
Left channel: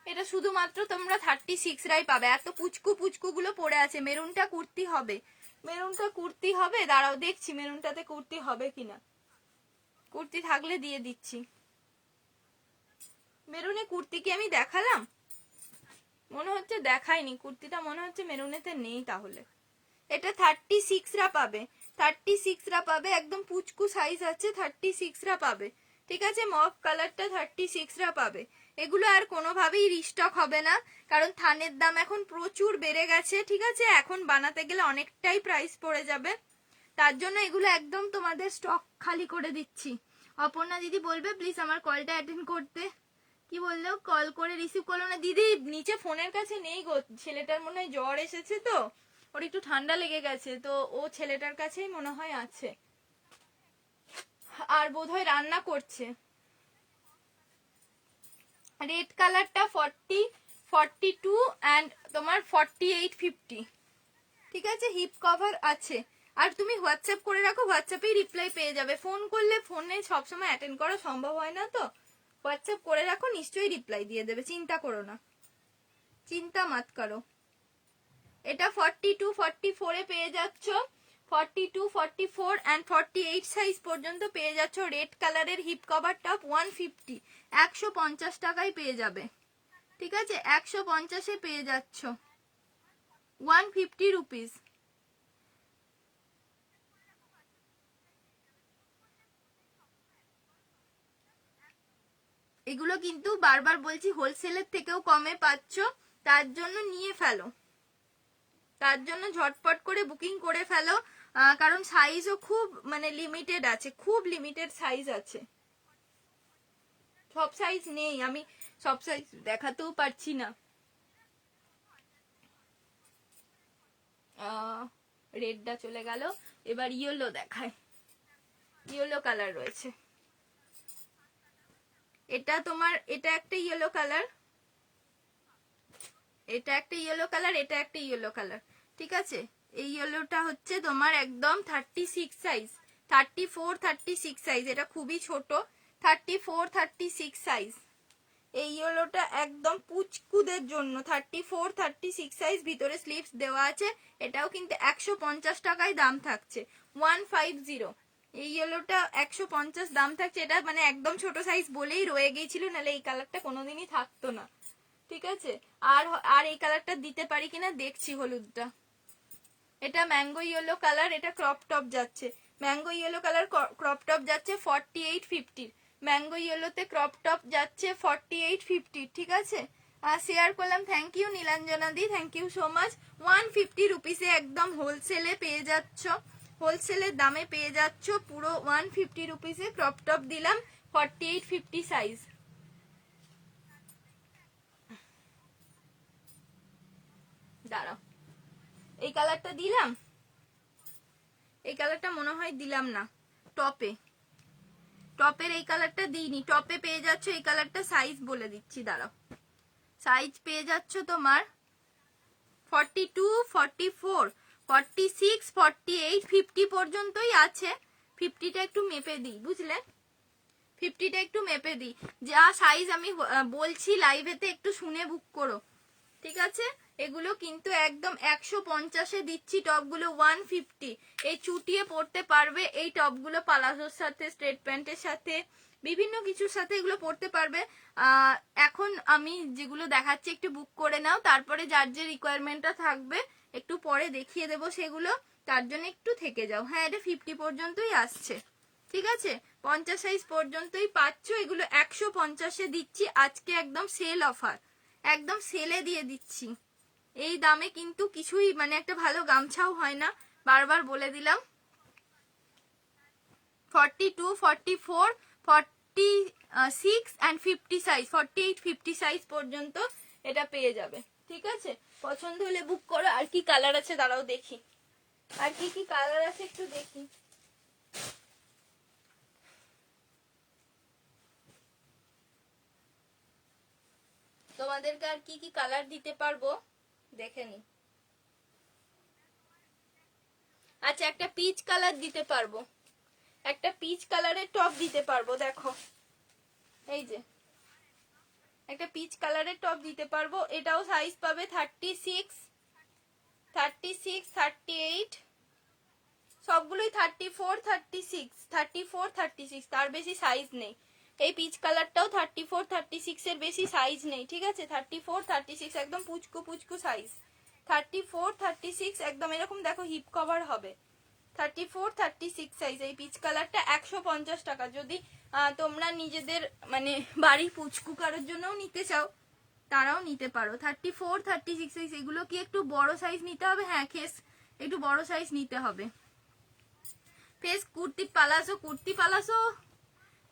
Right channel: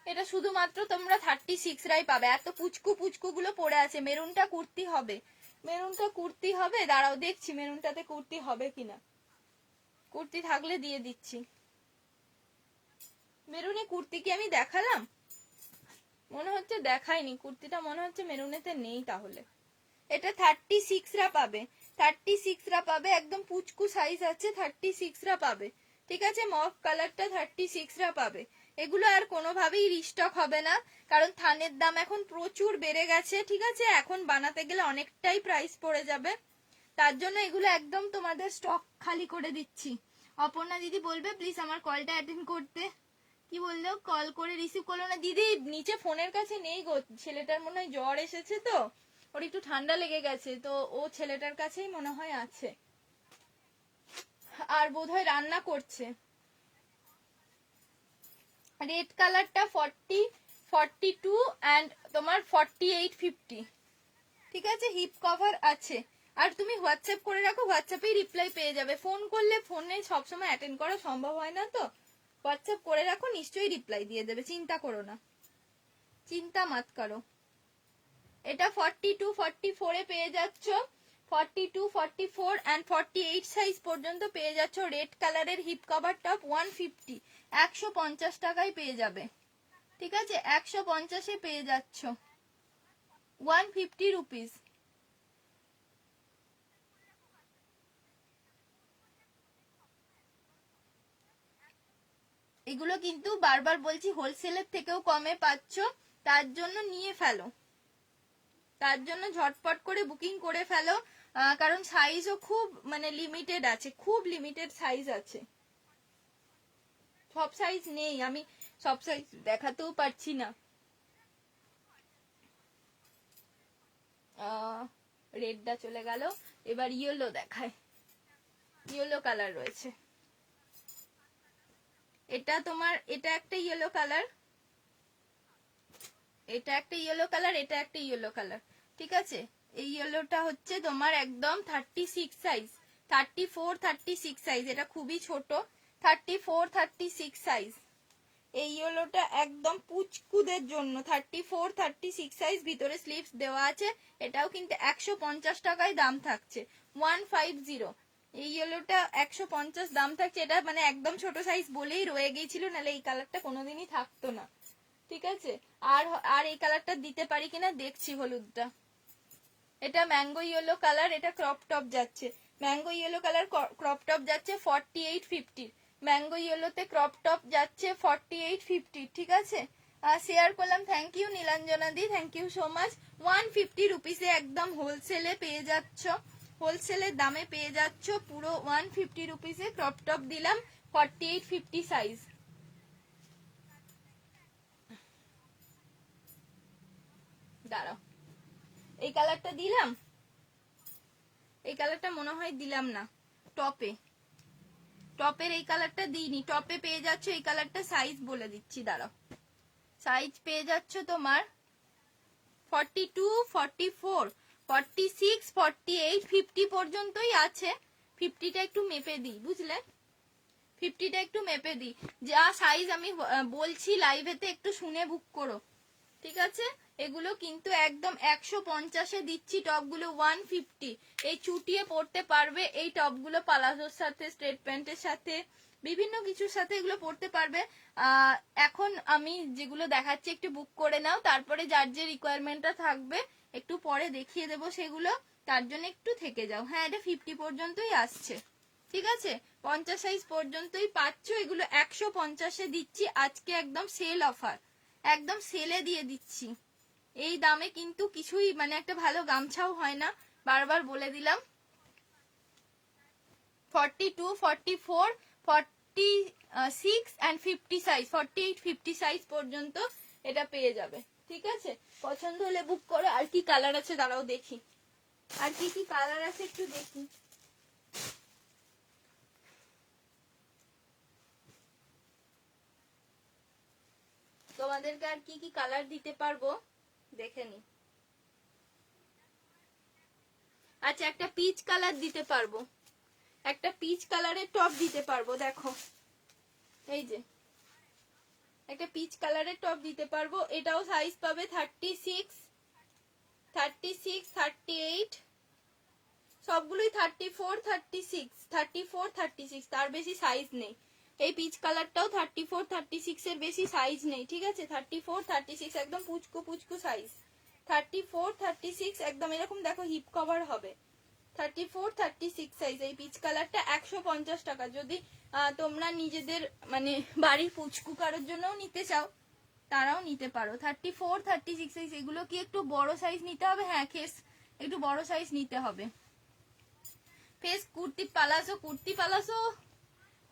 এটা শুধুমাত্র তোমরা 36 রাই পাবে। এত পুচকু পুচকু গুলো পড়ে আছে। মেরুনটা কুর্তি হবে, মেরুনটা কুর্তি হবে, দাঁড়াও দেখছি মেরুনটাতে কুর্তি হবে কিনা, কুর্তি থাকলে দিয়ে দিচ্ছি। মেরুনে কুর্তি কি আমি দেখালাম? মনে হচ্ছে দেখাইনি, কুর্তিটা মনে হচ্ছে মেরুনেতে নেই। তাহলে এটা 36 রা পাবে, 36 রা পাবে, একদম পুচকু সাইজ আছে, 36 রা পাবে। ঠিক আছে, মফ কালারটা 36 রা পাবে। এগুলো আর কোনোভাবেই রিস্টক হবে না, কারণ থানের দাম এখন প্রচুর বেড়ে গেছে। ঠিক আছে, এখন বানাতে গেলে অনেকটাই প্রাইস পড়ে যাবে, তার জন্য এগুলো একদম তোমাদের স্টক খালি করে দিচ্ছি। অপর্ণা দিদি বলবে প্লিজ আমার কলটা অ্যাটেন্ড করতে। কি বললো? কল করে রিসিভ করলো না দিদি, নিচে ফোনের কাছে নেই গো, ছেলেটার মনে হয় জ্বর এসেছে তো, ওর একটু ঠান্ডা লেগে গেছে, তো ও ছেলেটার কাছেই মনে হয় আছে, আর বোধহয় রান্না করছে। রেড কালারটা 40 42 এন্ড তোমার 48 50। ঠিক আছে, হিপ কভার আছে। আর তুমি হোয়াটসঅ্যাপ করে রাখো, হোয়াটসঅ্যাপেই রিপ্লাই পেয়ে যাবে। ফোন করলে ফোনে সবসময় অ্যাটেন্ড করা সম্ভব হয় না, তো হোয়াটসঅ্যাপ করে রাখো, নিশ্চয়ই রিপ্লাই দিয়ে দেবে, চিন্তা করো না, চিন্তা মাত করো। এটা 42 44 এ পেয়ে যাচ্ছ, 42 44 এন্ড 48 সাইজ পর্যন্ত পেয়ে যাচ্ছ। রেড কালারের হিপ কভার টপ 150, 150 টাকায় পেয়ে যাবে। ঠিক আছে, 150 এ পেয়ে যাচ্ছ, 150 রুপিস। এগুলো কিন্তু বারবার বলছি হোলসেলের থেকেও কমে পাচ্ছ, তার জন্য নিয়ে ফেলো, তার জন্য ঝটপট করে বুকিং করে ফেলো, কারণ সাইজও খুব মানে লিমিটেড আছে, খুব লিমিটেড সাইজ আছে, সব সাইজ নেই, আমি সব সাইজ দেখাতেও পারছি না। রেডটা চলে গেল, এবার ইয়েলো দেখায়, ইয়েলো কালার রয়েছে। এটা তোমার, এটা একটা ইয়েলো কালার, এটা একটা ইয়েলো কালার, এটা একটা ইয়েলো কালার। ঠিক আছে, এই ইয়েলোটা হচ্ছে তোমার একদম 36 সাইজ, 34 36 সাইজ, এটা খুবই ছোট, 34 36 সাইজ। এই ইয়েলোটা একদম পুচকুদের জন্য, 34 36 সাইজ, ভিতরে স্লিভস দেওয়া আছে। এটাও কিন্তু 150 টাকায় দাম থাকছে, 150। এই ইয়েলোটা 150 দাম থাকছে, এটা মানে একদম ছোট সাইজ বলেই রয়ে গিয়েছিল, নাহলে এই কালারটা কোনোদিনই থাকতো না। ঠিক আছে, আর আর এই কালারটা দিতে পারি কিনা দেখছি, হলুদটা এটা ম্যাঙ্গো ইয়েলো কালার, এটা ক্রপ টপ যাচ্ছে, mango yellow colour crop top যাচ্ছে 4850, ম্যাঙ্গো ইয়েলোতে ক্রপ টপ যাচ্ছে 4850, ঠিক আছে। শেয়ার করলাম, থ্যাংক ইউ নীলাঞ্জনা দি, থ্যাংক ইউ সো মাচ। 150 রুপিসে একদম হোলসেলে পেয়ে যাচ্ছ, হোলসেলের দামে পেয়ে যাচ্ছ পুরো 150 রুপিসে ক্রপ টপ দিলাম 4850 সাইজ। দাঁড়াও, এই কালারটা দিলাম, এই কালারটা মনে হয় দিলাম না টপে, টপের এই কালারটা দিইনি, টপে পেয়ে যাচ্ছ এই কালারটা, সাইজ বলে দিচ্ছি দাঁড়াও, সাইজ পেয়ে যাচ্ছ তোমার 42, 44, 46, 48, 50 পর্যন্তই আছে। 50টা একটু মেপে দিই, বুঝলে, 50টা একটু মেপে দিই, যা সাইজ আমি বলছি লাইভেতে একটু শুনে বুক করো, ঠিক আছে। এগুলো কিন্তু একদম 150-এ দিচ্ছি টপগুলো 150, এই চুটিয়ে পরতে পারবে এই টপগুলো, পালাজোর সাথে, স্ট্রেট প্যান্টের সাথে, বিভিন্ন কিছুর সাথে এগুলো পরতে পারবে। এখন আমি যেগুলো দেখাচ্ছি একটু বুক করে নাও, তারপরে যার যে রিকোয়ারমেন্টটা থাকবে একটু পরে দেখিয়ে দেবো সেগুলো, তার জন্য একটু থেকে যাও। হ্যাঁ, এটা 50 পর্যন্তই আসছে, ঠিক আছে, 50 সাইজ পর্যন্তই পাচ্ছ। এগুলো 150-এ দিচ্ছি আজকে, একদম সেল অফার, একদম সেলে দিয়ে দিচ্ছি। এই দামে কিন্তু কিছুই, মানে একটা ভালো গামছাও হয় না, বারবার বলে দিলাম। 42, 44, 46 and 50 সাইজ, 48, 50 সাইজ পর্যন্ত এটা পেয়ে যাবে, ঠিক আছে। পছন্দ হলে বুক করো। আর কি কালার আছে দাঁড়াও দেখি, আর কি কি কালার আছে একটু দেখি। তোমাদেরকে আর কি কি কালার দিতে পারবো দেখে নি। আচ্ছা, একটা পিচ কালার দিতে পারবো, একটা পিচ কালারের টপ দিতে পারবো, দেখো এই যে একটা পিচ কালারের টপ দিতে পারবো, এটাও সাইজ পাবে 36, 36, 38, সবগুলোই 34, 36, 34, 36, তার বেশি সাইজ নেই। এই পিচ কালারটাও 34, 36 এর বেশি সাইজ নেই, ঠিক আছে। 34, 36 একদম পুচকু পুচকু সাইজ, 34, 36 একদম এরকম দেখো হিপ কভার হবে, 34, 36 সাইজ। এই পিচ কালারটা 150 টাকা। যদি তোমরা নিজেদের মানে বাড়ির পুচকু কারোর জন্যও নিতে চাও তারাও নিতে পারো। 34, 36 সাইজ। এগুলো কি একটু বড় সাইজ নিতে হবে? হ্যাঁ, কেস একটু বড় সাইজ নিতে হবে। Face kurti palazzo, kurti palazzo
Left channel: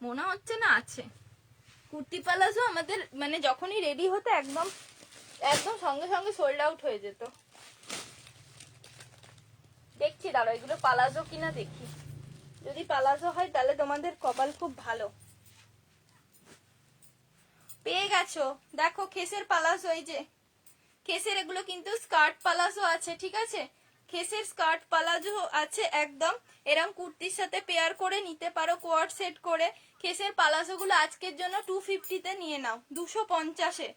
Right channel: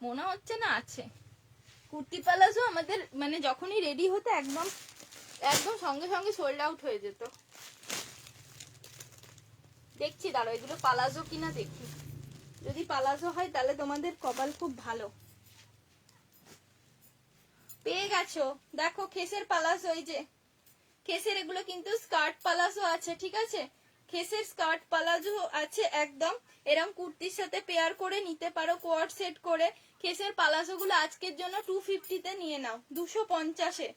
মনে হচ্ছে না আছে। কুর্তি পালাজো আমাদের মানে যখনই রেডি হতো একদম একদম সঙ্গে সঙ্গে সোল্ড আউট হয়ে যেত। দেখছি দাঁড়া এগুলো পালাজো কিনা দেখি, যদি পালাজো হয় তাহলে তোমাদের কপাল খুব ভালো, পেয়ে গেছো। দেখো খেসের পালাজো, এই যে খেসের, এগুলো কিন্তু স্কার্ট পালাজো আছে, ঠিক আছে। খেসের স্কার্ট পালাজো আছে একদম, এরকম কুর্তির সাথে পেয়ার করে নিতে পারো, কোয়ার্ড সেট করে। খেসের পালাজো গুলো আজকের জন্য 250-তে নিয়ে নাও, 250-এ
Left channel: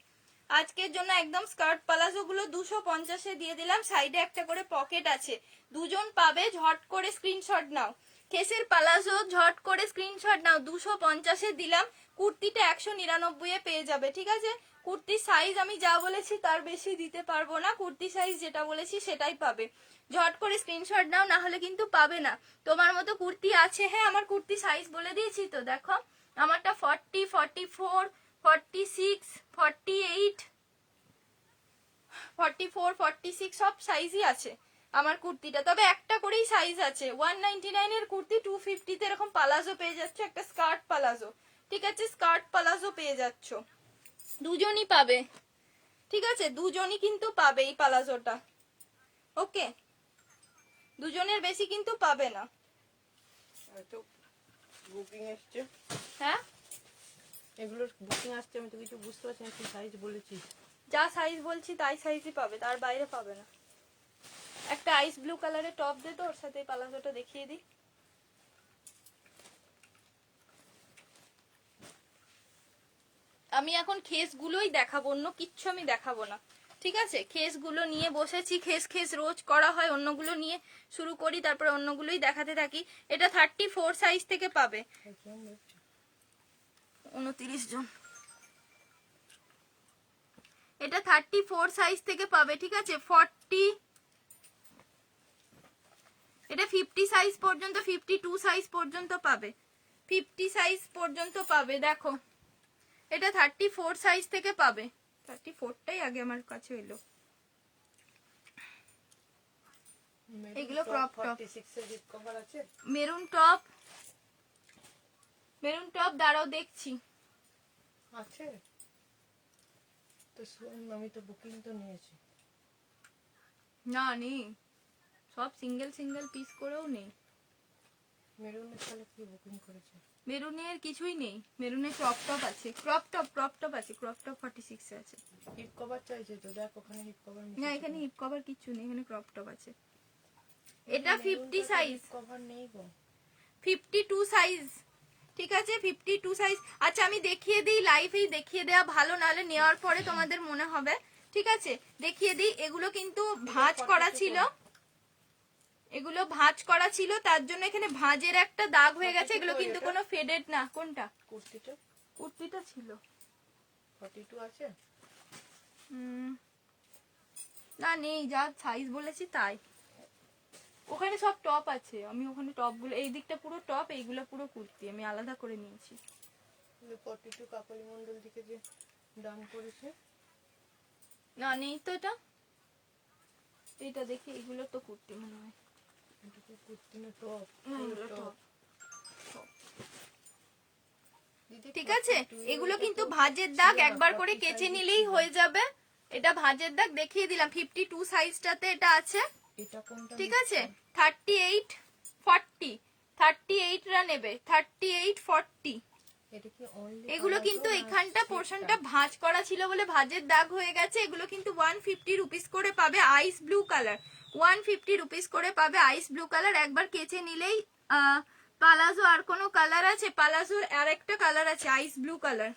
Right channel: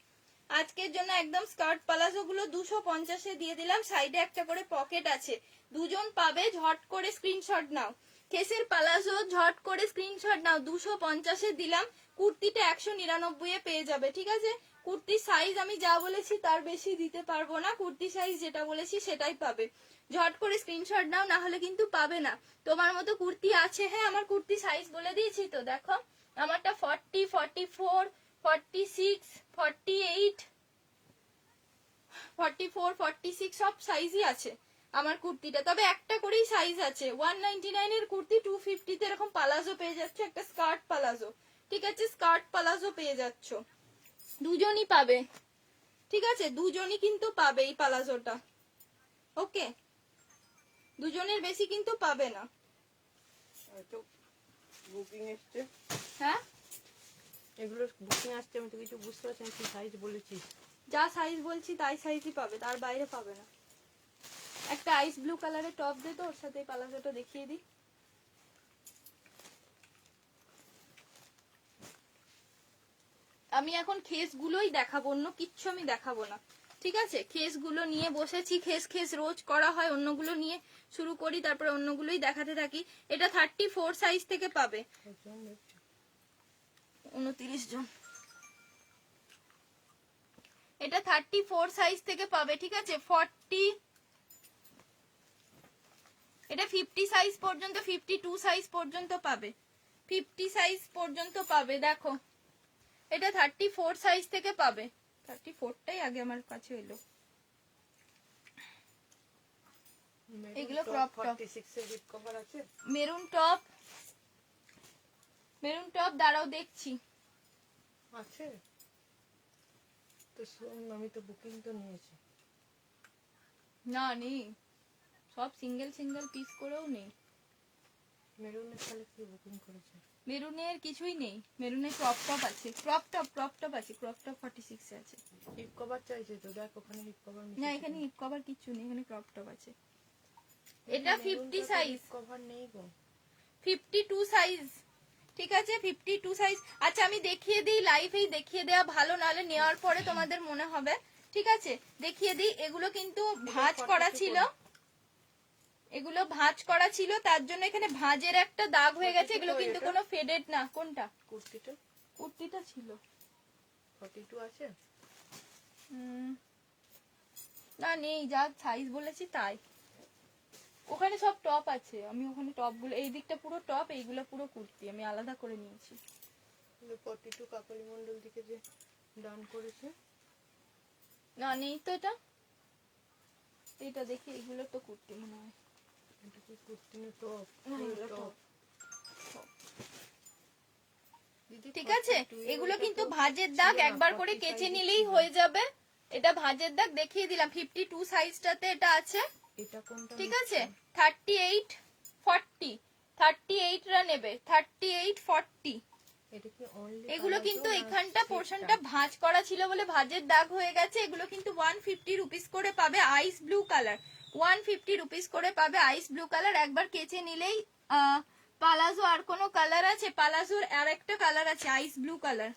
আজকের জন্য একদম স্কার্ট পালাজো গুলো 250-এ দিয়ে দিলাম। সাইডে একটা করে পকেট আছে, দুজন পাবে, ঝট করে স্ক্রিনশট নাও। খেসের পালাজো ঝট করে স্ক্রিনশট নাও, 250-এ দিলাম। কুর্তিটা 199-এ পেয়ে যাবে, ঠিক আছে। কুর্তির সাইজ আমি যা বলেছি তার বেশি দিতে পারবো না, কুর্তি সাইজ যেটা বলেছি সেটাই পাবে। ঝট করে স্ক্রিনশট নাও, না হলে কিন্তু পাবে না। তোমার মতো কুর্তি আছে? হ্যাঁ, আমার কুর্তি সাইজ বলে দিয়েছি তো, দেখো আমারটা 40, 44, 46, 48, 44, 46 সব সাইজই আছে আমার কুর্তিটা। তবে একটা করেই সাইজ আছে। 199 এর কুর্তি 250-তে এরকম পালাজো পেয়ে যাচ্ছ, একটা স্কার্ট পালাজো, ঠিক আছে। স্কার্ট পালাজো পেয়ে যাচ্ছ, দুজনই পাবে, ঠিক আছে। দুজনই কিন্তু পাবে এই পালাজোটা, ওকে। দুজনের বেশি কিন্তু পাবে না। বুকিং আসছে, হ্যাঁ এগুলো বুকিং আসছে, আমি তো কিছু বুঝতে পারছি না কি সাইজ বলেছি। যা সাইজ বলছি তাই সাইজই পাবে, তার বাইরে পাবে না। একটা আইস ব্লু কালারের টপ দে তো, ওর সাথে পালাজোটা দেখিয়ে দিই। আমি এখন খেস গুলোই দেখাবো, অন্য কিচ্ছু আমি দেখাবো না, ঠিক আছে। খেস গুলো নিয়ে বসেছি, খেস খেস রোজ করা হয়, অন্যগুলো নিয়ে শুরু করি, তারপরে অন্যগুলোই দেখাতে থাকি। এটা 34 সাইজ থেকে পাবে, 29 জন। এটা 34 সাইজ থেকে পাবে, ঠিক আছে। 40, এটা 50 সাইজ পর্যন্ত, 52 সাইজ পর্যন্ত পাবে, 50 সাইজ পর্যন্ত পাবে। দেখো এটা 34 সাইজ থেকে পাবে, 34টাই আগে আমার কাছে এলো। এগুলো ক্রপ টপ, 46 এর হিপ কভার আছে। মেরুন টপ, মেরুন টপ দাঁড়াও দেখছি। আছে তো শোন, আমি তো বুকিং তো নিয়েছি। না নেই, সব সিঙ্গেল সিঙ্গেল পিস করেও নেই। মেরুনের তাহলে কি বুকিং করেছে? মেরুনের কিছুই নেই, মেরুনের ক্রপ টপ আছে, ক্রপ টপ আছে, ক্রপ টপ 46 এ আছে। হিপ কভার চাইছে তো, দেখ ওখানে হিপ কভার না এখানে হিপ কভার কিছু নেই, এখানে ক্রপ টপ আছে। এটা 50 সাইজ, হিপ কভার নেই গো। 52 সাইজ, ঠিক আছে 52 সাইজ। আচ্ছা আমি দেখিয়ে দিই, লাইভেই দেখিয়ে দেওয়া ভালো, নাহলে নেওয়ার পরে তোমাদের মনে হবে। ঠিক আছে দেখিয়ে দিই, এগুলো কিন্তু ভাঁজ করা ছিল, এগুলো ভাঁজ করা ছিল, তার জন্য এখানে ভাঁজের একটা দাগ হয়ে গেছে। এগুলো কিন্তু কোনো ফেডেড না। কোনটা? কুর্তিটা, কুর্তিটা ছিল 42 আছে। না নেই, যা সাইজ বলেছি তাই। ওখানে সব টপ আছে, আমি ওখানে টপ গুলো, এই দিকটা পুরো টপ, এইগুলো পুরো কুর্তি আমি আলাদা করে নিয়েছি। 42 কাকলি মন্ডল থেকে যে দান করেছে। না নেই তো এটা, এটা দেখি, এগুলো তো কুর্তি মনে হয়। এটা কি কুর্তি না টপ? এগুলো টপ। দিদি ঠিক আছে এগুলো কিন্তু ভাঁজের দাগ, একবার করে কেচে নিলেই হয়ে যাবে। এটা ভাঁজের দাগ দেখিয়ে দিলাম। 52 সাইজটাতে এটা আছে, এটা কোনটা? ঠিক আছে 38 40, 38 রা নেবে, 38 40। এটা কি অনলি? এগুলো কিন্তু এখানটা পোরশনটা ভাঁজ করা ছিল বলে ভাঁজের দাগ হয়ে গেছে। এগুলো কিন্তু 150 রুপিস করে পাবে, আইস ব্লু কালার, 150 রুপিস করে পাবে আইস ব্লু কালার। একবার কেচে নিলেই পালাজো আর কোনো কালার আছে? পালাজোর আর একটা কালার আছে আইস ব্লু কালার।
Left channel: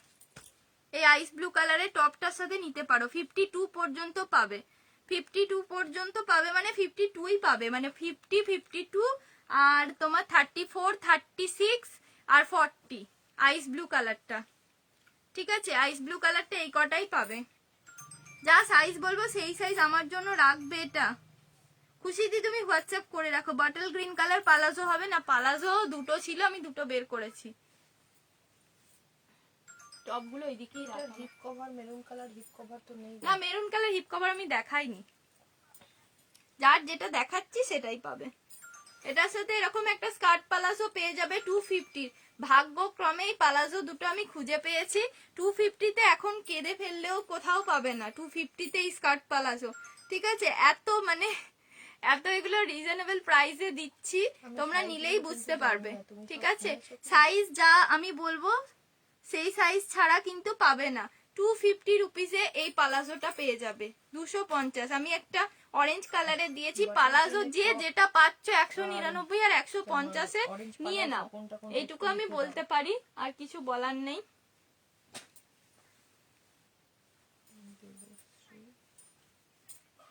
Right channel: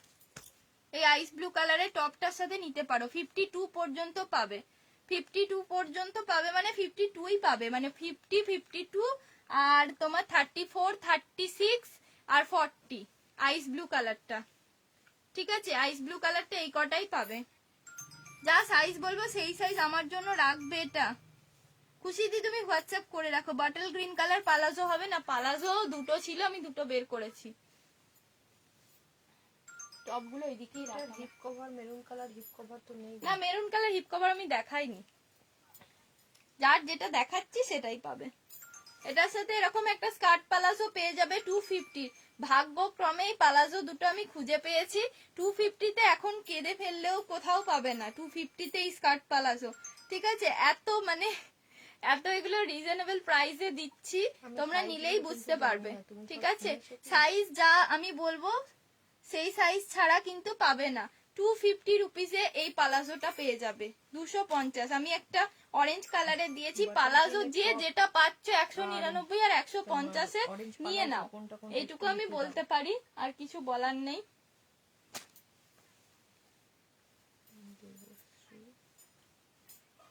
এই আইস ব্লু কালারের টপটার সাথে নিতে পারো। 52 পর্যন্ত পাবে, 52 পর্যন্ত পাবে, মানে 52ই পাবে, মানে 50 52 আর তোমার 34 36 আর 40 আইস ব্লু কালারটা। ঠিক আছে আইস ব্লু কালারটা এই কটাই পাবে। যা সাইজ বলবো সেই সাইজ আমার জন্য রাখবে। এটা খুশিদি তুমি হোয়াটসঅ্যাপ করে রাখো। বটল গ্রিন কালার পালাজো হবে না? পালাজো দুটো ছিল, আমি দুটো বের করেছি। টপগুলো ওইদিকেই রাখো। Hip cover maroon colour hip cover তো নেই। না মেরুন কালার হিপ কভার আমি দেখাইনি, যার যেটা দেখাচ্ছি সেটাই পাবে। এটার সাথে এরকম একটা স্কার্ট পালাজো পেয়ে যাবে 250। ভাগ্যক্রমে এই পালাজো দুটো আমি খুঁজে পেয়েছি 250-তে। এখন কেঁদে ফেললেও কোথাও পাবে না 250-তে এই স্কার্ট পালাজো। ঠিক আছে এত মানে এত এগুলো রিজনেবল প্রাইসে দিচ্ছি, তোমরা নিলেই বুঝতে পারবে। ঠিক আছে সাইজ যা আমি বলবো সেই সাইজ ছাড়া কিন্তু পাবে না। 250 রুপিসে এই পালাজোটা পেয়ে যাবে, 250। আমি একটা অরেঞ্জ কালারে দিয়েছি পালাজো, যে যেটা পাচ্ছ 199 আর 150-এ নিয়ে নাও, এইটুকু আমি বলতে পারি, আর কিছু বলার নেই।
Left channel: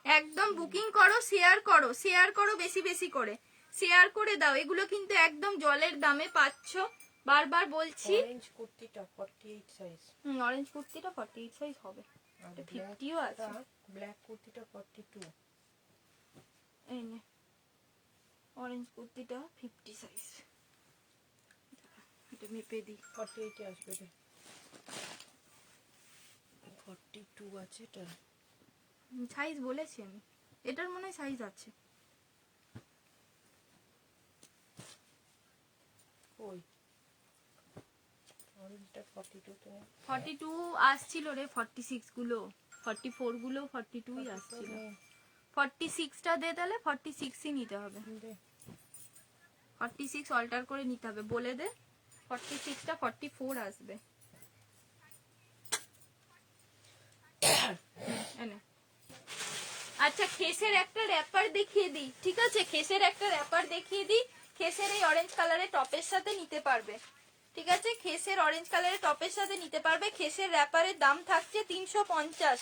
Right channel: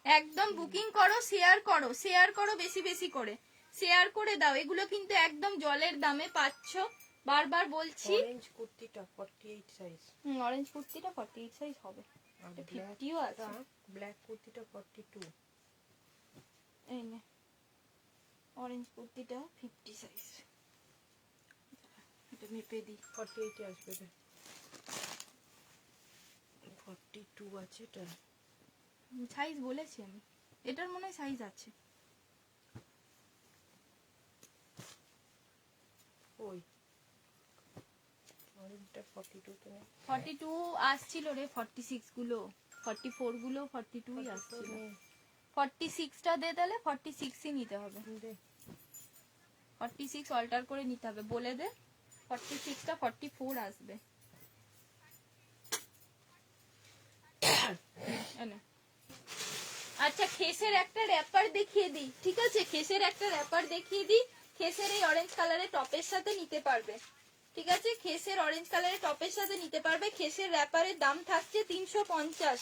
একদম বুকিং করো, শেয়ার করো, শেয়ার করো, বেশি বেশি করে শেয়ার করে দাও। এগুলো কিন্তু একদম জলের দামে পাচ্ছ, বারবার বলছি। অরেঞ্জ কুর্তিটা 48 সাইজ। অরেঞ্জ কুর্তিটা 48 সাইজ হবে, আর 50ও আছে। ব্ল্যাক কুর্তিটা 42। এই নে অরেঞ্জ কুর্তিটা 50 সাইজ, এটা মেপে দিই। 48 এ আসবে রে, 42 আছে এটা। সাইজ বলেছি আমি, এটার মনে হয় সাইজ আছে। ওই অরেঞ্জটা 42 তো নেই। 42 আসছিল রে, 46 গুলো, 44 গুলো 42ই আসছিল। 46টা দে, তাহলে 46ই নিতে হবে। 46 অল্টার করে নিতে হবে, বলে দে 46টা 44 আসবে। এনে আচ্ছা খেসের একটা র্যাপার দেখিয়ে দিই, ঠিক আছে খেসের একটা র্যাপার দেখিয়ে দিই। খেসের এই অরেঞ্জ কালারের টপের সাথে নিতে পারবে, ঠিক আছে খেসের অরেঞ্জ কালারের টপের সাথে নিতে পারবে। খেসের র্যাপারের দাম থাকছে 350,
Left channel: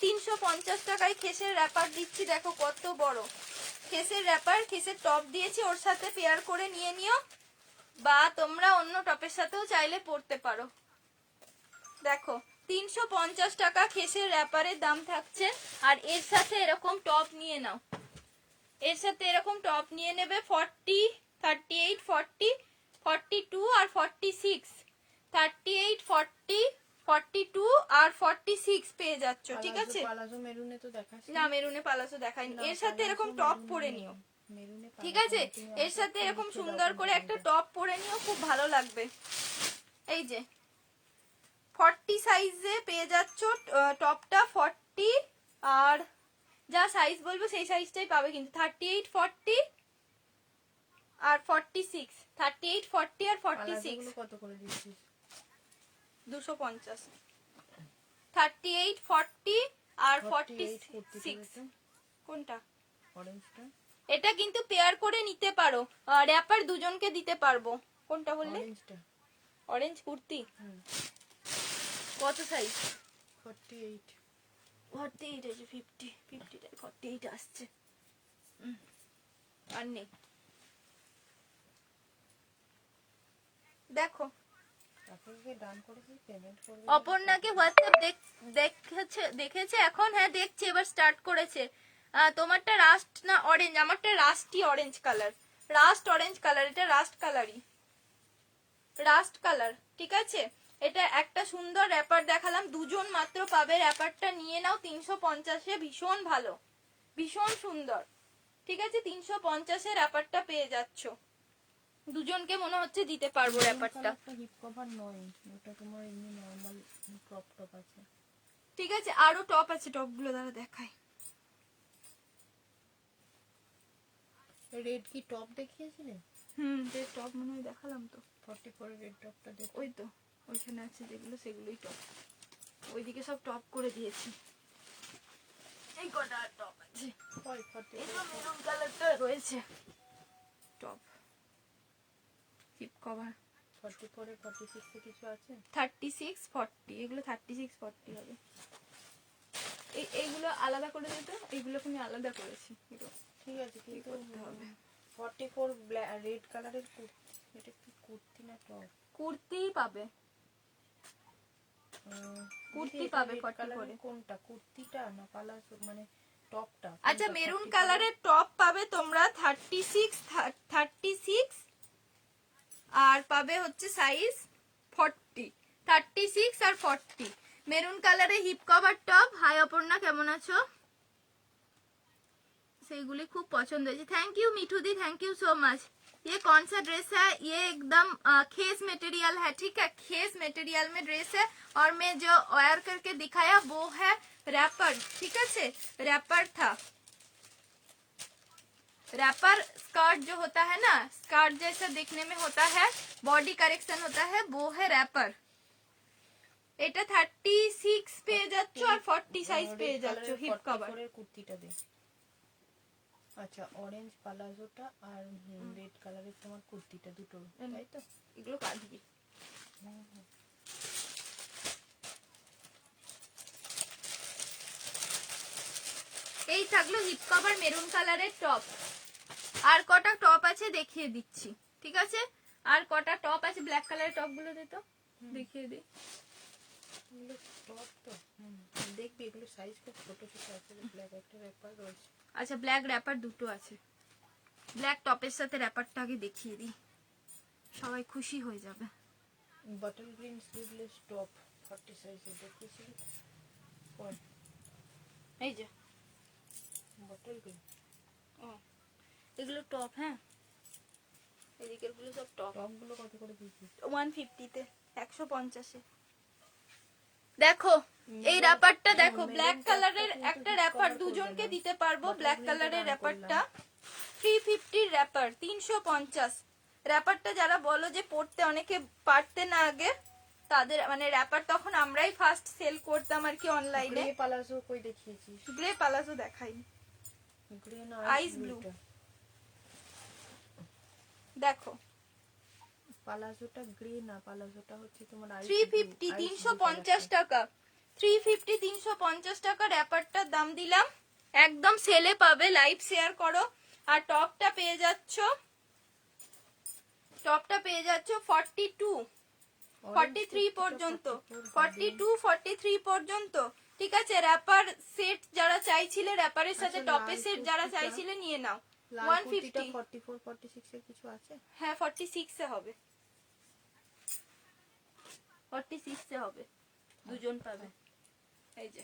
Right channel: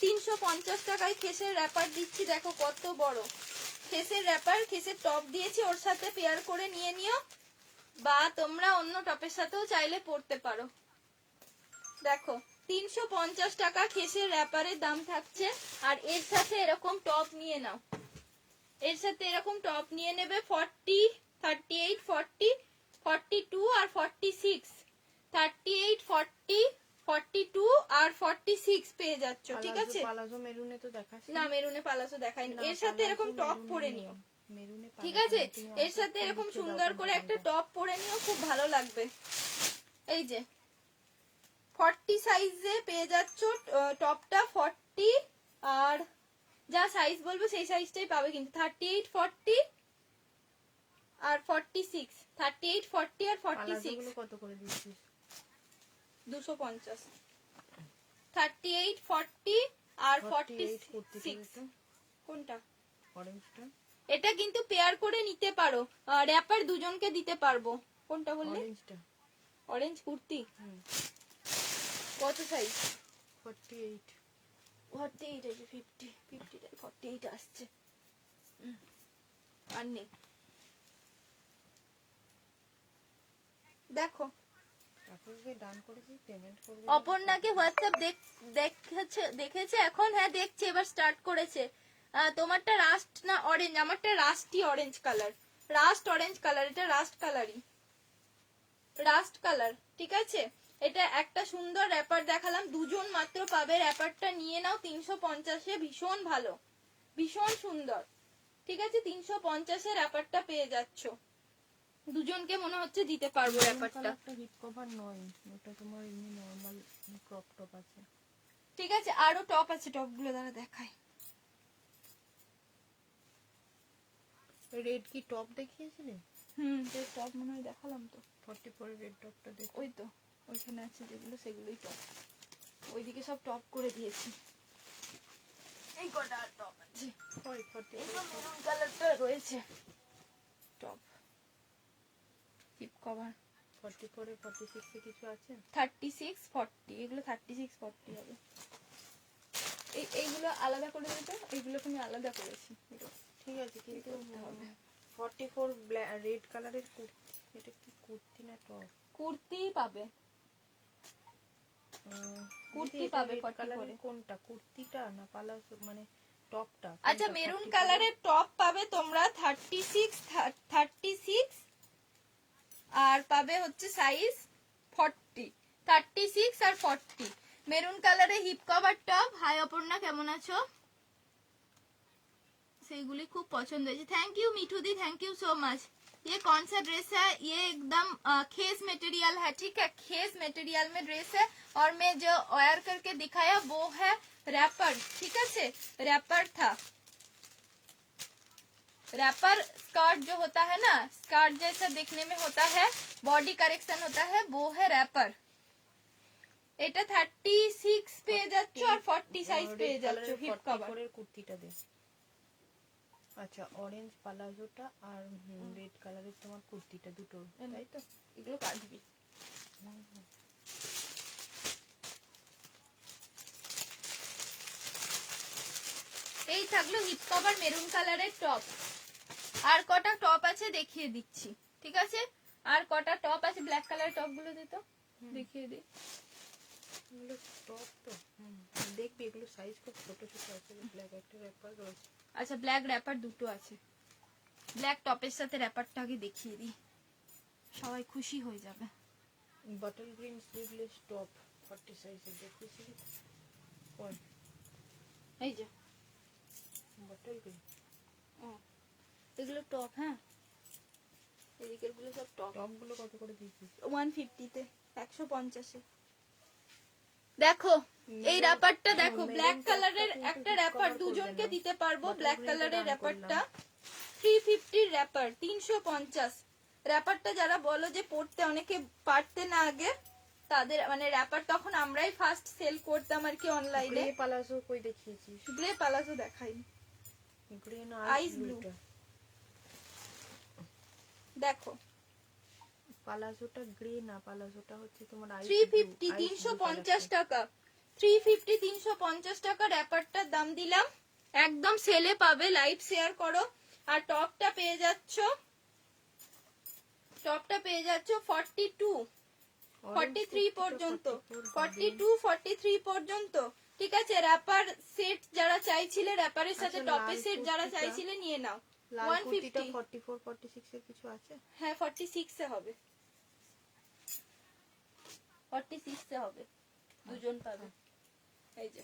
350 টাকায় খেসের র্যাপার দিচ্ছি। দেখো কত বড় খেসের র্যাপার, খেসের টপ দিয়েছি, ওর সাথে পেয়ার করে নিয়ে নিও, বা তোমরা অন্য টপের সাথেও চাইলে পরতে পারো। দেখো 350 টাকা খেসের র্যাপারের দাম থাকছে, আর এর সাথে এরকম টপ নিয়ে নাও, এর সাথে এরকম টপ নিয়ে নেবে 40, 38, 40, 42 আর 46, 38, 40, 42 আর 46 পেয়ে যাচ্ছ, ঠিক আছে? পালাজো মেরুনে তো দেখাস না মেরুনে পালাসো দেখাইনি। না, এর সাথে এরকম পালাজো টপ মেরুনে পরে নেই। নিও, মেরুনে ঠিক পালাজো আছে? নেই, তুমি এর আমাকে সাথে একটু এরকম লিখে দাও সুন্দর কোন করে একটা ডিজাইনটা। টপ পরে নিও, খুব ভালো লাগবে। এই যে 40 সাইজে পেয়ে যাচ্ছ টপটা, 40 আর যা সাইজ বলবো সেই সাইজটাই পাবে কিন্তু, 38, 40 আর 46, 38, 40 আর 46, পালাজোগুলো কত করে দিচ্ছিস? 250, 38, 40 আর 48 কুর্তিটা 46। দেখো, কোনটা? অরেঞ্জটা। এটা কিন্তু পেয়ার করে নিতে পারো, র্যাপার দুজনকে দিতে পারবো। কোনটা বললে? অরেঞ্জটা। অরেঞ্জ কুর্তি হুম, কত সাইজ? 48। 48 আছে, 50, 48 আসছে। আর নেই, দেখো। এখন যে ডান করে দিই, পেমেন্ট করবে। অপর্ণাকে হোয়াটসঅ্যাপ দেখেছে এখন? হ্যাঁ দেখছে, এবার স্টার্ট করেছে। তোমারটা রাস্ট না অরেঞ্জ? আমারটা rusty orange colour, rushed orange colour, এটা রাস্ট কালারই, রাস্ট কালার, ঠিক আছে? এটা একটা সুন্দর র্যাপার দেখালাম, দুজন মাত্র পাবে, র্যাপারটা নিয়ে নাও 350-এ, ভীষণ ভালো, ভীষণ সুন্দর, ঠিক আছে? 350-এ র্যাপারটা পেয়ে যাচ্ছ, দুজনকে মনে হচ্ছে দিতে পারবো র্যাপারটা, একটা হিপ কভার নয়, ওটা তোমার এমনি নরমাল ক্রপ টপ আছে। ঠিক আছে? আরো টপ আছে, টপগুলো দ্বারা দেখাই। রেড কি টপ দেখিয়েছিলে? যে টপ মনে হয় দেখালাম তো, 44 রেড টপটা দেখো। ওই তো ওইখানে আছে যেগুলো, সেগুলোই টপ, ওইদিকে সব টপ করে দিয়েছি, এই কটা টপ আছে, কই 40? এই মেরুন কালারটা রয়েছে টপ, হিপ কভার 44 এ 46 এ কিছু আছে? 36, 40, এগুলো 36, 40 হবে। এইগুলো আলাদা করে দিত, এইগুলোকে আমি আলাদা করেছি, ঠিক আছে, কি কিন্তু করতে হবে? 44 রেড কালারের কুর্তি, এটা কি কুর্তি না টপ? কুর্তি পাবে, কুর্তি এটা পাবে red 40 colour করে। এর কোনটা, কুর্তিটা না পালাজো মানে টপটা? আচ্ছা মেরুন কালারের টপ পাবে তোমরা 36 আর পাবে হচ্ছে সাইজ 40, 36 আর 40, মেরুন কালারের hip cover top. Hi Aparna, কেমন আছো? সেইগুলি খুব পছন্দ হয়েছে, থ্যাংক ইউ মিঠু दी, थैंक यू सो मच। ये कौन सा ड्रेस है? ये एकदम खेस मटेरियल है, ठीक है? खेस मटेरियल में ड्रेस है, और मैं जो वेयर करके दिखाया वो है रैपर, ठीक है? रैपर था, रैपर स्कर्ट जो होता है ना, स्कर्ट जैसा देखने में होता है, बॉडी करेक्शन होता है, वो है रैपर। এটা 36 পেয়ে যাচ্ছ আর 40 সাইজ পেয়ে যাচ্ছ হিপ কভার। কুর্তিটা দে। আচ্ছা, অরেঞ্জ পালাজোটা আর রেড কালারের তোমার কুর্তিটা দুটো, তাই তো? এগুলো কাটবি। এই থাকলো হিপ কভার মেরুন কালারের টপ, আর কটা টপ আছে দেখিয়ে দিচ্ছি, ঠিক আছে? আর কটা টপ আছে, ব্ল্যাক কালারের টপ গুলো দে তো, দেখিয়ে দিই। এগুলো টপ তো, দেখবি এগুলো সাইজ খুব ছোট ছোট আছে, ব্ল্যাক একটা র্যাপার রয়েছে। আচ্ছা ব্ল্যাক র্যাপার দুটো আছে, ব্ল্যাক টপের সাথে র্যাপারটা আগে দেখিয়ে দিই, সবাই খুশি হয়ে যাবে। বটল গ্রিন স্লিভলেস টপ 40 সাইজের দেখেছিলি? কোন? এই যে বটল গ্রিন এগুলো টপ, হ্যাঁ এদিকের গুলো সব টপ। টপ গুলো কত করে দিচ্ছিস? 150-তে, 150-এ। দেখো এই র্যাপারটা দেখো, ব্ল্যাক কালারের একটা র্যাপার দুজনকে দিতে পারবো, ব্ল্যাক কালারের র্যাপারটা 350 র্যাপার, 350 র্যাপারটা। যারা বলো যে পড়তে অনেকে পারতে না আগে, তাদের মানে র্যাপার তখন আমরাই ফার্স্ট সেল করতাম আর কি অনলাইনে। গ্রে পালাজো কই দেখিয়েছিস? গ্রে পালাজো দেখাইনি, গ্রে না আইস ব্লু। দেখো পালাজোটা গ্রে না, পালাজোটা হচ্ছে তোমার 350, 350 টাকা, 350, 350 টাকা র্যাপারটার দাম দিলাম, একদম সেলে পাবে, লাইভ শেয়ার করো। আর টপটা পেয়ে যাচ্ছ, টপটা পেয়ে যাচ্ছ 42, 43 পর্যন্ত, 42, 43 পর্যন্ত। ঠিক আছে, র্যাপার সেট যারা চাইছিলে, র্যাপারের সাথে আচ্ছা, টপের লাল সেট যারা কুর্তিটা- চাইছিলে নিয়ে নাও। লাল কুর্তিটা 150। 44 46 এর কিছু আছে? হ্যাঁ 46 এ হবে, 46 এ হবে, দুজন পাবে। এই যে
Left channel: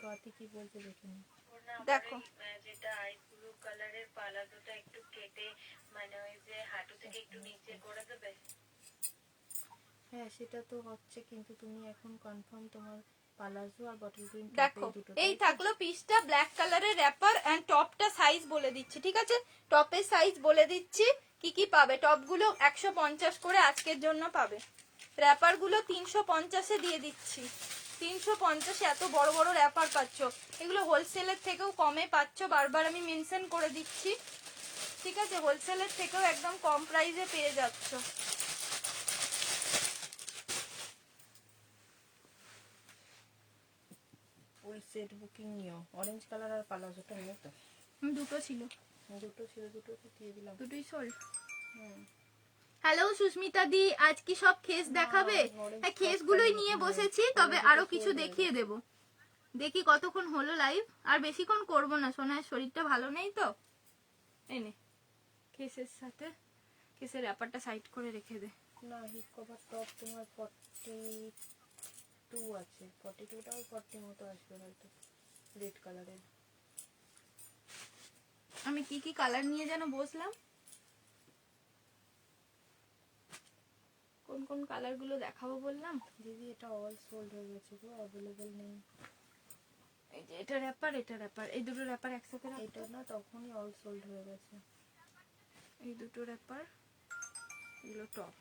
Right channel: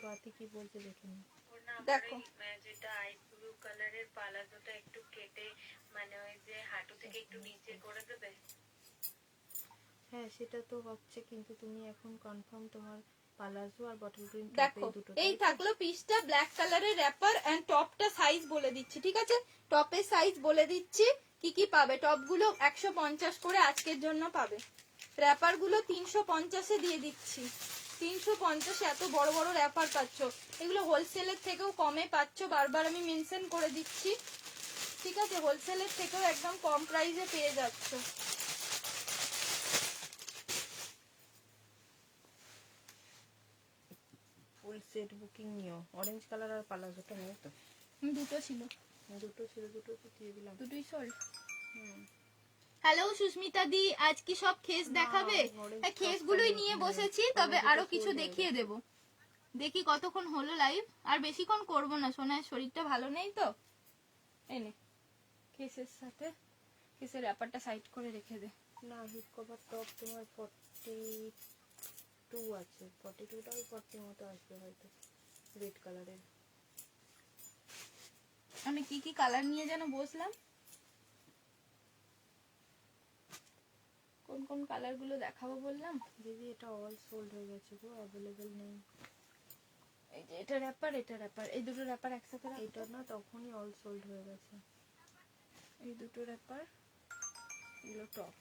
স্বাতি কি বলছে দেখে নি। দেখো যেটা আইস ব্লু কালারের পালাজোটা একটু কেটে মানে ওই যে হাঁটু থেকে একটু নিচে করে দেবে। হ্যাঁ সেটা তো হচ্ছে, কিন্তু তুমি এখন কনফার্ম তোমার পালাজো আর বটল গ্রিন দেখো এই থাকলো পিসটা, ব্ল্যাক কালারের র্যাপার এন্ড টপটা সাইজ বলে দিচ্ছি, ঠিক আছে? টপের সাইজ বলে দিচ্ছি কি কি পাবে। টপগুলো 150 করে আজকের জন্য পাবে, র্যাপার গুলো 350 এ দিয়ে দিচ্ছি। 350 এত বড় বড় র্যাপার পাচ্ছ, এগুলো হোলসেলের থেকেও কমে পাচ্ছ, বারবার আমি মেনশন করে দিচ্ছি, ঠিক আছে? হোলসেলের থেকেও একদম কম প্রাইসে পেয়ে যাচ্ছ। ওই সেট বুকিং নিও, অরেঞ্জ কালার আর পালাজোটা নিও তো। দুটো ছিল, দুটো ছিল, দুটো তো দিয়ে দিলাম। দুটোই সোল্ড। হুম। হ্যালো সুস্মিতা দি, আজ কি সব খেস দেখাবে? orange হ্যাঁ top খেসগুলোই টা নিয়ে নিয়ে বসেছি, ওরা তবে দুটো আরো কিছু sold হয়ে দেখিয়ে দেব। দেখি কতক্ষণ হলো লাইভ, আর বেশিক্ষণ করব না, সোনার শরীরটা ভালো নেই তো। এই নে কেসের সাথে, কেসের ব্যাপারটা সাইড করে রেখে দে। না হিপ কভার টপ তোমার 42 আছে, 42টাও 40 মতো আসবে হয়তো, রেড কালারের। আমি কি কি কালার নিয়ে যেন বসলাম, কোন কোন কালার গুলো দেখাবো বললাম? দিদি এটা অল সোল্ড হয়ে গেছে গো, অ্যাভেলেবল নেই। এই যে এটা র্যাপার, এটা র্যাপার, এই দুটো র্যাপার একসাথে রাখো। এটা না তখনই অল সোল্ড হয়ে গেছে। এই দুটো র্যাপার, এগুলো টপ।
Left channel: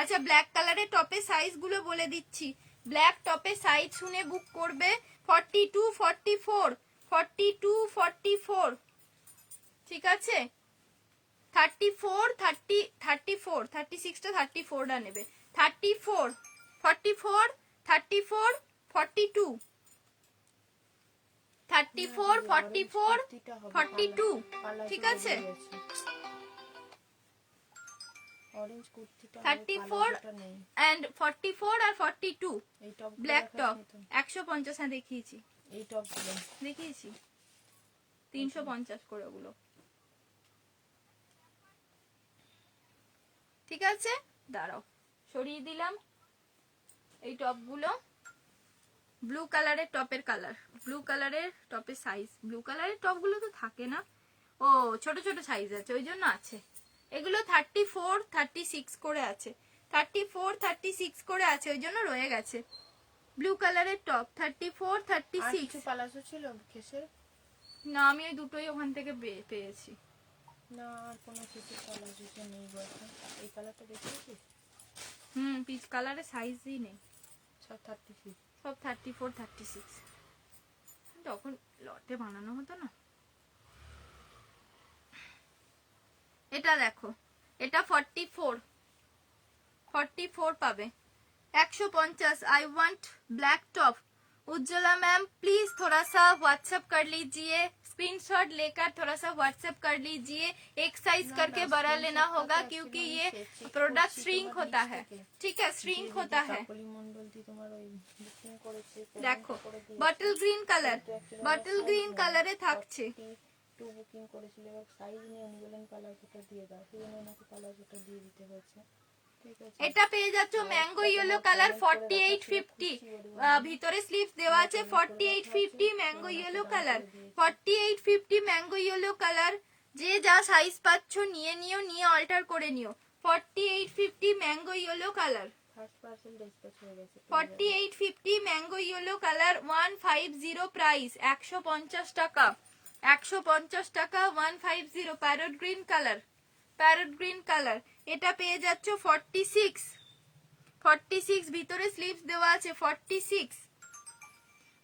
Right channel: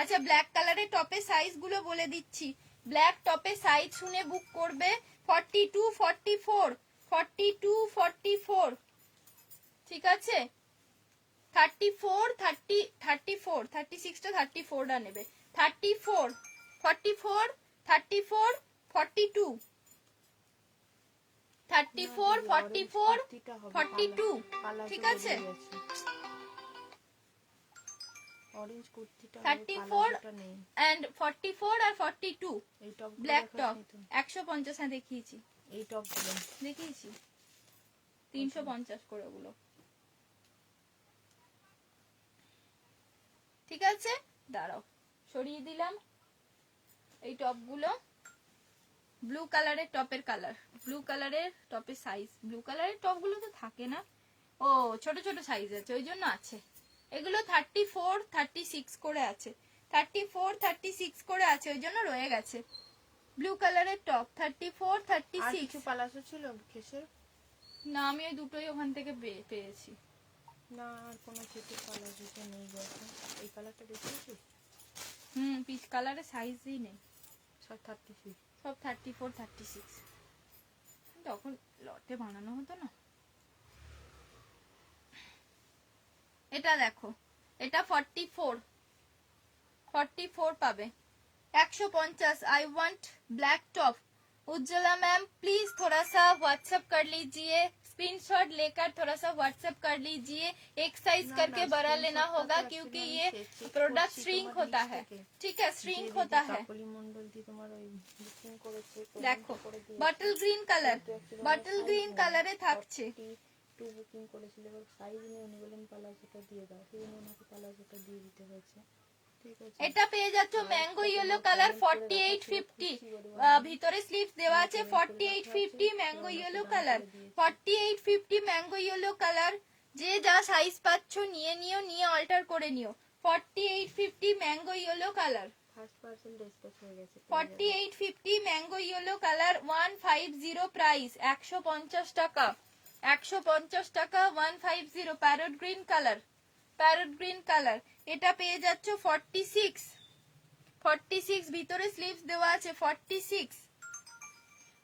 আচ্ছা ব্ল্যাক কালারের টপের সাইজ গুলো বলে দিচ্ছি। ব্ল্যাক টপের সাইজ শুনে বুক করবে 42 44, 42 44, ঠিক আছে? 34 30 34, 36টা 34টা নেবে। 34 44 34 42, 34 44 42, ঠিক আছে? অরেঞ্জ কুর্তিটা 34 নেই। and 44 আর 42 এই টপ ব্ল্যাক টপ 150। হ্যাঁ দেখিয়েছি, এই টপ গুলো দেখিয়েছি 350 করে ওগুলো, ঠিক আছে? দাঁড়াও সরিয়ে দিলাম এই টপগুলো। ব্লু কালারের টপের কালার, ব্লু কালারের টপের সাইজ, ব্লু কালারের টপগুলো তো থাকে না, ও ছোট ছোট সাইজ আছে ওই জন্য আছে। এগুলো 34 36 করে আছে, 34 36 করে আছে ওই জন্য রয়ে গেছে। ব্লু কালারের টপ 34 আর 36। কিছু পালাজো ছিল কেসের? না আমি ওই দুটোই ওখান থেকে পেয়েছি। না আর কোনো কিছু পালাজো নেই গো এখন। এই কালারটা দেখিয়েছিস? পিচ কালারের সাইজই নেই, সব 36। সব 34 36। তখন লটে বানানো হতো না। এটা দেখো, এটা 44 44 পাবে 150। I want black top. Ujjwala ma'am please थोड़ा सा व्हाट्सएप कर लीजिए, स्क्रीनशॉट लेकर थोड़ा सा व्हाट्सएप कर लीजिए। एक साइज ना, करके ना, बड़ा screenshot लेना का होगा तो क्योंकि actually ये मैं check प्रोडक्ट করছি श्रिंक তোমার होता list है, থেকে। ठीक है? श्रिंक যে होता দিদি है। কাকলি মণ্ডল দি তোমার ওই বুকিং করেছে, দেখো payment করে দিয়েছে। বটল গ্রিন কালার, কিন্তু actually বটল আমার গ্রিন size নেই। কালারে থাকছে। 42 বুকিং করেছিল, এবার সাইজ নিয়ে উনি বললেন পালাজোটা দিয়ে দাও, সেই জন্য ওনাকে পালাজোটা দিয়ে দিতে হয়েছে। ঠিক আছে, এটা পেয়ে যাচ্ছ ম্যাঙ্গো ইয়েলো কালার 48 50, ভিতরে স্লিভস দেওয়া আছে 48 50 mango yellow colour, 48 50 mango yellow colour. যে যা সাইজ পাচ্ছ নিয়ে নিও, নিয়ে অল্টার করে নিও। 48 50 mango yellow colour, first parcel dispatch হয়ে গেছে। 48 50 ম্যাঙ্গো ইয়েলো কালার 150 প্রাইস, 150 টাকা, 150 টাকা 150। Parrot green colour, parrot green colour, এটা পেয়ে যাচ্ছ 46 46, ভিতরে স্লিভস দেওয়া আছে 46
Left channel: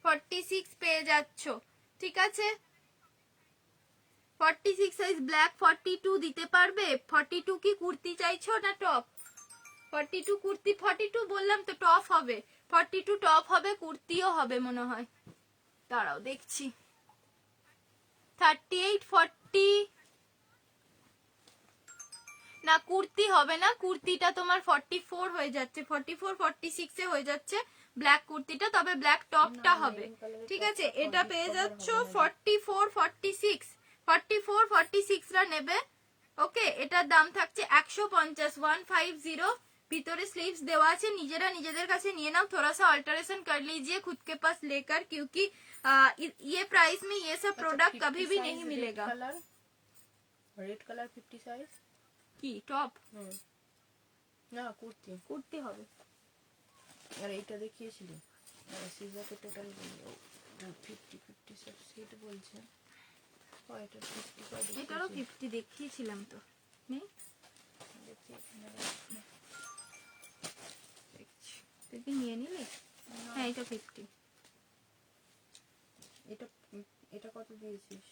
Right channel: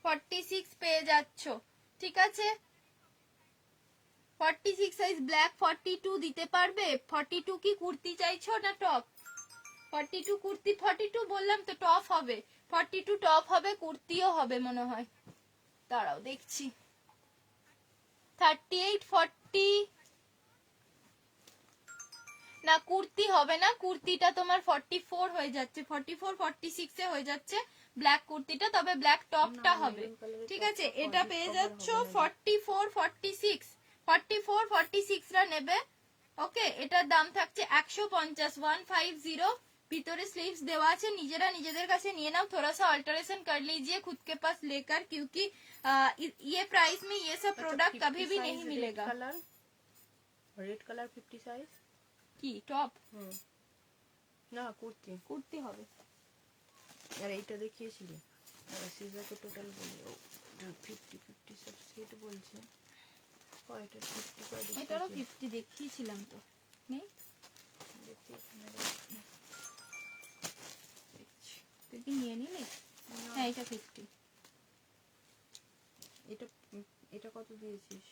46 পেয়ে যাচ্ছ, ঠিক আছে? 46 সাইজ ব্ল্যাক 42 দিতে পারবে? 42 কি কুর্তি চাইছো না টপ? 42 কুর্তি, 42 বললাম তো টপ হবে, 42 টপ হবে, কুর্তিও হবে মনে হয়। দাঁড়াও দেখছি। 38 40 না কুর্তি হবে না, কুর্তিটা তোমার 44 হয়ে যাচ্ছে, 44 46 এ হয়ে যাচ্ছে, ব্ল্যাক কুর্তিটা, তবে ব্ল্যাক টপটা হবে, ঠিক আছে। এটা পেয়ে যাচ্ছ 44-46 রা নেবে, ওকে। এটার দাম থাকছে 150 ভিতরে স্লিভস দেওয়া আছে, নিজেরা নিজেদের কাছে নিয়ে নাও, थोड़ा सा अल्टरेशन कर लीजिए खुद के पास लेकर, क्योंकि ये प्राइस में ये सब प्रोडक्ट कभी भी नहीं मिलेगा। রেড কালার 50 সাইজ কি টপ না কুর্তি কুর্তি হবে। আর এইটা দেখিয়েছিলি সিজাকে টোটাল বলি 50 সেট বলছে কয়টা 50 কয় এটারও 50 দেখিয়েছিলাম তো, নেই দেখছি এখানে তুই কি নিয়ে নিলি? হ্যাঁ এটা 50। এটা এটা কত দিয়েছিস?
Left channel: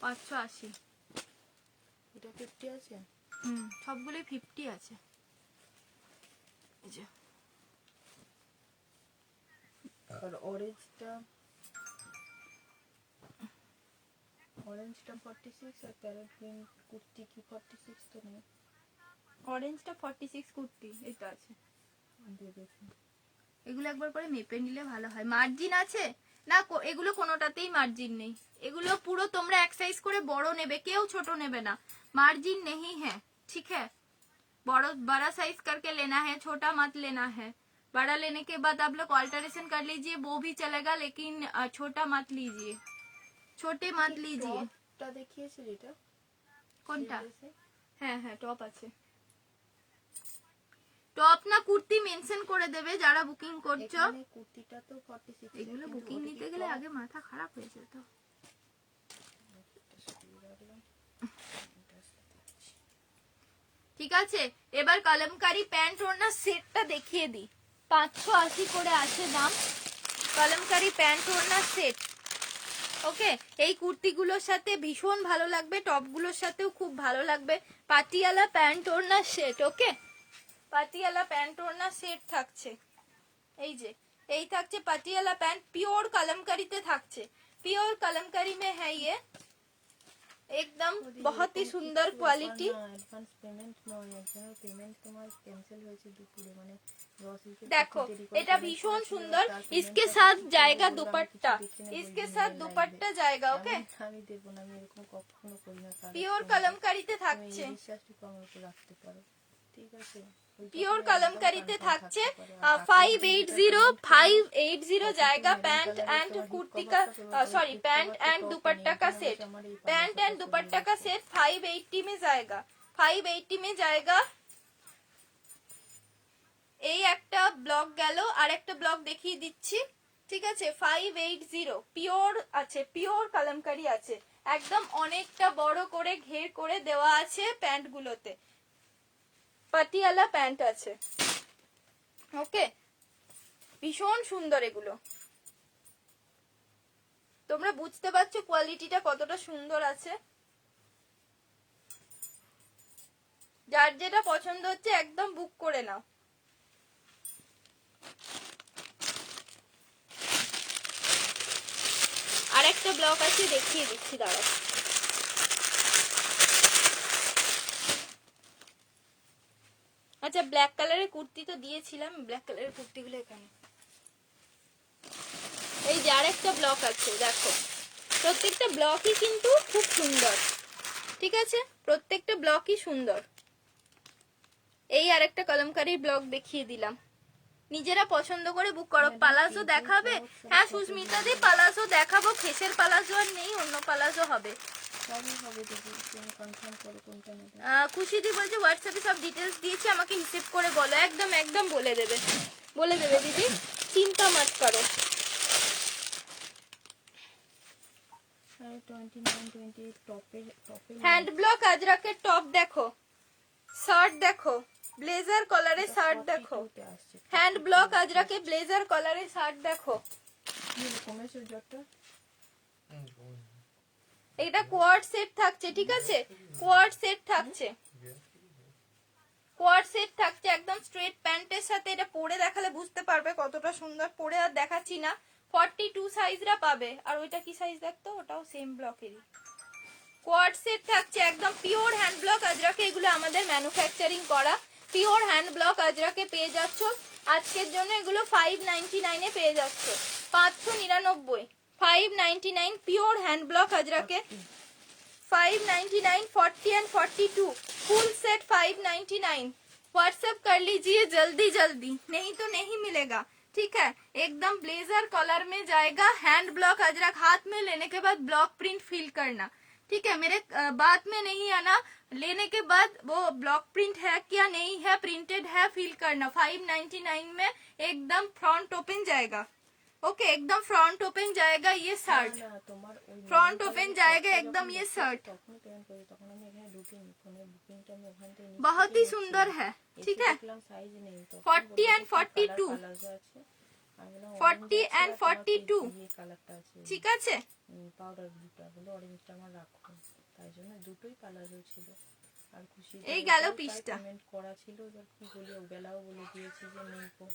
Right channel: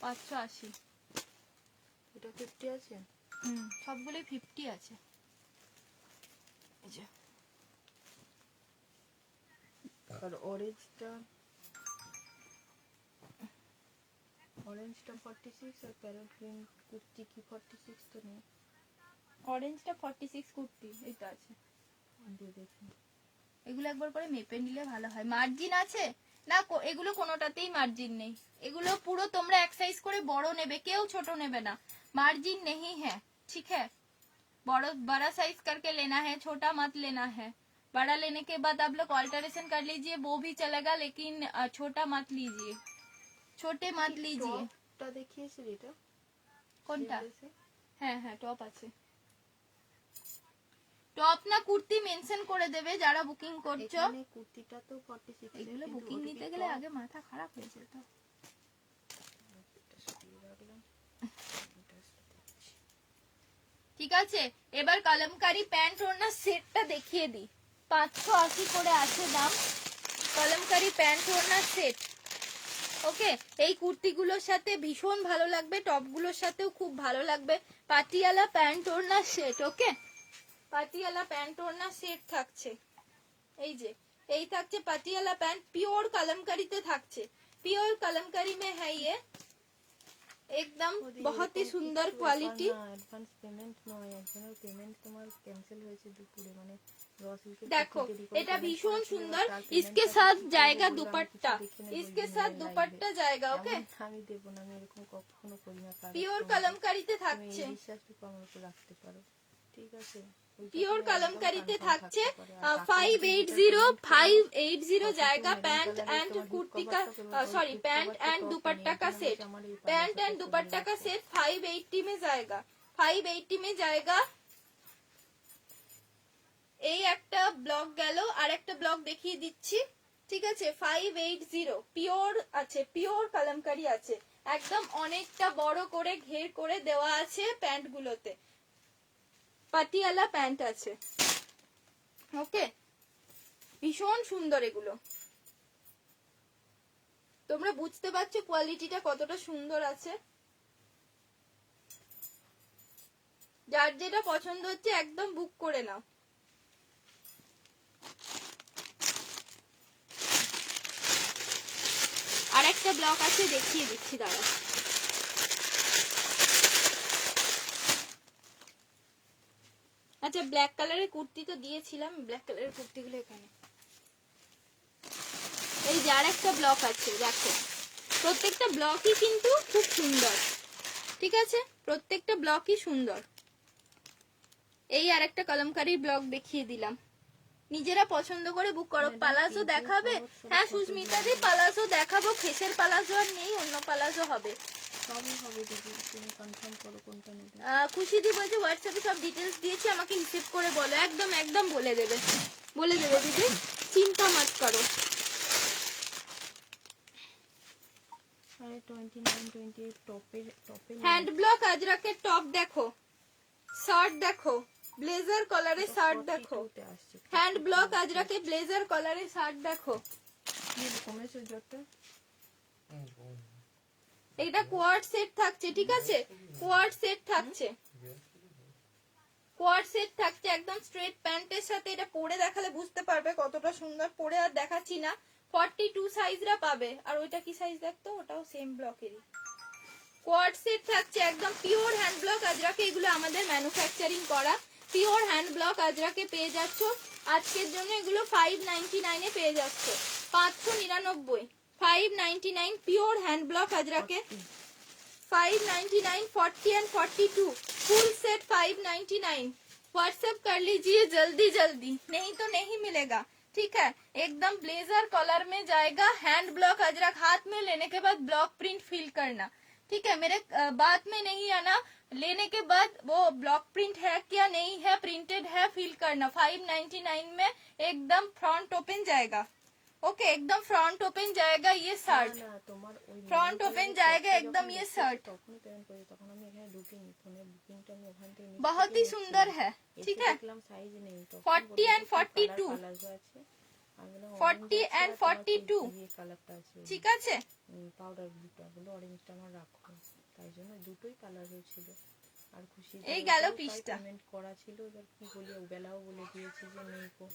580। এটা 50 আছে? সবগুলোই 50 আছে। এই যে আর অরেঞ্জটা 46 আর প্যারট গ্রিন কুর্তি কি 46 তো নেই? অরেঞ্জটা 46 কুর্তি এটা আছে। দিয়ে দেখি এগুলো একবার করে মেপে নিলে ভালো হয়। মার্জিন আছে না? এগুলো কোনোটাতেই মার্জিন নেই, এগুলো পুরো তোমরা এক সাইজ করে বড় নেবে, কেউ ছোট নেবে না, मार्जिन नहीं है, ठीक है। बड़ा साइज करके लेना है, छोटा मत लेना है। बड़ा लेने के बाद आप लोग ऑल्टरेशन कर लीजिए, वो भी चलेगा, लेकिन छोटा मत लीजिए, छोटे मत लीजिए। টপটা দেখিয়েছিলি এটা কোনটা? হ্যাঁ হ্যাঁ টপ আছে। টপ না কুর্তি মেনশন করে দেবে যারা বুকিং করছো। এখানে কুর্তিটা তো 46। এগুলো বুকিং নিতে গেলে আগে মাথা খারাপ হয়ে যেত। ঠিক আছে, এবার কলমকারি প্যান্ট ওড়না সেটটা দেখিয়ে দিই। 580 করে আছে দাম, কলমকারি প্যান্ট ওড়না সেট, ওকে। এই কুর্তিগুলোর সাথে ভীষণ ভালো লাগবে, টপগুলোর সাথেও খুব ভালো লাগবে। পাটিয়ালা প্যান্ট ওড়না সেট, ওকে। পাটিয়ালা প্যান্ট ওড়না সেট থাকছে, এই যে এই থাকছে পাটিয়ালা প্যান্ট, পিওর कलमकारी থাকছে, পিওর कलमकारी में है ये, एकदम बहुत ही सुंदर क्वालिटी। অ্যাডভান্স পেমেন্ট নয়, একজনের পেমেন্ট তোমার ক্যান্সেল হয়েছে দুপুরে, মানে देखो এটা ভীষণ সুন্দর, इसके साथ जाएगा दुपट्टा, इसके साथ दुपट्टा जाएगा, ओके। আমি দেব না, আমি এরকম কখনো করি না। পিওর कलमकारीতে থাকছে, বিশ্বাসটুকু আমার উপর রাখতে পারো, ঠিক আছে। পিওর कलमकारीতে থাকছে। 580 जाएगा पैंट एंड कुर्ती का, सॉरी पैंट एंड दुपट्टा का सेट, पैंट एंड दुपट्टा का सेट 580 में जाएगा, 580 में जाएगा। এই একটা ব্লক গেল, আর একটা ব্লক দেখিয়ে দিচ্ছি, ঠিক আছে। 580 পিওর আছে, পিওর কলমকারি আছে, একদম অনেকটা বড় করে ঘের করে দেওয়া আছে প্যান্ট গুলোতে, পাটিয়ালা প্যান্ট আছে, ওকে। ভীষণ সুন্দর এগুলো, তোমরা বুঝতে পারছো কোয়ালিটিটা কতটা সুন্দর আছে। যার যেটা পছন্দ হচ্ছে একদম বুক করে নাও। আরেকটা ব্লক আছে দেখিয়ে দিচ্ছি, দাঁড়াও। আচ্ছা ব্ল্যাক কালারের কুর্তি তো দিয়েছিলাম, ব্ল্যাক কালারের কুর্তিগুলো এখানে, এই যে আরেকটা ব্লক আছে, দেখো প্রত্যেকটা ব্লকই কিন্তু খুব সুন্দর, ঠিক আছে, প্রত্যেকটা ব্লকই সুন্দর। এই আরেকটা কলমকারী ব্লক দেখিয়ে দিলাম, নিজেরা পছন্দ করে বুক করো। পালাজো দেখাবে? হ্যাঁ সুস্মিতা দি পালাজো দেখাবো, খেসের পালাজো আর নেই, অন্য পালাজো হবে, সবই হবে দিদি, তুমি কনফার্ম করো কোনটা নেবে। খুশি দি বলছে হোয়াটসঅ্যাপে সব ডিটেলস দিয়েছি, আমাকে রিসিভ করে বলো, একদম একদম বলে দেবে, বলে দেবে দিদি, চিন্তা মত করো। আরে 29 28 টপে হ্যান্ড ব্লক আজরাকের টপ দেখো, শার্ট দেখো, ব্লেজার কলারের শার্ট দেখো, হ্যান্ড ব্লক আজরাকে ব্লেজার কলারের শার্ট দেখো। কমেছে যত এটা কোয়ার্ড সেট থাকছে, ঠিক আছে, কোয়ার্ড সেট থাকছে, কোয়ার্ড সেট থাকছে একদম স্ট্রেট প্যান্টের সাথে। এটা পরে দেখালে বুঝতে পারবে কতটা সুন্দর, পরে আর দেখাচ্ছি না। 42 সাইজরা পাবে, আর ওইটা কি সাইজ দেখতো, ওটাও সেম ব্লকেরই। কোয়ার্ড সেট থাকছে একদম পিওর হ্যান্ড ব্লক আজরাকে, এগুলো আমাদের ম্যানুফ্যাকচারিং করা পিওর হ্যান্ড ব্লক আজরাকে পেয়ে যাচ্ছ আজকের জন্য এগুলো 599 এ পেয়ে যাচ্ছে। 599, 599 পিওর হ্যান্ড ব্লক আজরাকে, 599, 40 and 42 फुल सेट 599। व्हाट्सएप कर लीजिए जल्दी जल्दी, नहीं तो नहीं मिलेगा। ठीक है, एकदम ब्लेजर कलर में जाएगा। हैंड ब्लॉक अजरक हाथ में लेने के बाद ब्लॉक प्रिंट फिल करना। ठीक है, मेरे बात में नहीं आना, लेने के बाद वो ब्लॉक प्रिंट है क्या नहीं है, प्रिंटेड है, फिल करना। 599 में एकदम फ्रंट ओपन जाएगा। ओके, एकदम फ्रंट ओपन जाएगा ये शर्ट, না, তোমার ওই फ्रंट ओपन जाएगा एकदम ये शर्ट, তখনই পেমেন্ট করি, তখন আমি এখানে ঢুকিনি, ফোনের বুকিংটা আমি ওখান থেকে নিচ্ছি। बहुत ही सुंदर है। ठीक है, দেখলাম সাইজ নেই, 40 and 42, কালার আছে, আমি বললাম 40 and 42, এই কালারটা আছে, ঠিক আছে। পাউডার ব্লুটা, বলে অরেঞ্জটা আমার রাখো, তাই জন্য দুটোই কালার হয়েছিল। আর খুশি এই গেল পিসটা। পেমেন্ট করা ছিল, এবার কি বলি, বেলাও বলে দিয়েছি যে নেই গো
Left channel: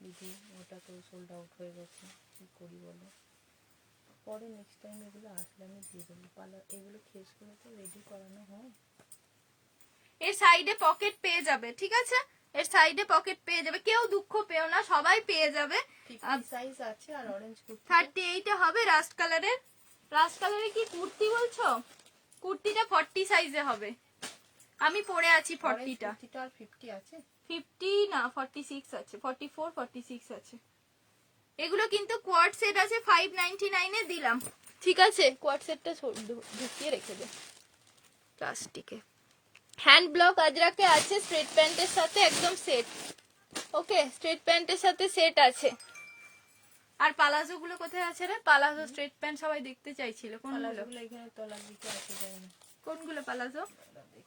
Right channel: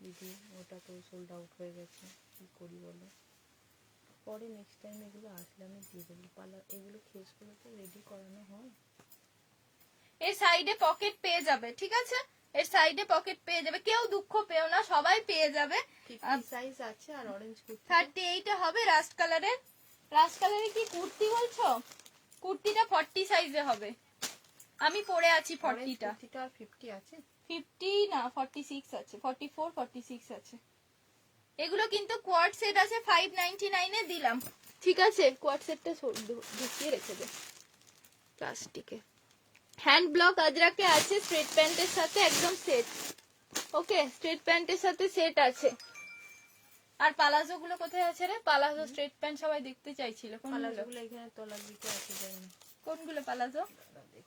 দিদি, ওটা তো সোল্ড আউট হয়ে গেছে, কি করি বলো। পরে নেক্সট টাইম এগুলো আসলে আমি দিয়ে দেবো। পার্লার এগুলো খেসগুলো তো রেডি করানো হয়। এর সাইডে পকেট পেয়ে যাবে, ঠিক আছে, এর সাইডে পকেট পেয়ে যাবে, কেউ দুঃখ পেও না, সবাই পেয়ে যাবে। সাইজ আছে আর অরেঞ্জ কুর্তি 38 এ হবে রাস্ট কালারের। রাস্ট কালারে কি কুর্তি বলছো? কুর্তিটা 40 সাইজে হবে, আমি পরে আছি 40টা। কুর্তিটা আর 50 আছে, 50 না 46 আছে, 44 46 আছে। এগুলো কিন্তু কোয়াড সেট আছে, 599 এ দিলাম। ঠিক আছে, কোয়াড সেটটা ঢুকিয়ে রেখে দে প্লাস্টিকে। হ্যান্ড ব্লক আজরাকে আছে স্ট্রেট প্যান্টের সাথে একদম সেট। ওকে, স্ট্রেট প্যান্টের সাথে সেট আছে। আর পালাজো গুলো কোথায় আছে রে? পালাজো স্ট্রেট প্যান্ট সবাই দেখতে চাইছিল, কোনগুলো? পালাজোগুলো এখানে তলার দিকে আছে, যাই না, কোনগুলো পালাজো? দেখি।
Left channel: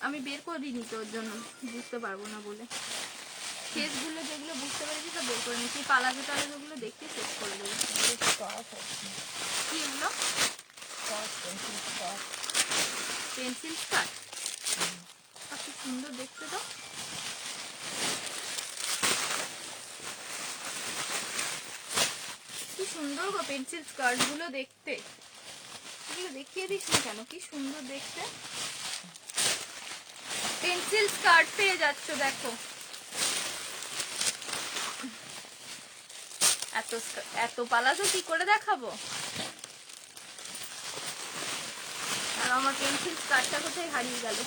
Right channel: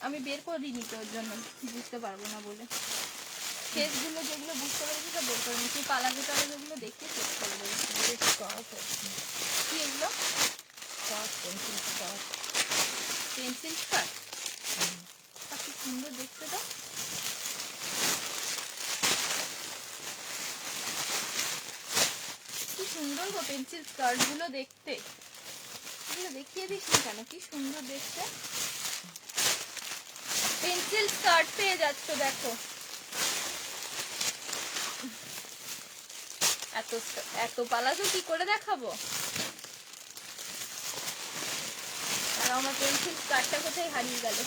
আমি বের করে দিইনি তো, ওর জন্য বুঝতে পারবো না বলে। ফেস গুলো যেগুলো বুঝতে পেরেছি সব বের করে নিচ্ছি। পালাজো টালাজো গুলো দেখতে চেক করে দেবো। কি এগুলো? পেন্সিল স্কার্ট, কি সুন্দর দেখতে তো। কি সুন্দর গো পেন্সিল স্কার্ট গুলো দেখতে। এগুলো দেখিয়ে দিস না কেন, কি সুন্দর দেখতে। পেন্সিল স্কার্ট পেয়ে যাচ্ছ, দেখো এত পালাজো কি করে দেখাবো। আর আমার পেন্সিল স্কার্টটা কোথায় হারিয়ে গেল।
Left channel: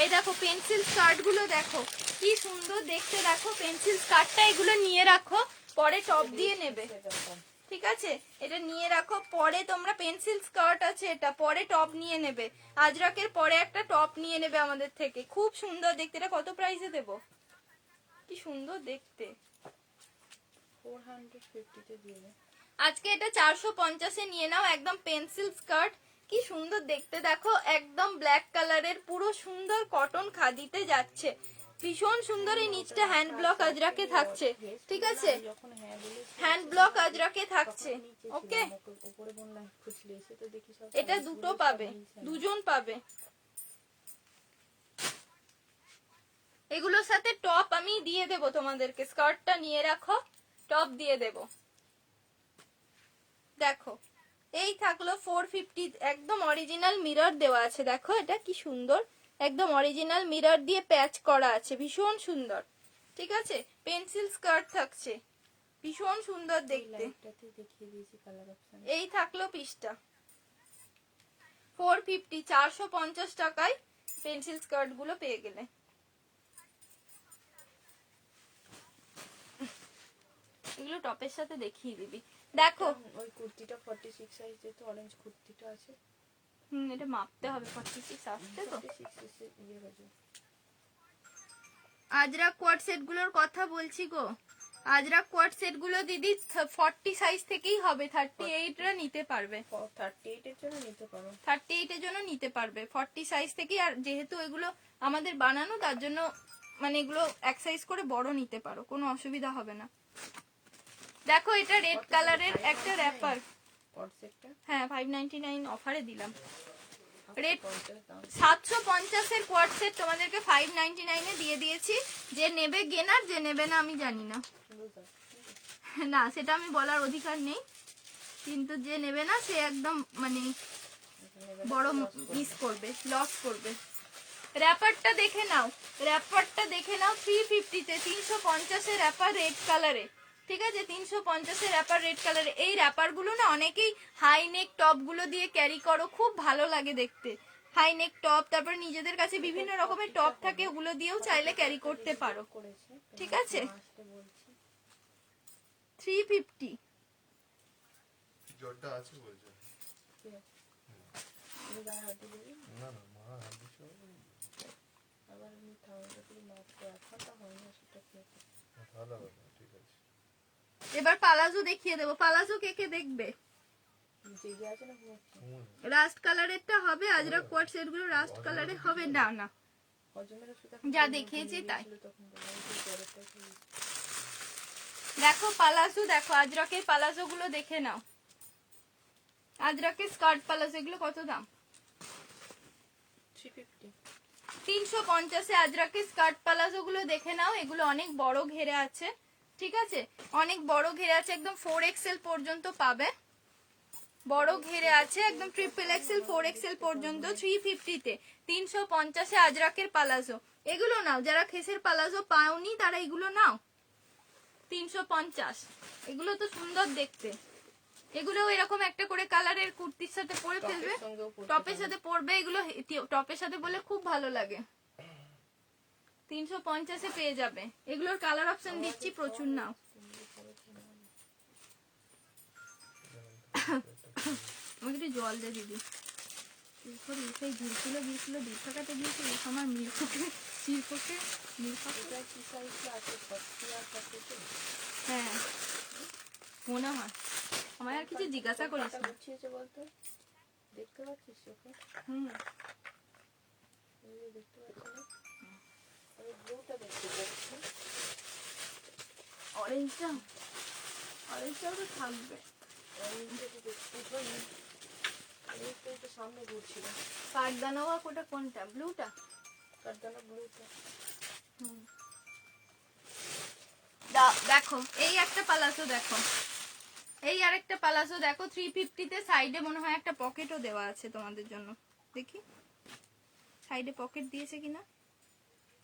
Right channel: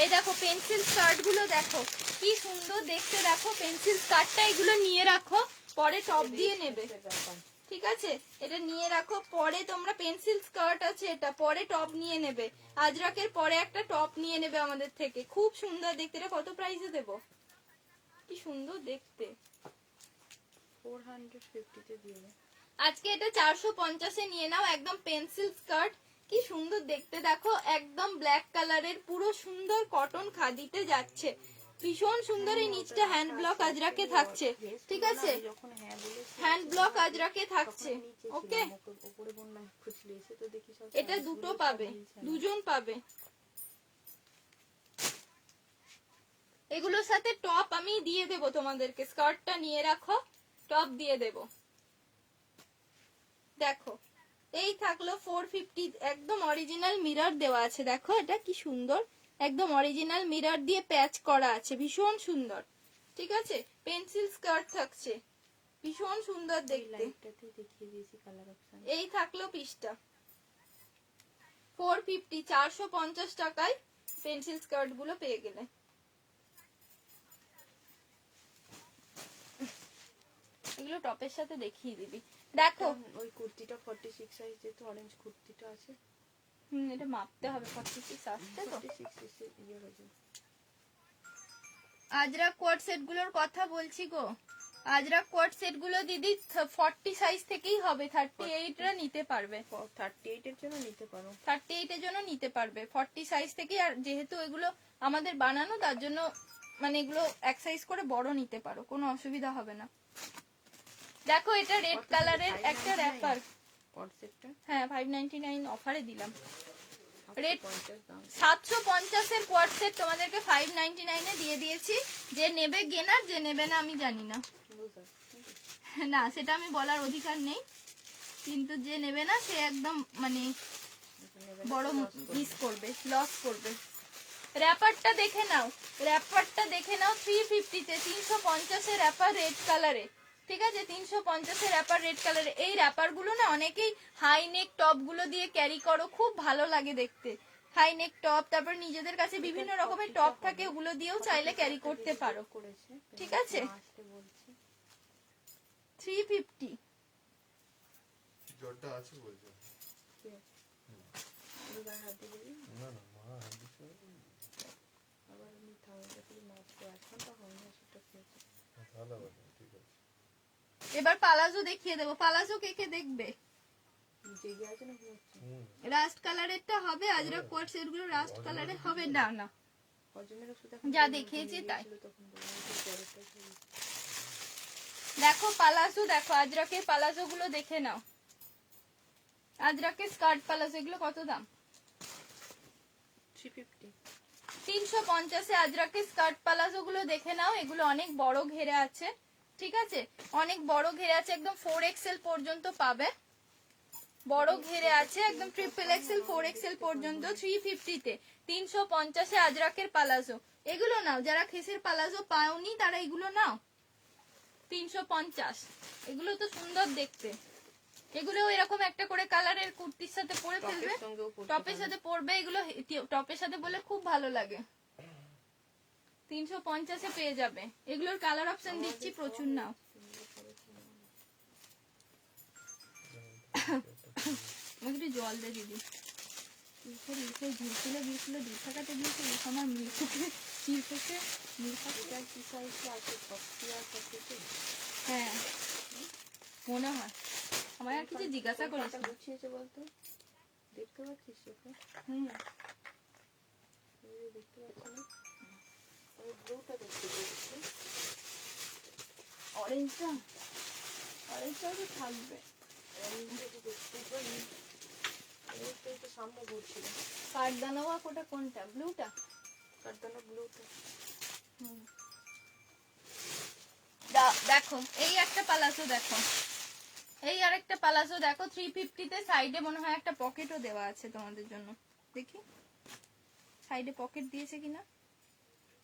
এই দেখো পেন্সিল স্কার্ট গুলো দেখো কি সুন্দর দেখতে, দেখো পেন্সিল স্কার্টটা, এগুলো নিয়ে রাখো, পরে টপ দিয়ে নেবে। ঠিক আছে, এটা নিয়ে রাখো, পরে তোমরা পেন্সিল স্কার্ট আছে এটা, পরে টপ নিয়ে নেবে। আজরাকের পরে একটা টপ নিয়ে নেবে আমাদের থেকে, খুব সুন্দর দেখতে। এটা কত প্রাইসে দেবো? কি সুন্দর দেখতে। 450 তে দিয়ে দে। আজকে এটা 450 এ নিয়ে নাও, একদম পেন্সিল স্কার্ট, কি সুন্দর দেখতে। দেখো একদম ব্ল্যাক কালারের, পুরো সুন্দর কটন খাদিতে যাচ্ছে, ভীষণ সুন্দর। এই নিচটা হ্যান্ড ব্লক আজরাকে থাকছে, ঠিক আছে, যখন হ্যাঁ বলে হ্যান্ড ব্লক আজরাকে থাকছে। ওকে, উপরে বললাম খুঁজলে এসে তো দেখি সব এটা দুটো পাবে, দুজন পাবে। এগুলোর সাথে টপ আমি দিয়ে দেবো তোমাদেরকে, স্কার্টটা নিয়ে রাখো, টপ দিয়ে দেবো। দেখো এই থাকলো 450, একদম অরিজিনাল মিরর দেওয়া আছে, দেখো এটা কি সুন্দর, একদম অরিজিনাল মিরর দিয়ে প্যাচ করা আছে, ভীষণ সুন্দর। ঠিক আছে, পেন্সিল স্কার্ট থাকছে, ভীষণ সুন্দর দেখতে। দেখিয়ে দিয়েছি কালার অপশন। এই থাকলো পিসটা 450, 450 টাকায় পেন্সিল স্কার্ট গুলো পেয়ে গেলে। এগুলো টপের সাথে দেখিয়ে দিবি। দেখো ওই কুর্তিটা 46 সাইজ, যেহেতু অরেঞ্জ কুর্তিটা আছে। এটা মাপতে হবে, 46 আসছে তো। 46 ইয়ে হবে। আজরাক কোয়াড সেট গুলোর কথা বলছি গো, আজরাক কোয়াড সেট গুলো দিদি 40 সাইজ থেকেই হবে, 38 রা নিতে পারবে, 38 এর জন্য নিতে পারো, 38 এর জন্য নিতে পারবে, 40 সাইজ থেকেই। আর যেহেতু এগুলো আমাদের বানানো, তার জন্য মানে এগুলো এক সাইজ করে বড় নিতে পারো, কোনো অসুবিধা হবে না। দেখো এটা রেড কালারের একটা র্যাপার, হ্যাঁ 599 অফারে দিলাম। রেড 750 এর কোয়াড সেট তোমাদেরকে 599 এ দিয়ে দিয়েছি। যে নেবে গেনার, যে নেবে না আমি জানি না, না সেটা আমি বলার অধিকার নেই, কিন্তু যে নেবে না সে একদম মানে বড় মিস করবে, লস করবে। র্যাপারটা দেখে নাও, র্যাপারটা দেখে নাও 350-তে 350-এর র্যাপার রেড কালারে। ঠিক আছে, 350-এর র্যাপার রেড কালারে। এই র্যাপার গুলো না অনেকেই হাই নেক টপ গুলো দিয়ে ক্যারি করো, খুব ভালো লাগে দেখতে। হাই নেক টপ, তারপর নিজেদের কাছে বিভিন্ন রকমের টপ থাকে, ওগুলো দিয়েও চাইলে ক্যারি করতে পারো। করেছে ঠিক আছে, আসতে বলছি 350। জ্বরটা আছে বলছো? ঠিক আছে তুমি গায়ে হাত দিয়ে দিবি না না, মা হাত দিচ্ছে আবার আমি ঠান্ডা করে মাপ তো 1 ঘন্টা হয়নি সেটা খেয়েছে ভালো হবে না, ঠিক আছে। এবার পালাজো দেখিয়ে দেবো। পালাজো কে কে দেখবে? জেগে আছে না ঘুমাচ্ছে রাস্ট কালারেরটা হবে, আজরা কোয়াট সেট গুলো রাস্ট কালারে হবে না। না, হজমের ওষুধ যা দেখিয়েছি তাই। তখন জ্বরেরটা দেখো পালাজো, দেখো আজরাকের পালাজো গুলো দেখে নাও। আজরাকের স্কার্ট পালাজো এগুলো কত দাম? 350 350-এ আজরাকের স্কার্ট পালাজো গুলো দেখে নাও। এগুলো অনেক বড় ঘেরে আছে, ঠিক আছে, অনেক বড় ঘেরে আছে, একদম 4XL পর্যন্ত পাবে। বড় ঘেরে আছে একদম XXL 4XL পর্যন্ত। 350-তে 350-এ আজরাকের পালাজো। এগুলো নাও, যারা খেসের পালাজো পাওনি তারা এগুলো নাও। 350, এগুলো তো সুন্দর দেখতে। এগুলো এরকম একটা করে কালারের কুর্তির সাথে পরে ফেলবে, টপের সাথে পরবে। এগুলো টপের সাথে বলে খুব ভালো লাগে। 350-এ পেয়ে যাবে। এগুলোর কালার অপশন দিচ্ছি, প্রচুর নাও। আমাকে একটু জল দে দিদি। সেই ঝুলছিল গিয়েছিল, দূর থাকাতে গিয়েছিল আমার মিল্ককে শিল্পকে এটা কি সাইজ আছে 40 আর 40 হ্যাঁ মনে হয়। আমার আর কিছু জিজ্ঞাসা করিস না। গুছিয়েছে বলতো দেখতে পাচ্ছিস চোখে হুম, এই যে দেখতে পাচ্ছি না আমি ব্লুটা দেখতে পাচ্ছি অরেঞ্জটাও তো থাকবে। অরেঞ্জটা দেখতে পাই অরেঞ্জটা একটু সামনে ঘুরছিল কাঠদানোয়া কোটা কোনটা? ব্লুটা? কারদানা ব্লুটা দেখো এই একটা পালাসো, দেখো এই আরেকটা পালাসো দেখো 350-তে। সাইডে মনে হয় একটা পকেটও দেওয়া আছে তোমাদের জন্য, দেখি সাইডে পকেট দিয়েছে কিনা।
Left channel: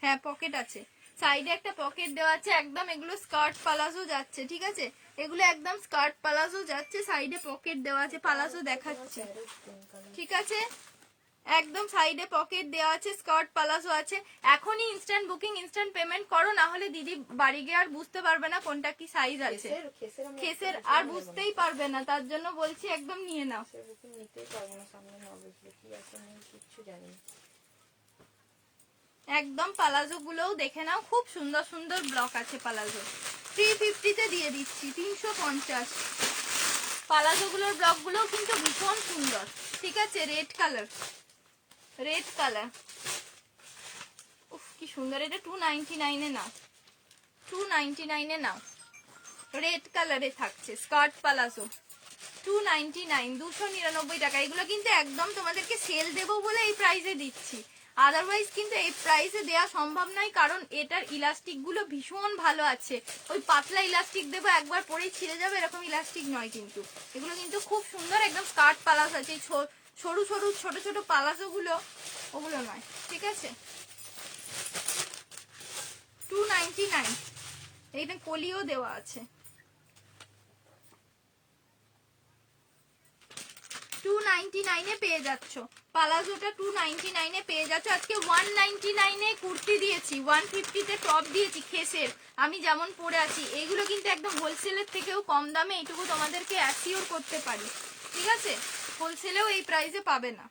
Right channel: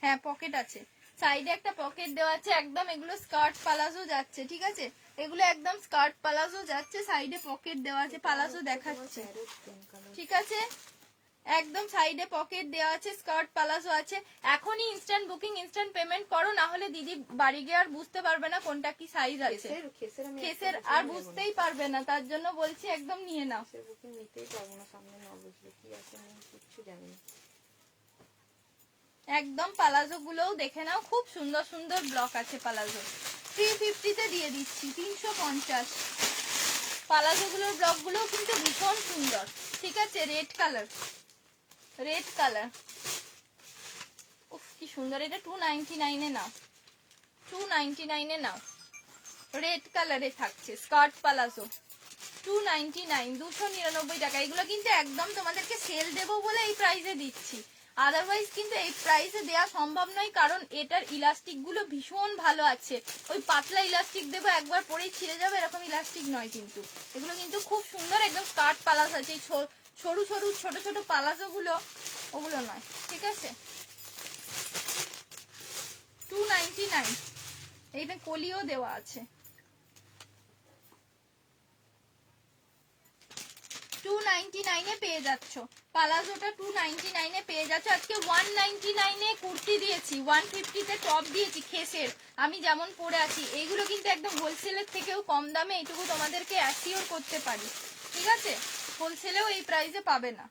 হ্যাঁ পকেট আছে, সাইডে একটা পকেট দেওয়া আছে। একদম এগুলো স্কার্ট পালাজো যাচ্ছে, ঠিক আছে, এগুলো একদম স্কার্ট পালাজো যাচ্ছে, সাইডে পকেট দেওয়া আছে। পালাজো দেখাচ্ছে, ঠিক আছে, একদম সাইডে পকেট দেওয়া আছে, স্কার্ট পালাজো আছে। এখনই ইনস্ট্যান্ট বুকিং, ইনস্ট্যান্ট পেমেন্ট করো, না হলে দিদি বাড়ি গিয়ে আর বুঝতে পারবে না কোনটা কি সাইজ আছে। খেসের আর বুঝতেই পারবে না, তার জন্য বলছি একদম নিয়ে নাও। বুকিং নিতেই পারবো না সামনে না বুঝলে কি আছে আমি কিচ্ছু জানি না একদম পালাজো গুলোও দেখে নাও, খুব সুন্দর সুন্দর ব্লক আছে পালাজো। 350-তে দিয়ে দিচ্ছি 350। পালাজো গুলোর ব্লক গুলো কিন্তু ভীষণ সুন্দর, ঠিক আছে, রেড কালার, রেড কালার, উফ কি সুন্দর। এটা 299-এ নাও, 299-এ নাও, রেড কালারে থাকছে স্কার্ট পালাজো। 299, 299 টাকা। এগুলো কিন্তু একদম তোমাদেরকে সেল দেবো বলে এই প্রাইসে দিচ্ছি, আদারওয়াইজ কিন্তু এই প্রাইসে দেওয়া সম্ভব নয়, কারণ এটার ইলাস্টিক গুলো ভীষণ ভালো আছে। ওই পাতলা ইলাস্টিক দেবো একবার পরেই ছিঁড়ে যাবে এরকম ইলাস্টিক নয় কিন্তু। এগুলো কিন্তু খুব সুন্দর, একদম স্কার্ট পালাস আছে। এই সরু সরু ছোট ছোট পালাজো গুলো ওগুলো নয়, ঠিক আছে। 299, এইটা কলিও দেওয়া আছে। 299-এ পেয়ে যাচ্ছ পালাজোটা, 299-এ পেয়ে যাচ্ছ। আজকে 199-এ কুর্তি দিয়েছি, 150-তে টপ দিয়েছি খেসের, আমি যেমন পরে আছি। এইগুলো কিন্তু একদম হোলসেলের থেকেও কম দামে, এইটুকু তোমাদেরকে অ্যাসিওর করতে পারি, ঠিক আছে, হোলসেলেও এই প্রাইসে পাবে না।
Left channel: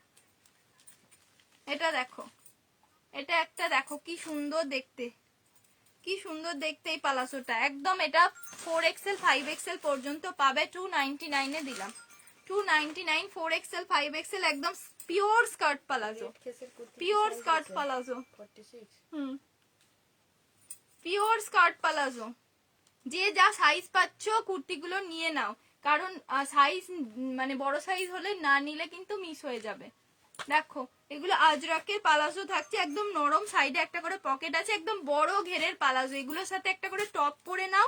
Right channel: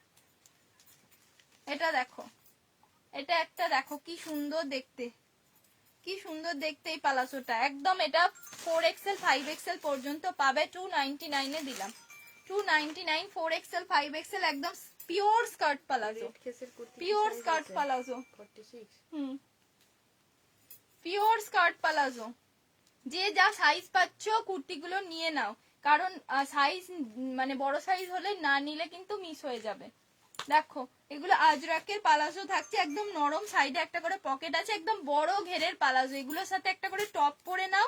এটা দেখো, এটা একটা দেখো কি সুন্দর দেখতে, কি সুন্দর দেখতে এই পালাসোটা। একদম এটা 4XL 5XL পর্যন্ত পাবে, 299-এ দিলাম। 299, 4XL 5XL, একদম pure skirt palazzo, pure skirt palazzo. 46 pure skirt palazzo. যে যা সাইজ পাচ্ছ কুর্তিগুলো নিয়ে নাও, কারণ সাইজ মানে বড় সাইজ হলে না নিলে কিন্তু মিস হয়ে যাবে। দেখো এগুলো আজরাকের পালাজো থাকছে, একদম নরম, সাইডে একটা করে পকেট আছে, একদম বড় ঘেরের পালাজো। এগুলোর সাথে একটা করে টপ পরে নাও,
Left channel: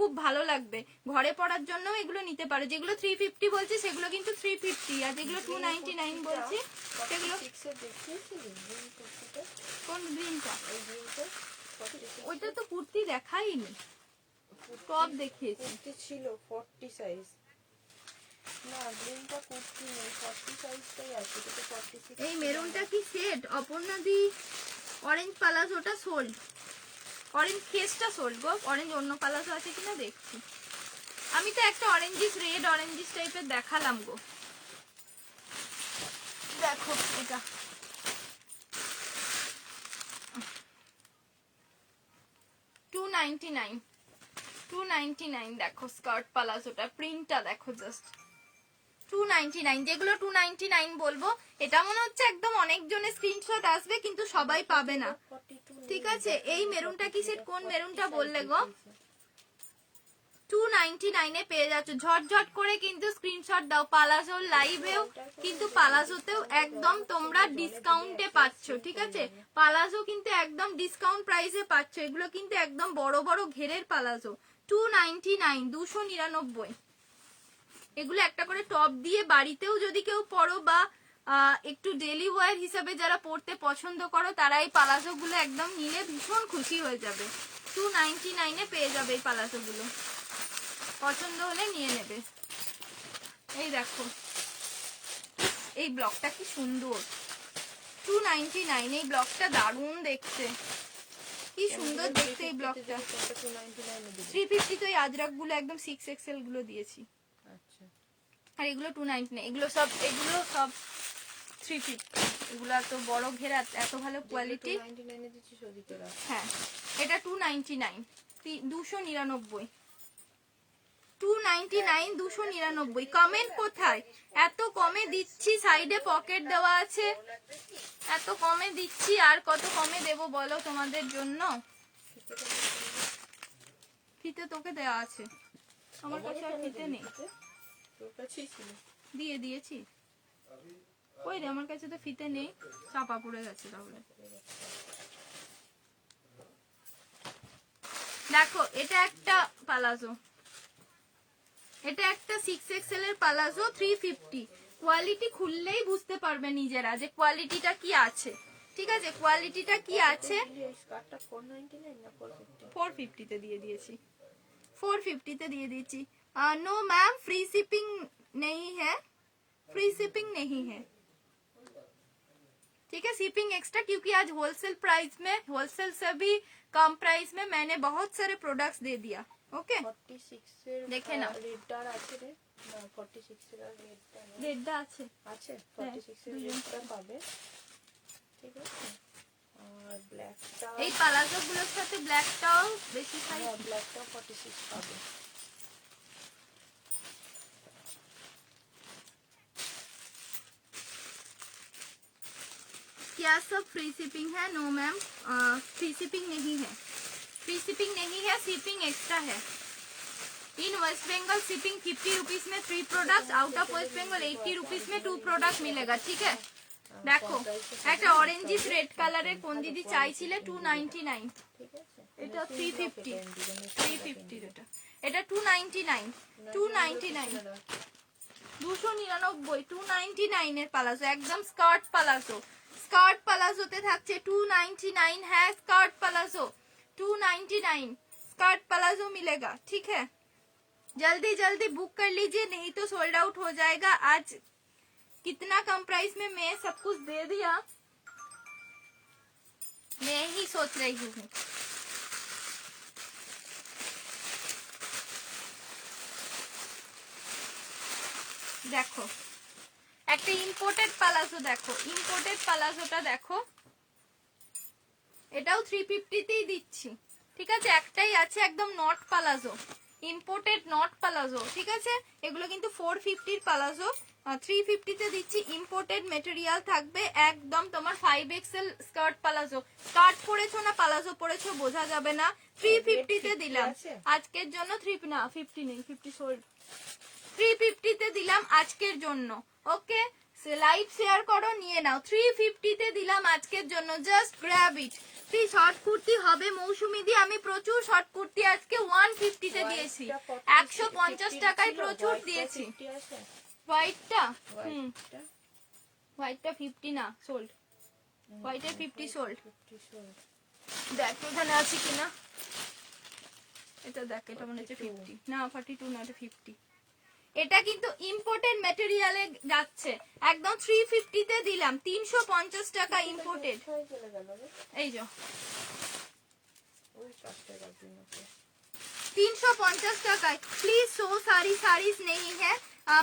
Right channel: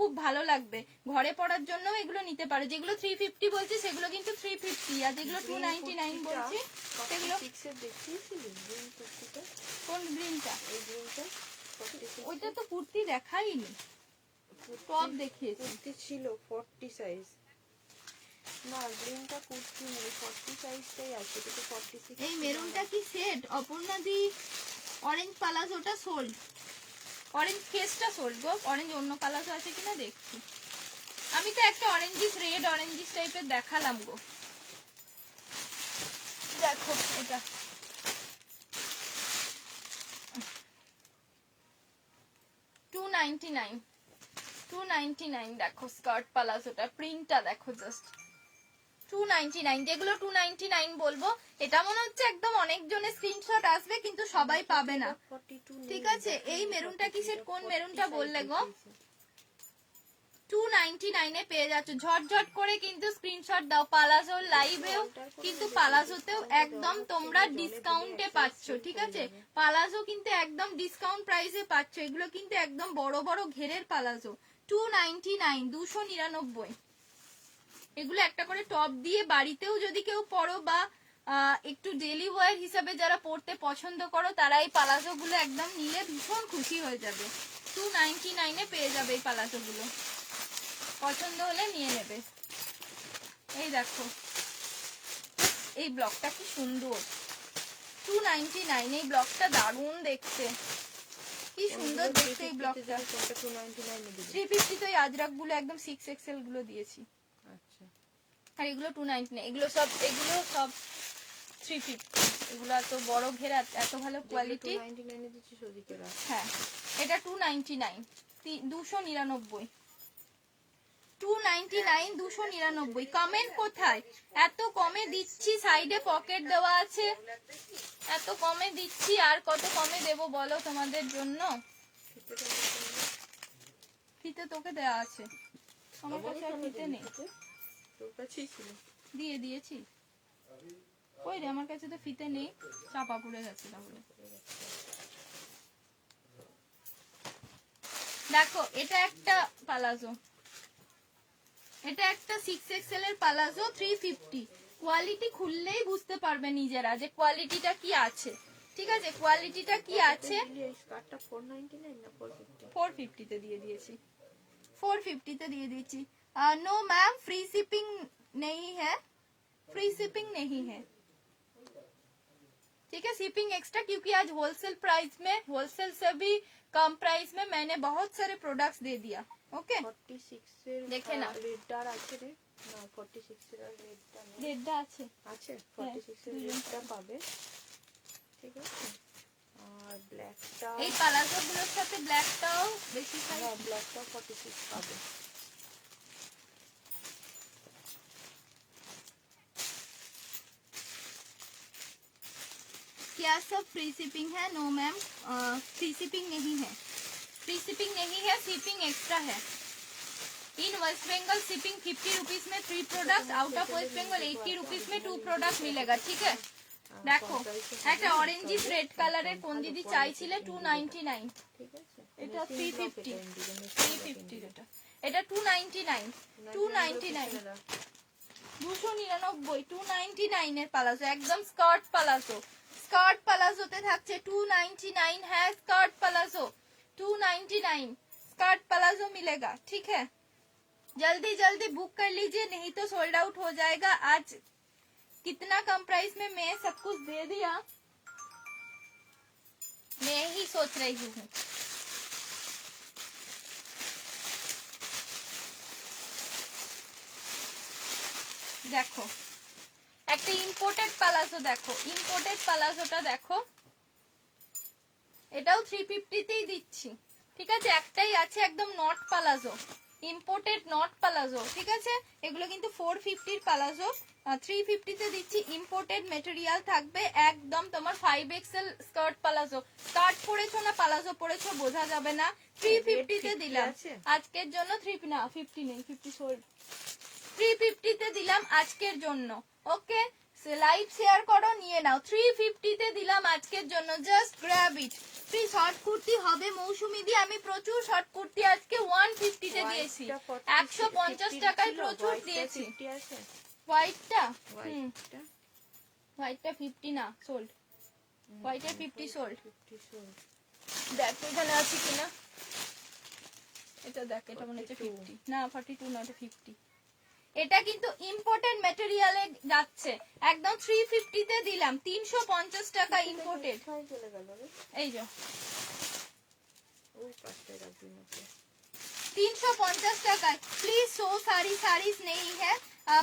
খুব ভালো লাগবে, ঘরে পরার জন্য এগুলো নিতে পারো। যেগুলো 350 বলছি সেগুলো কিন্তু 350, আর যেগুলো 299 বলছি সেগুলো 46 এর দেখিয়েছিলি গ্রিন কুর্তিটা? কোন গ্রিনটা? এই গ্রিনটা 46 ওইটা তো কুর্তি দেখাইনি, টপ দেখিয়েছি। কুর্তি ছিল 40 সাইজ। না গ্রিনটা কুর্তি নেই, 40 সাইজটাই আছে, এটা তো 46। এই মেরুনটা কি সেট? অপর্ণা দি অরেঞ্জ পালাজোটা সোল্ড, অরেঞ্জ কেসটা সোল্ড গো। অরেঞ্জ অন্য পালাজো আছে কিনা দেখছি। আমি তো একটা অরেঞ্জিস রেড অরেঞ্জিস টাইপের দেখালাম গো, দেখো এটা। $299 দেখো স্কার্ট পালাজোটা, প্রিন্টটা দেখো জাস্ট। 299, যেগুলো 299 বলবো, এটা মনে হচ্ছে একদম অনেকজনের স্ক্রিনশট আসবে কিন্তু সবাই পাবে না, 42 ঠিক আছে। এই মেরুনটা কি সেট? কোন মেরুনটা বললে গো? 299 এ পেয়ে যাচ্ছ, ঝটঝট করে কিন্তু স্ক্রিনশট দাও। পালাজো লাইভেও কিন্তু পালাজোতেও একদম তোমরা ডিসকাউন্টে পাচ্ছ, ঠিক আছে। পালাজো কিন্তু একদম ডিসকাউন্ট প্রাইসে পাচ্ছ, এগুলো কিন্তু একদম বড় বড় ঘেরের পালাজো। 299, 299। এগুলো একটা করে টপ দিয়ে বাড়িতেও যদি কেউ পরো বা একটু ডেলি ওয়্যার হিসাবে যারা পরতে পছন্দ করো, তারা এই পালাজো গুলো একদম নিলে ভীষণ খুশি হয়ে যাবে। 299 এ পেয়ে যাবে এই পালাজো গুলো, পছন্দ হলে নিয়ে নেবে। এই দেখো এই ব্লকটা কি সুন্দর, 299। এই ব্লকটা দারুণ দেখতে, কি সুন্দর দেখতে এই ব্লকটা। 299 এ দিবি? 350 তো এই আজরাক গুলো একদম 6XL গুলো দিয়েছি, আচ্ছা আর এগুলো 299। এগুলো সব 350। এগুলো এত বড় ঘেরা, এত ভালো কোয়ালিটি। 299 এ দিচ্ছিস ওদিকে রাখ। হ্যাঁ এটা 299, 299, 299, 299। কমেন্ট কোথায়? এত কমে দিচ্ছি, সাইডে পকেট দেওয়া আছে, এত কমে দিচ্ছি, আর কত কমে দেবো বলো তোমাদের জন্য? ফিতে তোকে দেওয়া আছে, আমার কাছে আর ফিতে নেই। তোর কাছেই ছিল। দিয়ে দিয়েছি, ওই রে আমার কাছে তো ফিতে নেই, চাপা পড়ে গেছে। তাহলে দেখো এটা একটা পালাজো, এটা একটা 6XL এর পালাজো, 350। কোয়ালিটি খুললেই বুঝতে পারবে নিজেরা যে কোয়ালিটিটা কি আছে, ঠিক আছে। কোয়ালিটিটা কি আছে। এই স্কার্টটা 499 না 450? 450 তে দিয়ে দিয়েছি, 450 তে দিয়ে দিয়েছি। नो मैम फ्री शिपिंग नहीं है, फ्री शिपिंग नहीं है, ठीक है। शिपिंग एक्स्ट्रा, क्योंकि आज होलसेल प्राइस में, होलसेल से भी कम प्राइस में मैंने बहुत सारे प्रोडक्ट्स दे दिया। ओके 46 এর দেখে নাও। রেডটা আছে রে? না 46 এর রেডটা নেই। রেডটা আছে, আছে 46 এর রেডটা পাবে, ঠিক আছে। আর ব্ল্যাকটা, এই পালাজো গুলোর সাথে ব্ল্যাকটাও বেশি খাই। হ্যাঁ ব্ল্যাকটা 46 পাবে। क्या सब फ्री शिपिंग है? नो मैम फ्री शिपिंग नहीं है, फ्री शिपिंग नहीं है, शिपिंग एक्स्ट्रा है। In West Bengal shipping 50 rupees में 3 product, out of West Bengal 80 rupees में 2 प्रोडक्ट मिलेगा, ठीक है। দেখো একটা অরেঞ্জিস রেড কালারের কোন দিদি চাইছিলে, 299। ঠিক আছে এটা 350, 350 এটা 299, 299, 299, 299 এর পালাজো, একদম স্কার্ট পালাজো। স্কার্ট পালাজোতে থাকছে 299 है, स्कर्ट प्लाजो 299, स्कर्ट प्लाजो मिलेगा, ठीक है। जल्दी जल्दी बुक कर लीजिए, नहीं तो सोल्ड आउट हो जाएगा। आज कितना कम प्राइस में मैं सब कुछ दे दिया, मैं ही सोच रही हूँ। দেখো একটা ইম্পোর্টেড পালাজো, দেখো ইম্পোর্টেড পালাজোটা দেখো, এটাও 350 তেই দিচ্ছি, ঠিক আছে। একটাই আছে একদম not palazzo, imported not palazzo, ঠিক আছে। এগুলো কিন্তু 450 এর পালাজো, 350 তে দিচ্ছি। ইম্পোর্টেড মেটেরিয়াল থাকবে একদম তোমার 5XL স্কার্ট পালাজো। স্কার্ট পরেছো না পালাজো পরেছো বোঝা যাবে না। 350 তে দিলাম আজকের জন্য। 3 না 50 নেই, 50 সোল্ড। 350 তে দিলাম আজকের জন্য, ওকে। লাইভ শেয়ার করো, নিয়ে নাও। 350 তে দিলাম আজকের জন্য, জাস্ট গ্র্যাব ইট। ফ্রি শর্ট কুর্তি হবে মৌসুমি দি, আমি প্রচুর শর্ট কুর্তি আজকে 150 তে দিয়েছি, 150 টাকায় প্রচুর দিয়েছি। হোয়াইটটা হোয়াইটটা 50 না, সোল্ড। হোয়াইটের 50 সোল্ড। দেখ এখানে আছে কিনা, এটা দেখ, এটা মনে হচ্ছে 50 না, 42 না, এটা 50। এটা কিন্তু ইম্পোর্টেড ম্যাটেরিয়ালে যাচ্ছে, একদম 350 তে দিলাম, 350 টাকা ইম্পোর্টেড। এই যে 350 টাকায়। প্লিজ সো সারি সারিস নেই হ্যাঁ।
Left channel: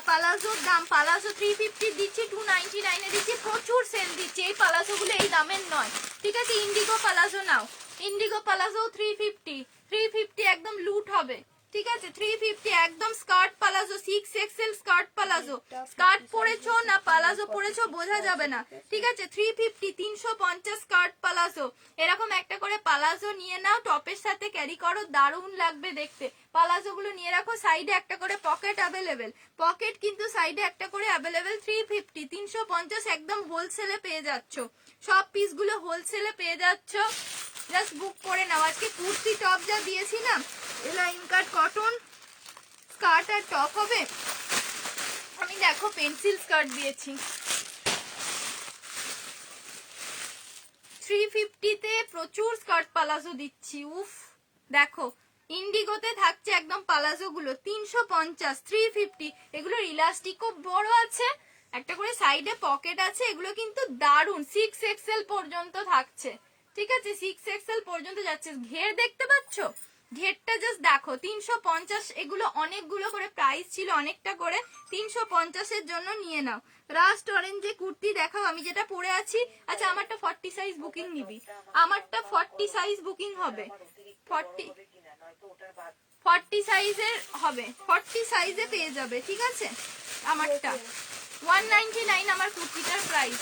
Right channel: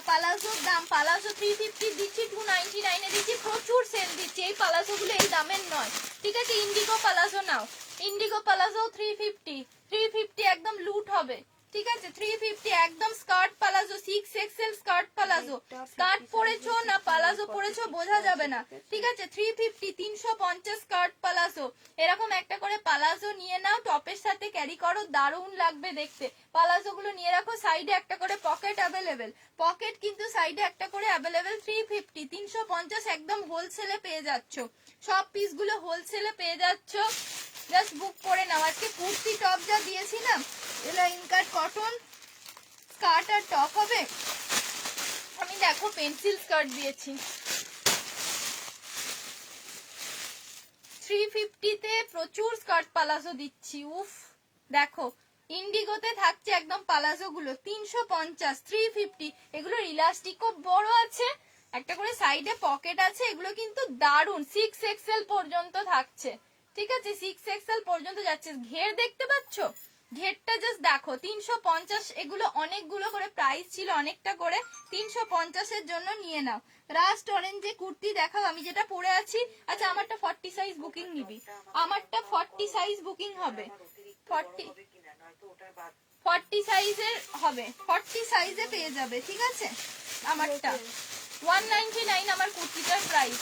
পালাজোর দাম, পালাজো 350 দিচ্ছি, 299 এ দিচ্ছি, প্রচুর সেল দিচ্ছি। এই পালাজো গুলো এই দামের নয়, ঠিক আছে? ইন্ডিগো পালাজো নাও, ইন্ডিগো পালাজো 350 একদম লুট হবে, ঠিক আছে? 350 একদম skirt palazzo, 6XL skirt palazzo. Skirt পরেছো না পালাজো পরেছো বোঝা যাবে না, ঠিক আছে? 350, 350 স্কার্ট পালাজো। এরকম একটা করে পালাজো নিয়ে নাও, টপের সাথে ক্যারি করো, দারুণ লাগবে দেখতে। পালাজো গুলো নিয়ে রাখো, সাইডে একটা করে পকেট অ্যাভেলেবেল, পকেট কিন্তু সাইডে একটা করে অ্যাভেলেবেল। 350, 350 একদম হোলসেলে পেয়ে যাচ্ছ, সব পিস গুলো হোলসেলে পেয়ে যাচ্ছ। জাস্ট বুক করে নাও। আজকে কুর্তি টপ যা দিয়েছি না, লাইন কাট কটন স্কার্ট আর টপ হবে। আমি দেখো পেন্সিল স্কার্ট দিয়েছি 350 তে, প্রচুর স্কার্ট পালাজো দিচ্ছি। উফ দেখো, ইন্ডিগোতে থাকছে একদম পালাজো গুলো 350, 350। এগুলো ইলাস্টিকও বড় আছে, একটা করে সাইডে পকেট আছে, এগুলো কিন্তু দারুন। 6XL পর্যন্ত থাকছে, ঠিক আছে? 6XL পর্যন্ত যাচ্ছে। ঘের দেখতে পাচ্ছ, ঘেরটা জাস্ট দেখো, 350। এগুলো অনেকগুলো করে প্রাইস ছিল, অনেকটা করে, 350 এর জন্য নিয়ে নাও। রাস্ট অরেঞ্জে কুর্তি দেখাও, আমি যেটা পরে আছি। আচ্ছা আমারটা 40 সাইজ বুকিং নিবি, আমারটা 40 সাইজ বুকিং হবে, 40 সাইজের হবে, 40 সাইজে পেয়ে যাবে, ঠিক আছে? আমারটা 199 আমার কুর্তিটার প্রাইস,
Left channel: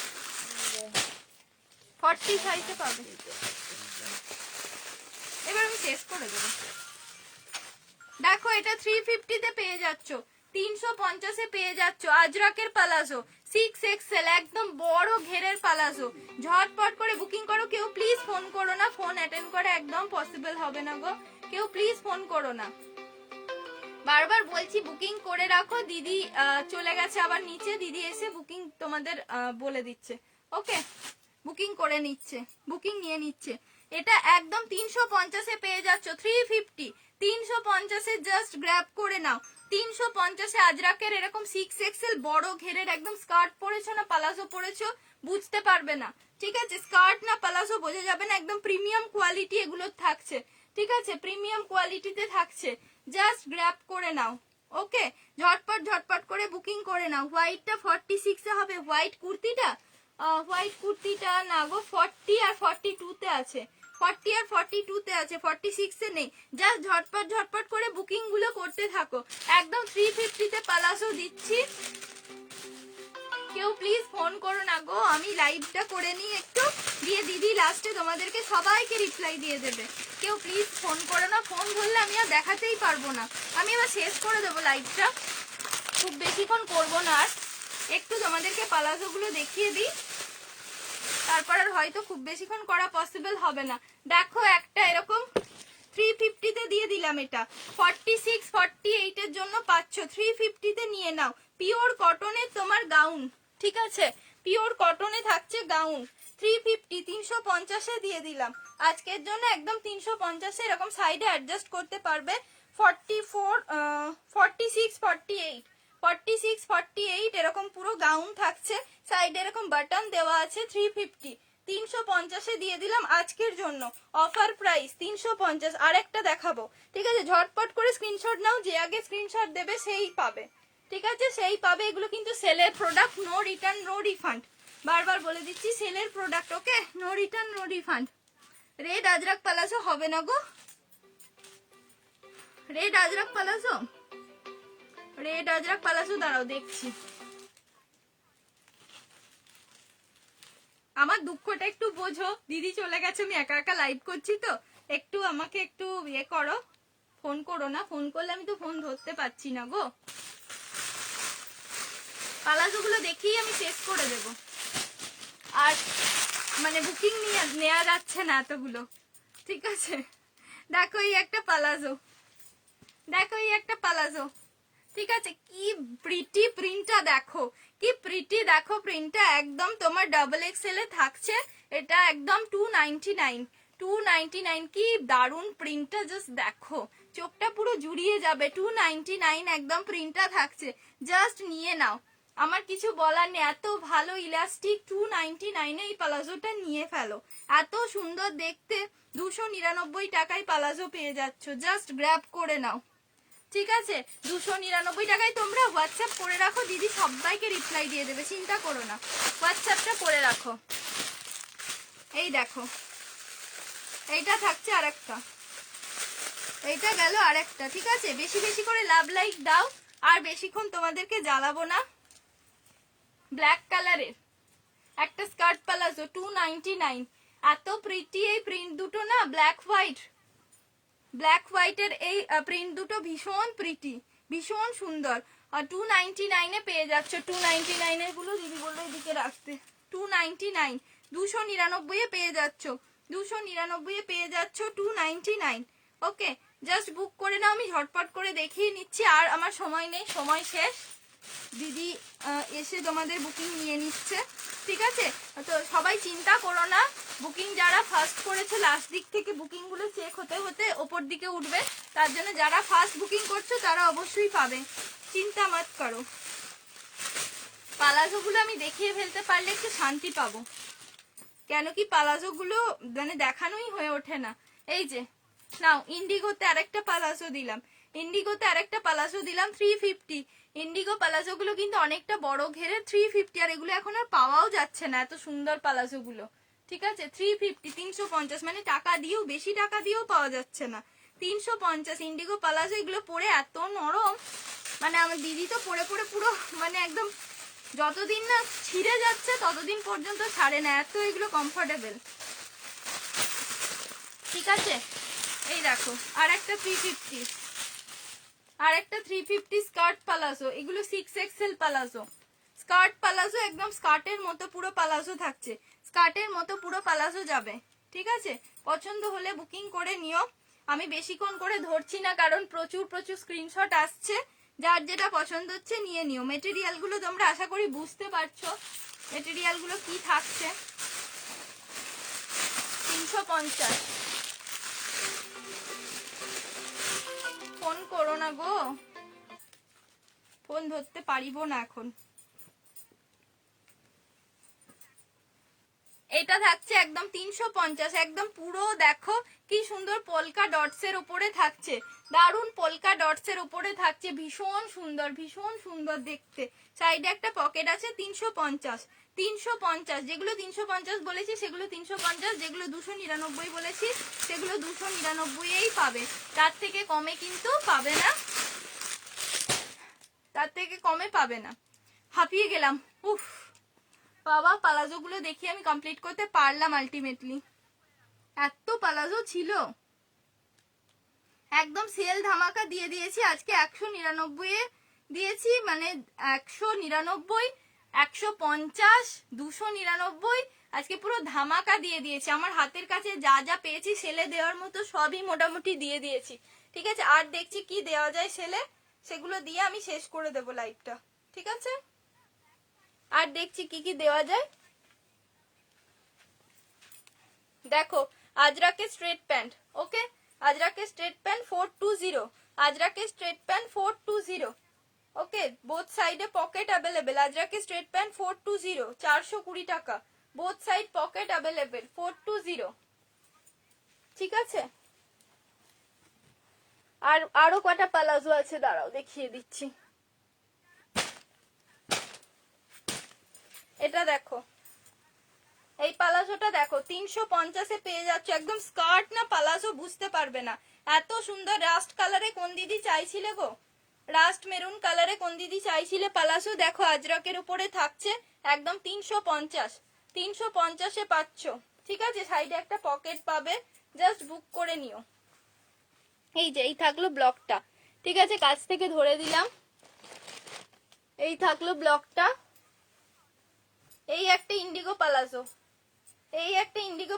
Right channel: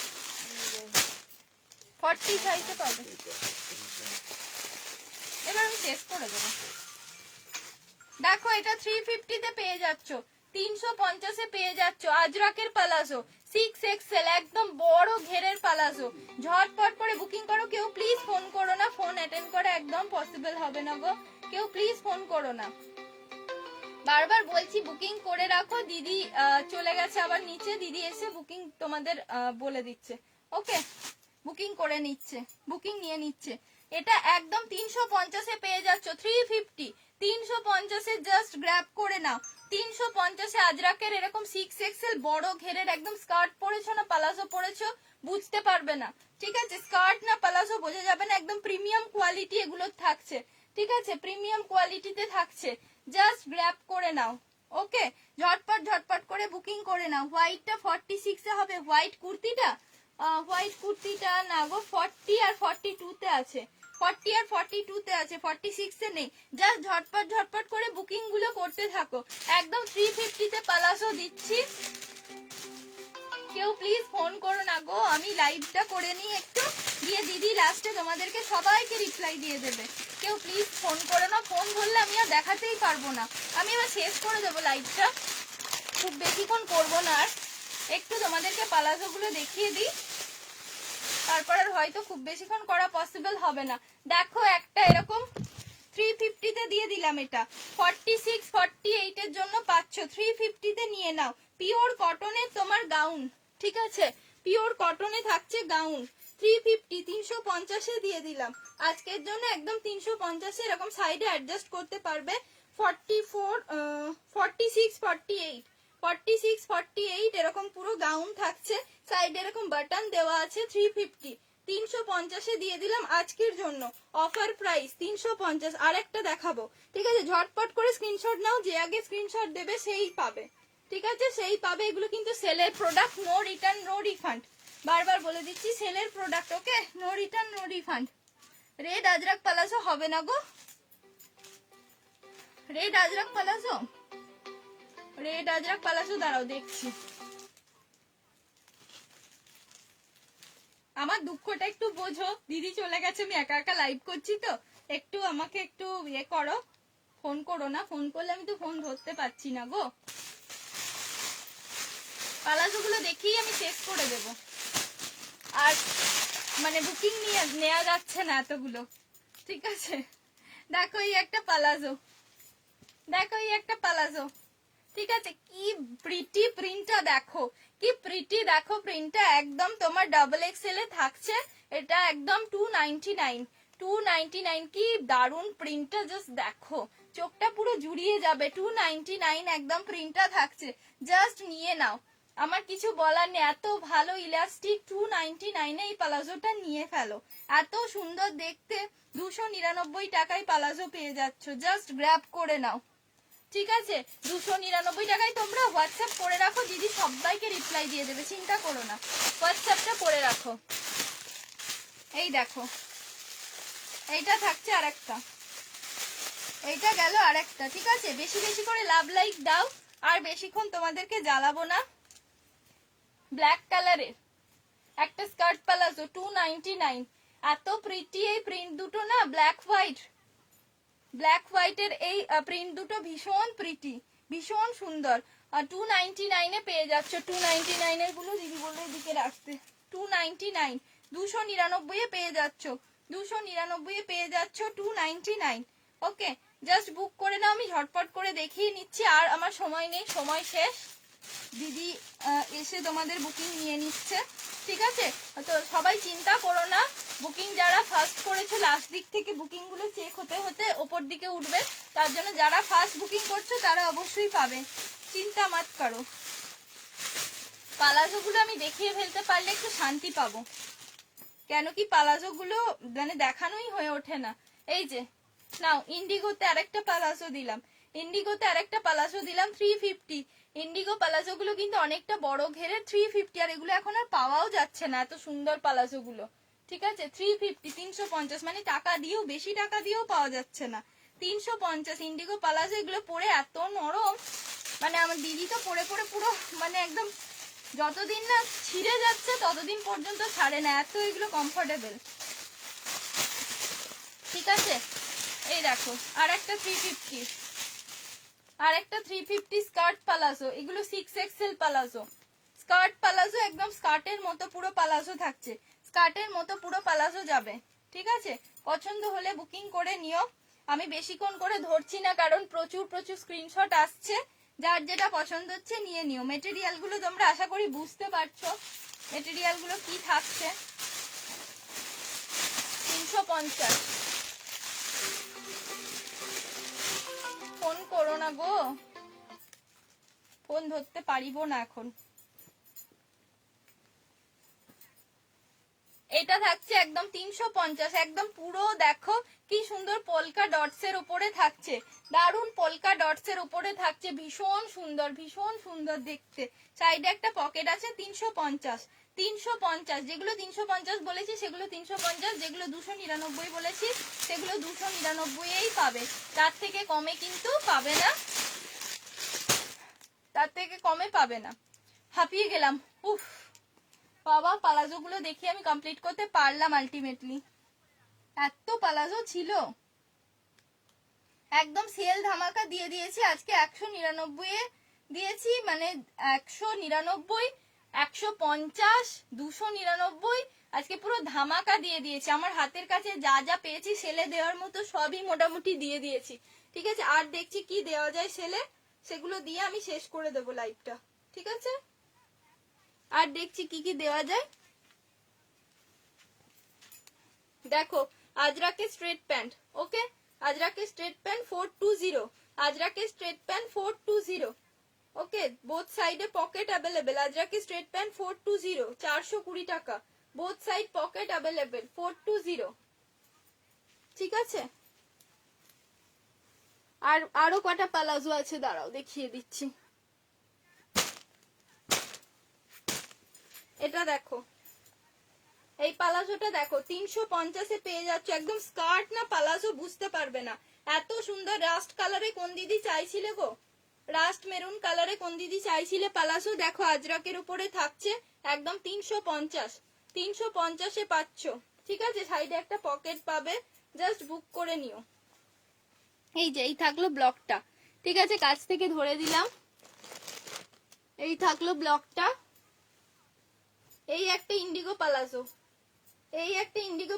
40 সাইজে পাবে। এবার আমি চেক করে দেবো। দেখো এটা 350 তে পেয়ে যাচ্ছ, 350 এ পেয়ে যাচ্ছ। আজরাকের পালাজো 6XL একদম বড় ঘেরের পালাজো, ঝটপট করে বুকিং করো। কেউ প্লিজ ফোন করো না, ফোন অ্যাটেন্ড করা একদম পসিবল হবে না গো, কেউ প্লিজ ফোন করো না। বারবার বলছি বুকিং করে রাখো। দিদি চলে গেছে আবার নিচে, দিদি এসে বুকিং তোমাদের বলে দিচ্ছে। ওকে, বুকিং করে নিচ্ছে, বুকিং নিয়ে নিচ্ছে। এটা একদম 350 এ পেয়ে যাচ্ছ, 350, 350 এ জাস্ট গ্র্যাব করে নাও। 350 এ আজরাকের এরকম 6XL বড় ঘেরের একদম স্কার্ট পরেছো না পালাজো পরেছো বুঝতে পারবে না, ঠিক আছে? স্কার্ট না পালাজো বোঝা যাবে না, একদম প্রিমিয়াম কোয়ালিটি এগুলো থাকছে, ঠিক আছে? প্রিমিয়াম কোয়ালিটিতে থাকছে, জাস্ট গ্র্যাব করে নাও। ওকে, ঝটপট ঝটপট করে বুকিং করে নাও। হোয়াইটটা 46 এ হবে, হোয়াইট কুর্তিটা, হোয়াইট কুর্তিটা না গো, 40 আর 42 তে আছে, 40 আর 42 তে আছে, 46 এ নেই। জাস্ট ঝটপট ঝটপট করে বুকিং গুলো করতে থাকো। একদম 350 তে পালাজো দিচ্ছি, কেউ প্লিজ ফোন করো না গো। আমি লাইভটা করে নিই একটু, দিয়ে দিদি লাস্টে তোমাদেরকে সবাইকে রিপ্লাই দিয়ে দেবে। কেউ প্লিজ ফোন করো না, ফোন ধরলে আমি আর দেখাতেই পারবো না। আমি এবার শেষ করে দেবো লাইভটা, খুব বেশিক্ষণ করবো না আর। একটু তোমাদেরকে পালাজো গুলো দেখিয়ে দিই, তারপর আর হয়তো খুব বেশিক্ষণ করা পসিবল হবে না। দেখো একটা এরকম 350 তে দিয়ে দিলাম, এটা 46, 48 এর জন্য পাচ্ছ, 350 তে নিয়ে নাও। পিওর কটনের তোমার গাউন, ঠিক আছে? পিওর কটনে থাকছে গাউন, 350, 350 এ দিয়ে দিলাম আজকের জন্য, একদম 350 এ। এরকম সাইডে অ্যাডজাস্ট করতে পারবে। 44, 46, 48, 46, 48 এরকম পুরো গাউন থাকছে, সাইডে এরকম বাটন দেওয়া আছে। 350, 350 এ দিয়ে দিলাম আজকের জন্য, অফার প্রাইস 350। আরেকটা দেখাবো, ঠিক আছে? ঝটপট করে স্ক্রিনশট নাও, যে আগে স্ক্রিনশট দেবে সেই পাবে, ঠিক আছে? সেই পাবে। এগুলো কিন্তু সেলের product, no return no refund, বারবার বলে দিচ্ছি, সেলের product. Okay, no return no refund. Red ajrak palazzo হবে না গো, red ajrak palazzo, red ajrak palazzo দাঁড়াও দেখছি। আমার দুঃখটা একটু বোঝো, দিদি চলে গেছে, আমি একা একা লাইভ করছি তো, একটু আমাকে একটু ইয়ে করো, ফোন করো না। ফোন করলে আমি তো ফোন ধরতে পারছি না গো। পালাজোগুলো দেখেই আমি শেষ করে দেব। আর মানে বুকিং নেওয়া যাচ্ছে না এতগুলো, ঠিক আছে। দেখো এই একটা পালাজো, দেখো এই একটা পালাজো, ঠিক আছে। কি প্রিটি প্রিন্টটা দেখো, কি প্রিটি দেখো প্রিন্টটা, একদম তোমার ডাবল এক্সেল এ থাকছে। এটা একদম 299, 299। কি দারুন প্রিন্টটা, জাস্ট দেখো, চোখটা পুরো জুড়িয়ে যাবে। 299 একদম প্রিন্টটা থাকছে, জাস্ট নিয়ে নাও। আমার কিছু বলার নেই, এত ভালো ইলাস্টিক। 299 এই পালাজোটা নিয়ে ফেলো, এত সুন্দর দেখতে। 299 টাকায় পালাজো পেয়ে যাচ্ছ, জাস্ট গ্র্যাব করে নাও, ঠিক আছে। 299 টাকায় তোমরা হোয়াটসঅ্যাপ করে রাখো, দিদি সবাইকে রিপ্লাই দিয়ে দেবে, চিন্তা করো না। হোয়াটসঅ্যাপটা করে রাখো। এই দেখো, এইটা থাকছে আরেকটা, এইটা গেল আরেকটা, ঠিক আছে। বেশি বেশি করে লাভ লাইক দাও, আর বেশিক্ষণ তোমাদেরকে জ্বালাবো না। ব্ল্যাক কালারের একটা স্কার্ট পালাজো, 299। এত প্রিটি এই প্রিন্ট দুটো না, ব্ল্যাক হোয়াইট, ব্ল্যাক হোয়াইটের এই প্রিন্ট দুটো ভীষণ প্রিটি, ভীষণ সুন্দর। আর 299 পেয়ে যাচ্ছ। 299 এর গুলো দিদি বললো এদিকে রাখতে। 299, 299 পেয়ে যাচ্ছ, 299 পেয়ে যাচ্ছ, 299। ওকে, জাস্ট বুক করে নাও। আমি ঝটপট করে দেখিয়ে নিচ্ছি, আর আমার সময় নেই, সময় শেষ। দিদি এসে তোমাদের বুকিং নিয়ে নিচ্ছে, ঠিক আছে। তো সবাই চিন্তা করো না, বুকিং যারা ফার্স্ট করেছে লাস্ট দিক থেকে বুকিং গুলো চেক হতে হতে ওপর দিকে উঠবে, তার জন্য যারা ফার্স্ট বুকিং করছো তারা অবশ্যই পাবে, চিন্তা মাত করো। পালাজো গুলো আমি দেখিয়ে ফেলতে পারলে একটু শান্তি পাবো, কেন কি পালাজো গুলো মানে দেখানোই হয়ে ওঠে না। এই যে নাও, ইন্ডিগোতে আরেকটা পালাজো দিলাম, ইন্ডিগোতে আরেকটা পালাজো দিলাম 350। ইন্ডিগো পালাজো গুলো কিন্তু অনেকটা বড় ঘেরে, 350। আর এগুলো এখন আর পাওয়াও যাচ্ছে না, এত সুন্দর পালাজো গুলো, ঠিক আছে। 350, 350, মানে টাকা দিয়েও, বেশি টাকা দিয়েও পাওয়া যাচ্ছে না। 350 ইন্ডিগো পালাজো। এগুলো পরে এত নরম, মানে আমার দিদি তো পরে পরে পুরো মানে একদম যতদিন না ছিঁড়ে যাচ্ছে ততদিন পর্যন্ত ছাড়ে না, এত এগুলো কমফোর্টেবল, ঠিক আছে। এই দেখো আর একটা 350, আর একটা 350 স্কার্ট পালাজো। এগুলো 6XL পালাজো, স্কার্ট পালাজো, একদম স্কার্টের মতো পুরো পালাজো থাকছে, স্কার্টের মতো পুরো পালাজো যাবে, ঠিক আছে। পছন্দ হলে বুকিং করে নিও। আমি বেশিক্ষণ করে ধরছি না, কারণ প্রচুর প্রচুর স্ক্রিনশট আসছে। যার যেটা পছন্দ হচ্ছে নিয়ে নিও। মেটেরিয়াল গুলো তোমরা আশা করি বুঝতে পারছো মেটেরিয়াল গুলো কি থাকছে। 350। ফোন করো না গো, ফোন ধরতে পারিব না এখন। এটা থাকছে একদম 350, একদম পুরো দেখো কি সুন্দর পোলকা ডটস এর উপরে থাকছে, দারুন পোলকা ডটস এর উপরে থাকছে, ভীষণ সুন্দর, ভীষণ সুন্দর দেখতে। সাইডে একটা পকেট আছে। 350, 350। যেগুলো 350 বলেছি সেগুলো 350, যেগুলো 299 বলেছি সেগুলো 299 পাবে, তার থেকে কমে কিন্তু পাবে না, তার থেকে কমে পাবে না। হাঁপিয়ে গেলাম, উফ বাবা। পালাজো গুলো দেখে আমি কমপ্লিট করতে পারলাম আলটিমেটলি, এত পালাজো ছিল। একদম সেল ধামাকা দিয়ে দিয়েছি আজকে। 199 এ দিয়েছি, মানে 199, 150, 299, আজকে পুরো ধামাকা দিয়ে দিয়েছি। আমার হাতের কাছে যা যা পেয়েছি সেলে দেওয়ার মতো সবই মোটামুটি দিয়ে দিয়েছি, ঠিক আছে। আর দেখছি কি দেওয়া যায় সেলে, সেগুলো দিয়ে আমি শেষ করে দেবো লাইভটা, ঠিক আছে। আর দেখছি কি কি দেওয়া যায়। দেখো আজরাকে স্ট্রেট প্যান্ট, ওকে, আজরাকে স্ট্রেট প্যান্ট 420, আজরাকে স্ট্রেট প্যান্ট 420, ওকে। বোথ সাইডে পকেট অ্যাভেলেবেল। আজরাকে স্ট্রেট প্যান্ট 420, 420 টাকা। বোথ সাইড পকেট অ্যাভেলেবেল, 420, ঠিক আছে। আর আরো কটা পালাজো আছে, দাঁড়াও দেখিয়ে দিচ্ছি। এটা দেখো, এই পালাজোটা দেখো 350 পেয়ে যাচ্ছ, একদম স্কার্ট না পালাজো বুঝতে পারবে না, এত সুন্দর। রাস্ট কালারে কোন দিদি চাইছিলে গো, রাস্ট মেরুন কালারে কোন দিদি চাইছিলে পালাজো, দেখো আজরাকের উপরে থাকছে, একদম 350, 350 পাচ্ছ, ঠিক আছে। সাইডে একটা পকেট পাবে, জাস্ট বুক করে নিও। এই যে এই থাকলো ব্লকটা, ঠিক আছে, কাছ থেকে ধরে দিলাম। এই থাকলো ব্লকটা। এই একটা ইন্ডিগো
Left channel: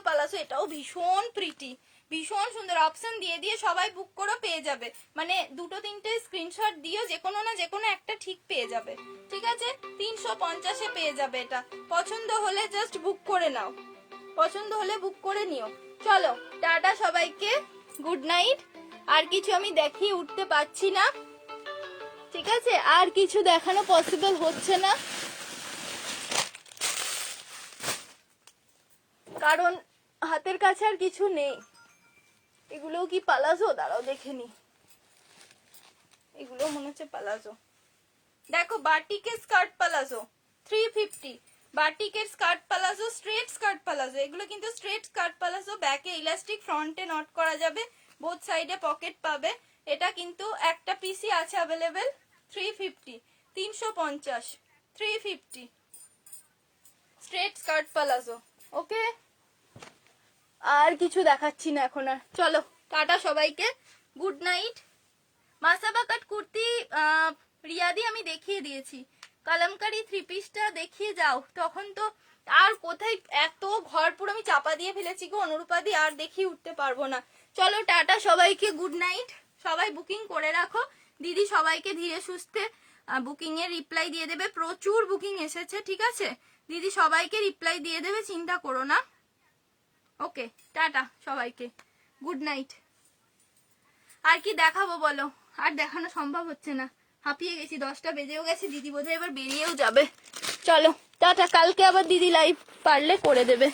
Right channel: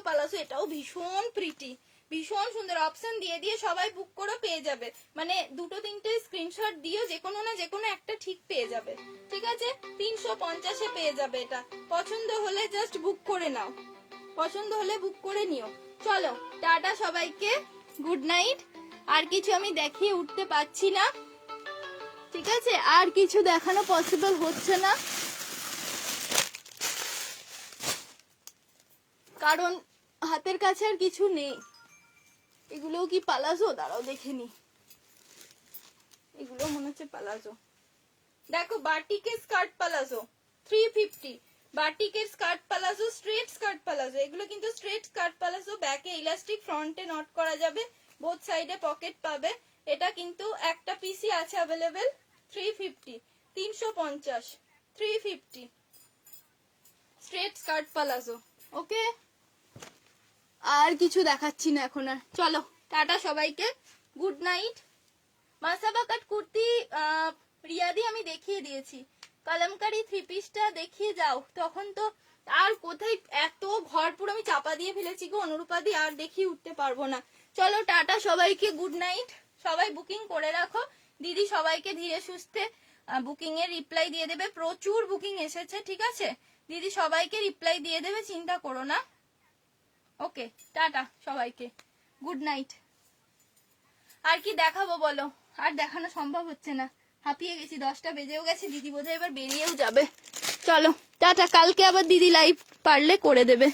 পালাজো, এটাও ভীষণ প্রিটি, ভীষণ সুন্দর। অপশন দিয়ে দিয়ে সবাই বুক করে পেয়ে যাবে, মানে 2-3টে স্ক্রিনশট দিয়ে যে কোনো না যে কোনো একটা ঠিক পেয়ে যাবে। ঠিক আছে, 350-এ পেয়ে যাবে এটা। পছন্দ হলে জাস্ট বুক করে নাও, পছন্দ হলে বুক করে নিও। চলো টাটা সবাইকে, গুড নাইট। আর কিছু আমি দেখিয়ে উঠতে পারছি না, ঠিক আছে, আর কিছু দেখানো পসিবল হচ্ছে না, কারণ হাতের কাছে আর কিছু নেই। এগুলোও কি পালাজো? দাঁড়াও দেখে নি, এগুলো মনে হচ্ছে পালাজো। দেখো বাটিকের স্কার্ট পালাজো 350, বাটিকের skirt palazzo, straight skirt palazzo. এগুলো কিন্তু স্ট্রেট স্কার্ট পালাজো, ব্যাকে ইলাস্টিক, ফ্রন্টে নট করা যাবে, বোথ সাইডে পকেট পাবে। এটা কিন্তু একটা পিসি আছে available. 350, 350, 350 straight skirt palazzo. Okay, আর কিছু দেখাচ্ছি না এখন আর। চলো টাটা সবাইকে, good night. Masaba cut kurti রিয়াদি আমি দেখিয়ে দিয়েছি, কলমকারি 3 পিসটা দেখিয়ে যাও। তখন তো আর কোথায়, এত ঘর পুরো আমি চাপা দিয়ে ফেলেছি গো অনুরূপাদি, আর দেখিয়ে উঠতে পারবো না। চলো টাটা সবাইকে, গুড নাইট। সবাই বুকিং করে রাখো, দিদি সবাইকে ধীরে সুস্থে বুকিং এর রিপ্লাই দিয়ে দেবে। প্রচুর বুকিং এসেছে, ঠিক আছে, দিদি সবাইকে রিপ্লাই দিয়ে দেবে, চিন্তা করো না। ওকে টাটা সবাইকে, গুড নাইট। আর কি দেখাবো বলো, আর দেখানো সম্ভব হচ্ছে না, হাঁপিয়ে গেছি, 10টা বেজেও গেছে, দিদি বোধহয় এবার বেরিয়েও যাবে। চলো টাটা, কালকে আবার দিদি লাইভ পারলে করে দেবে।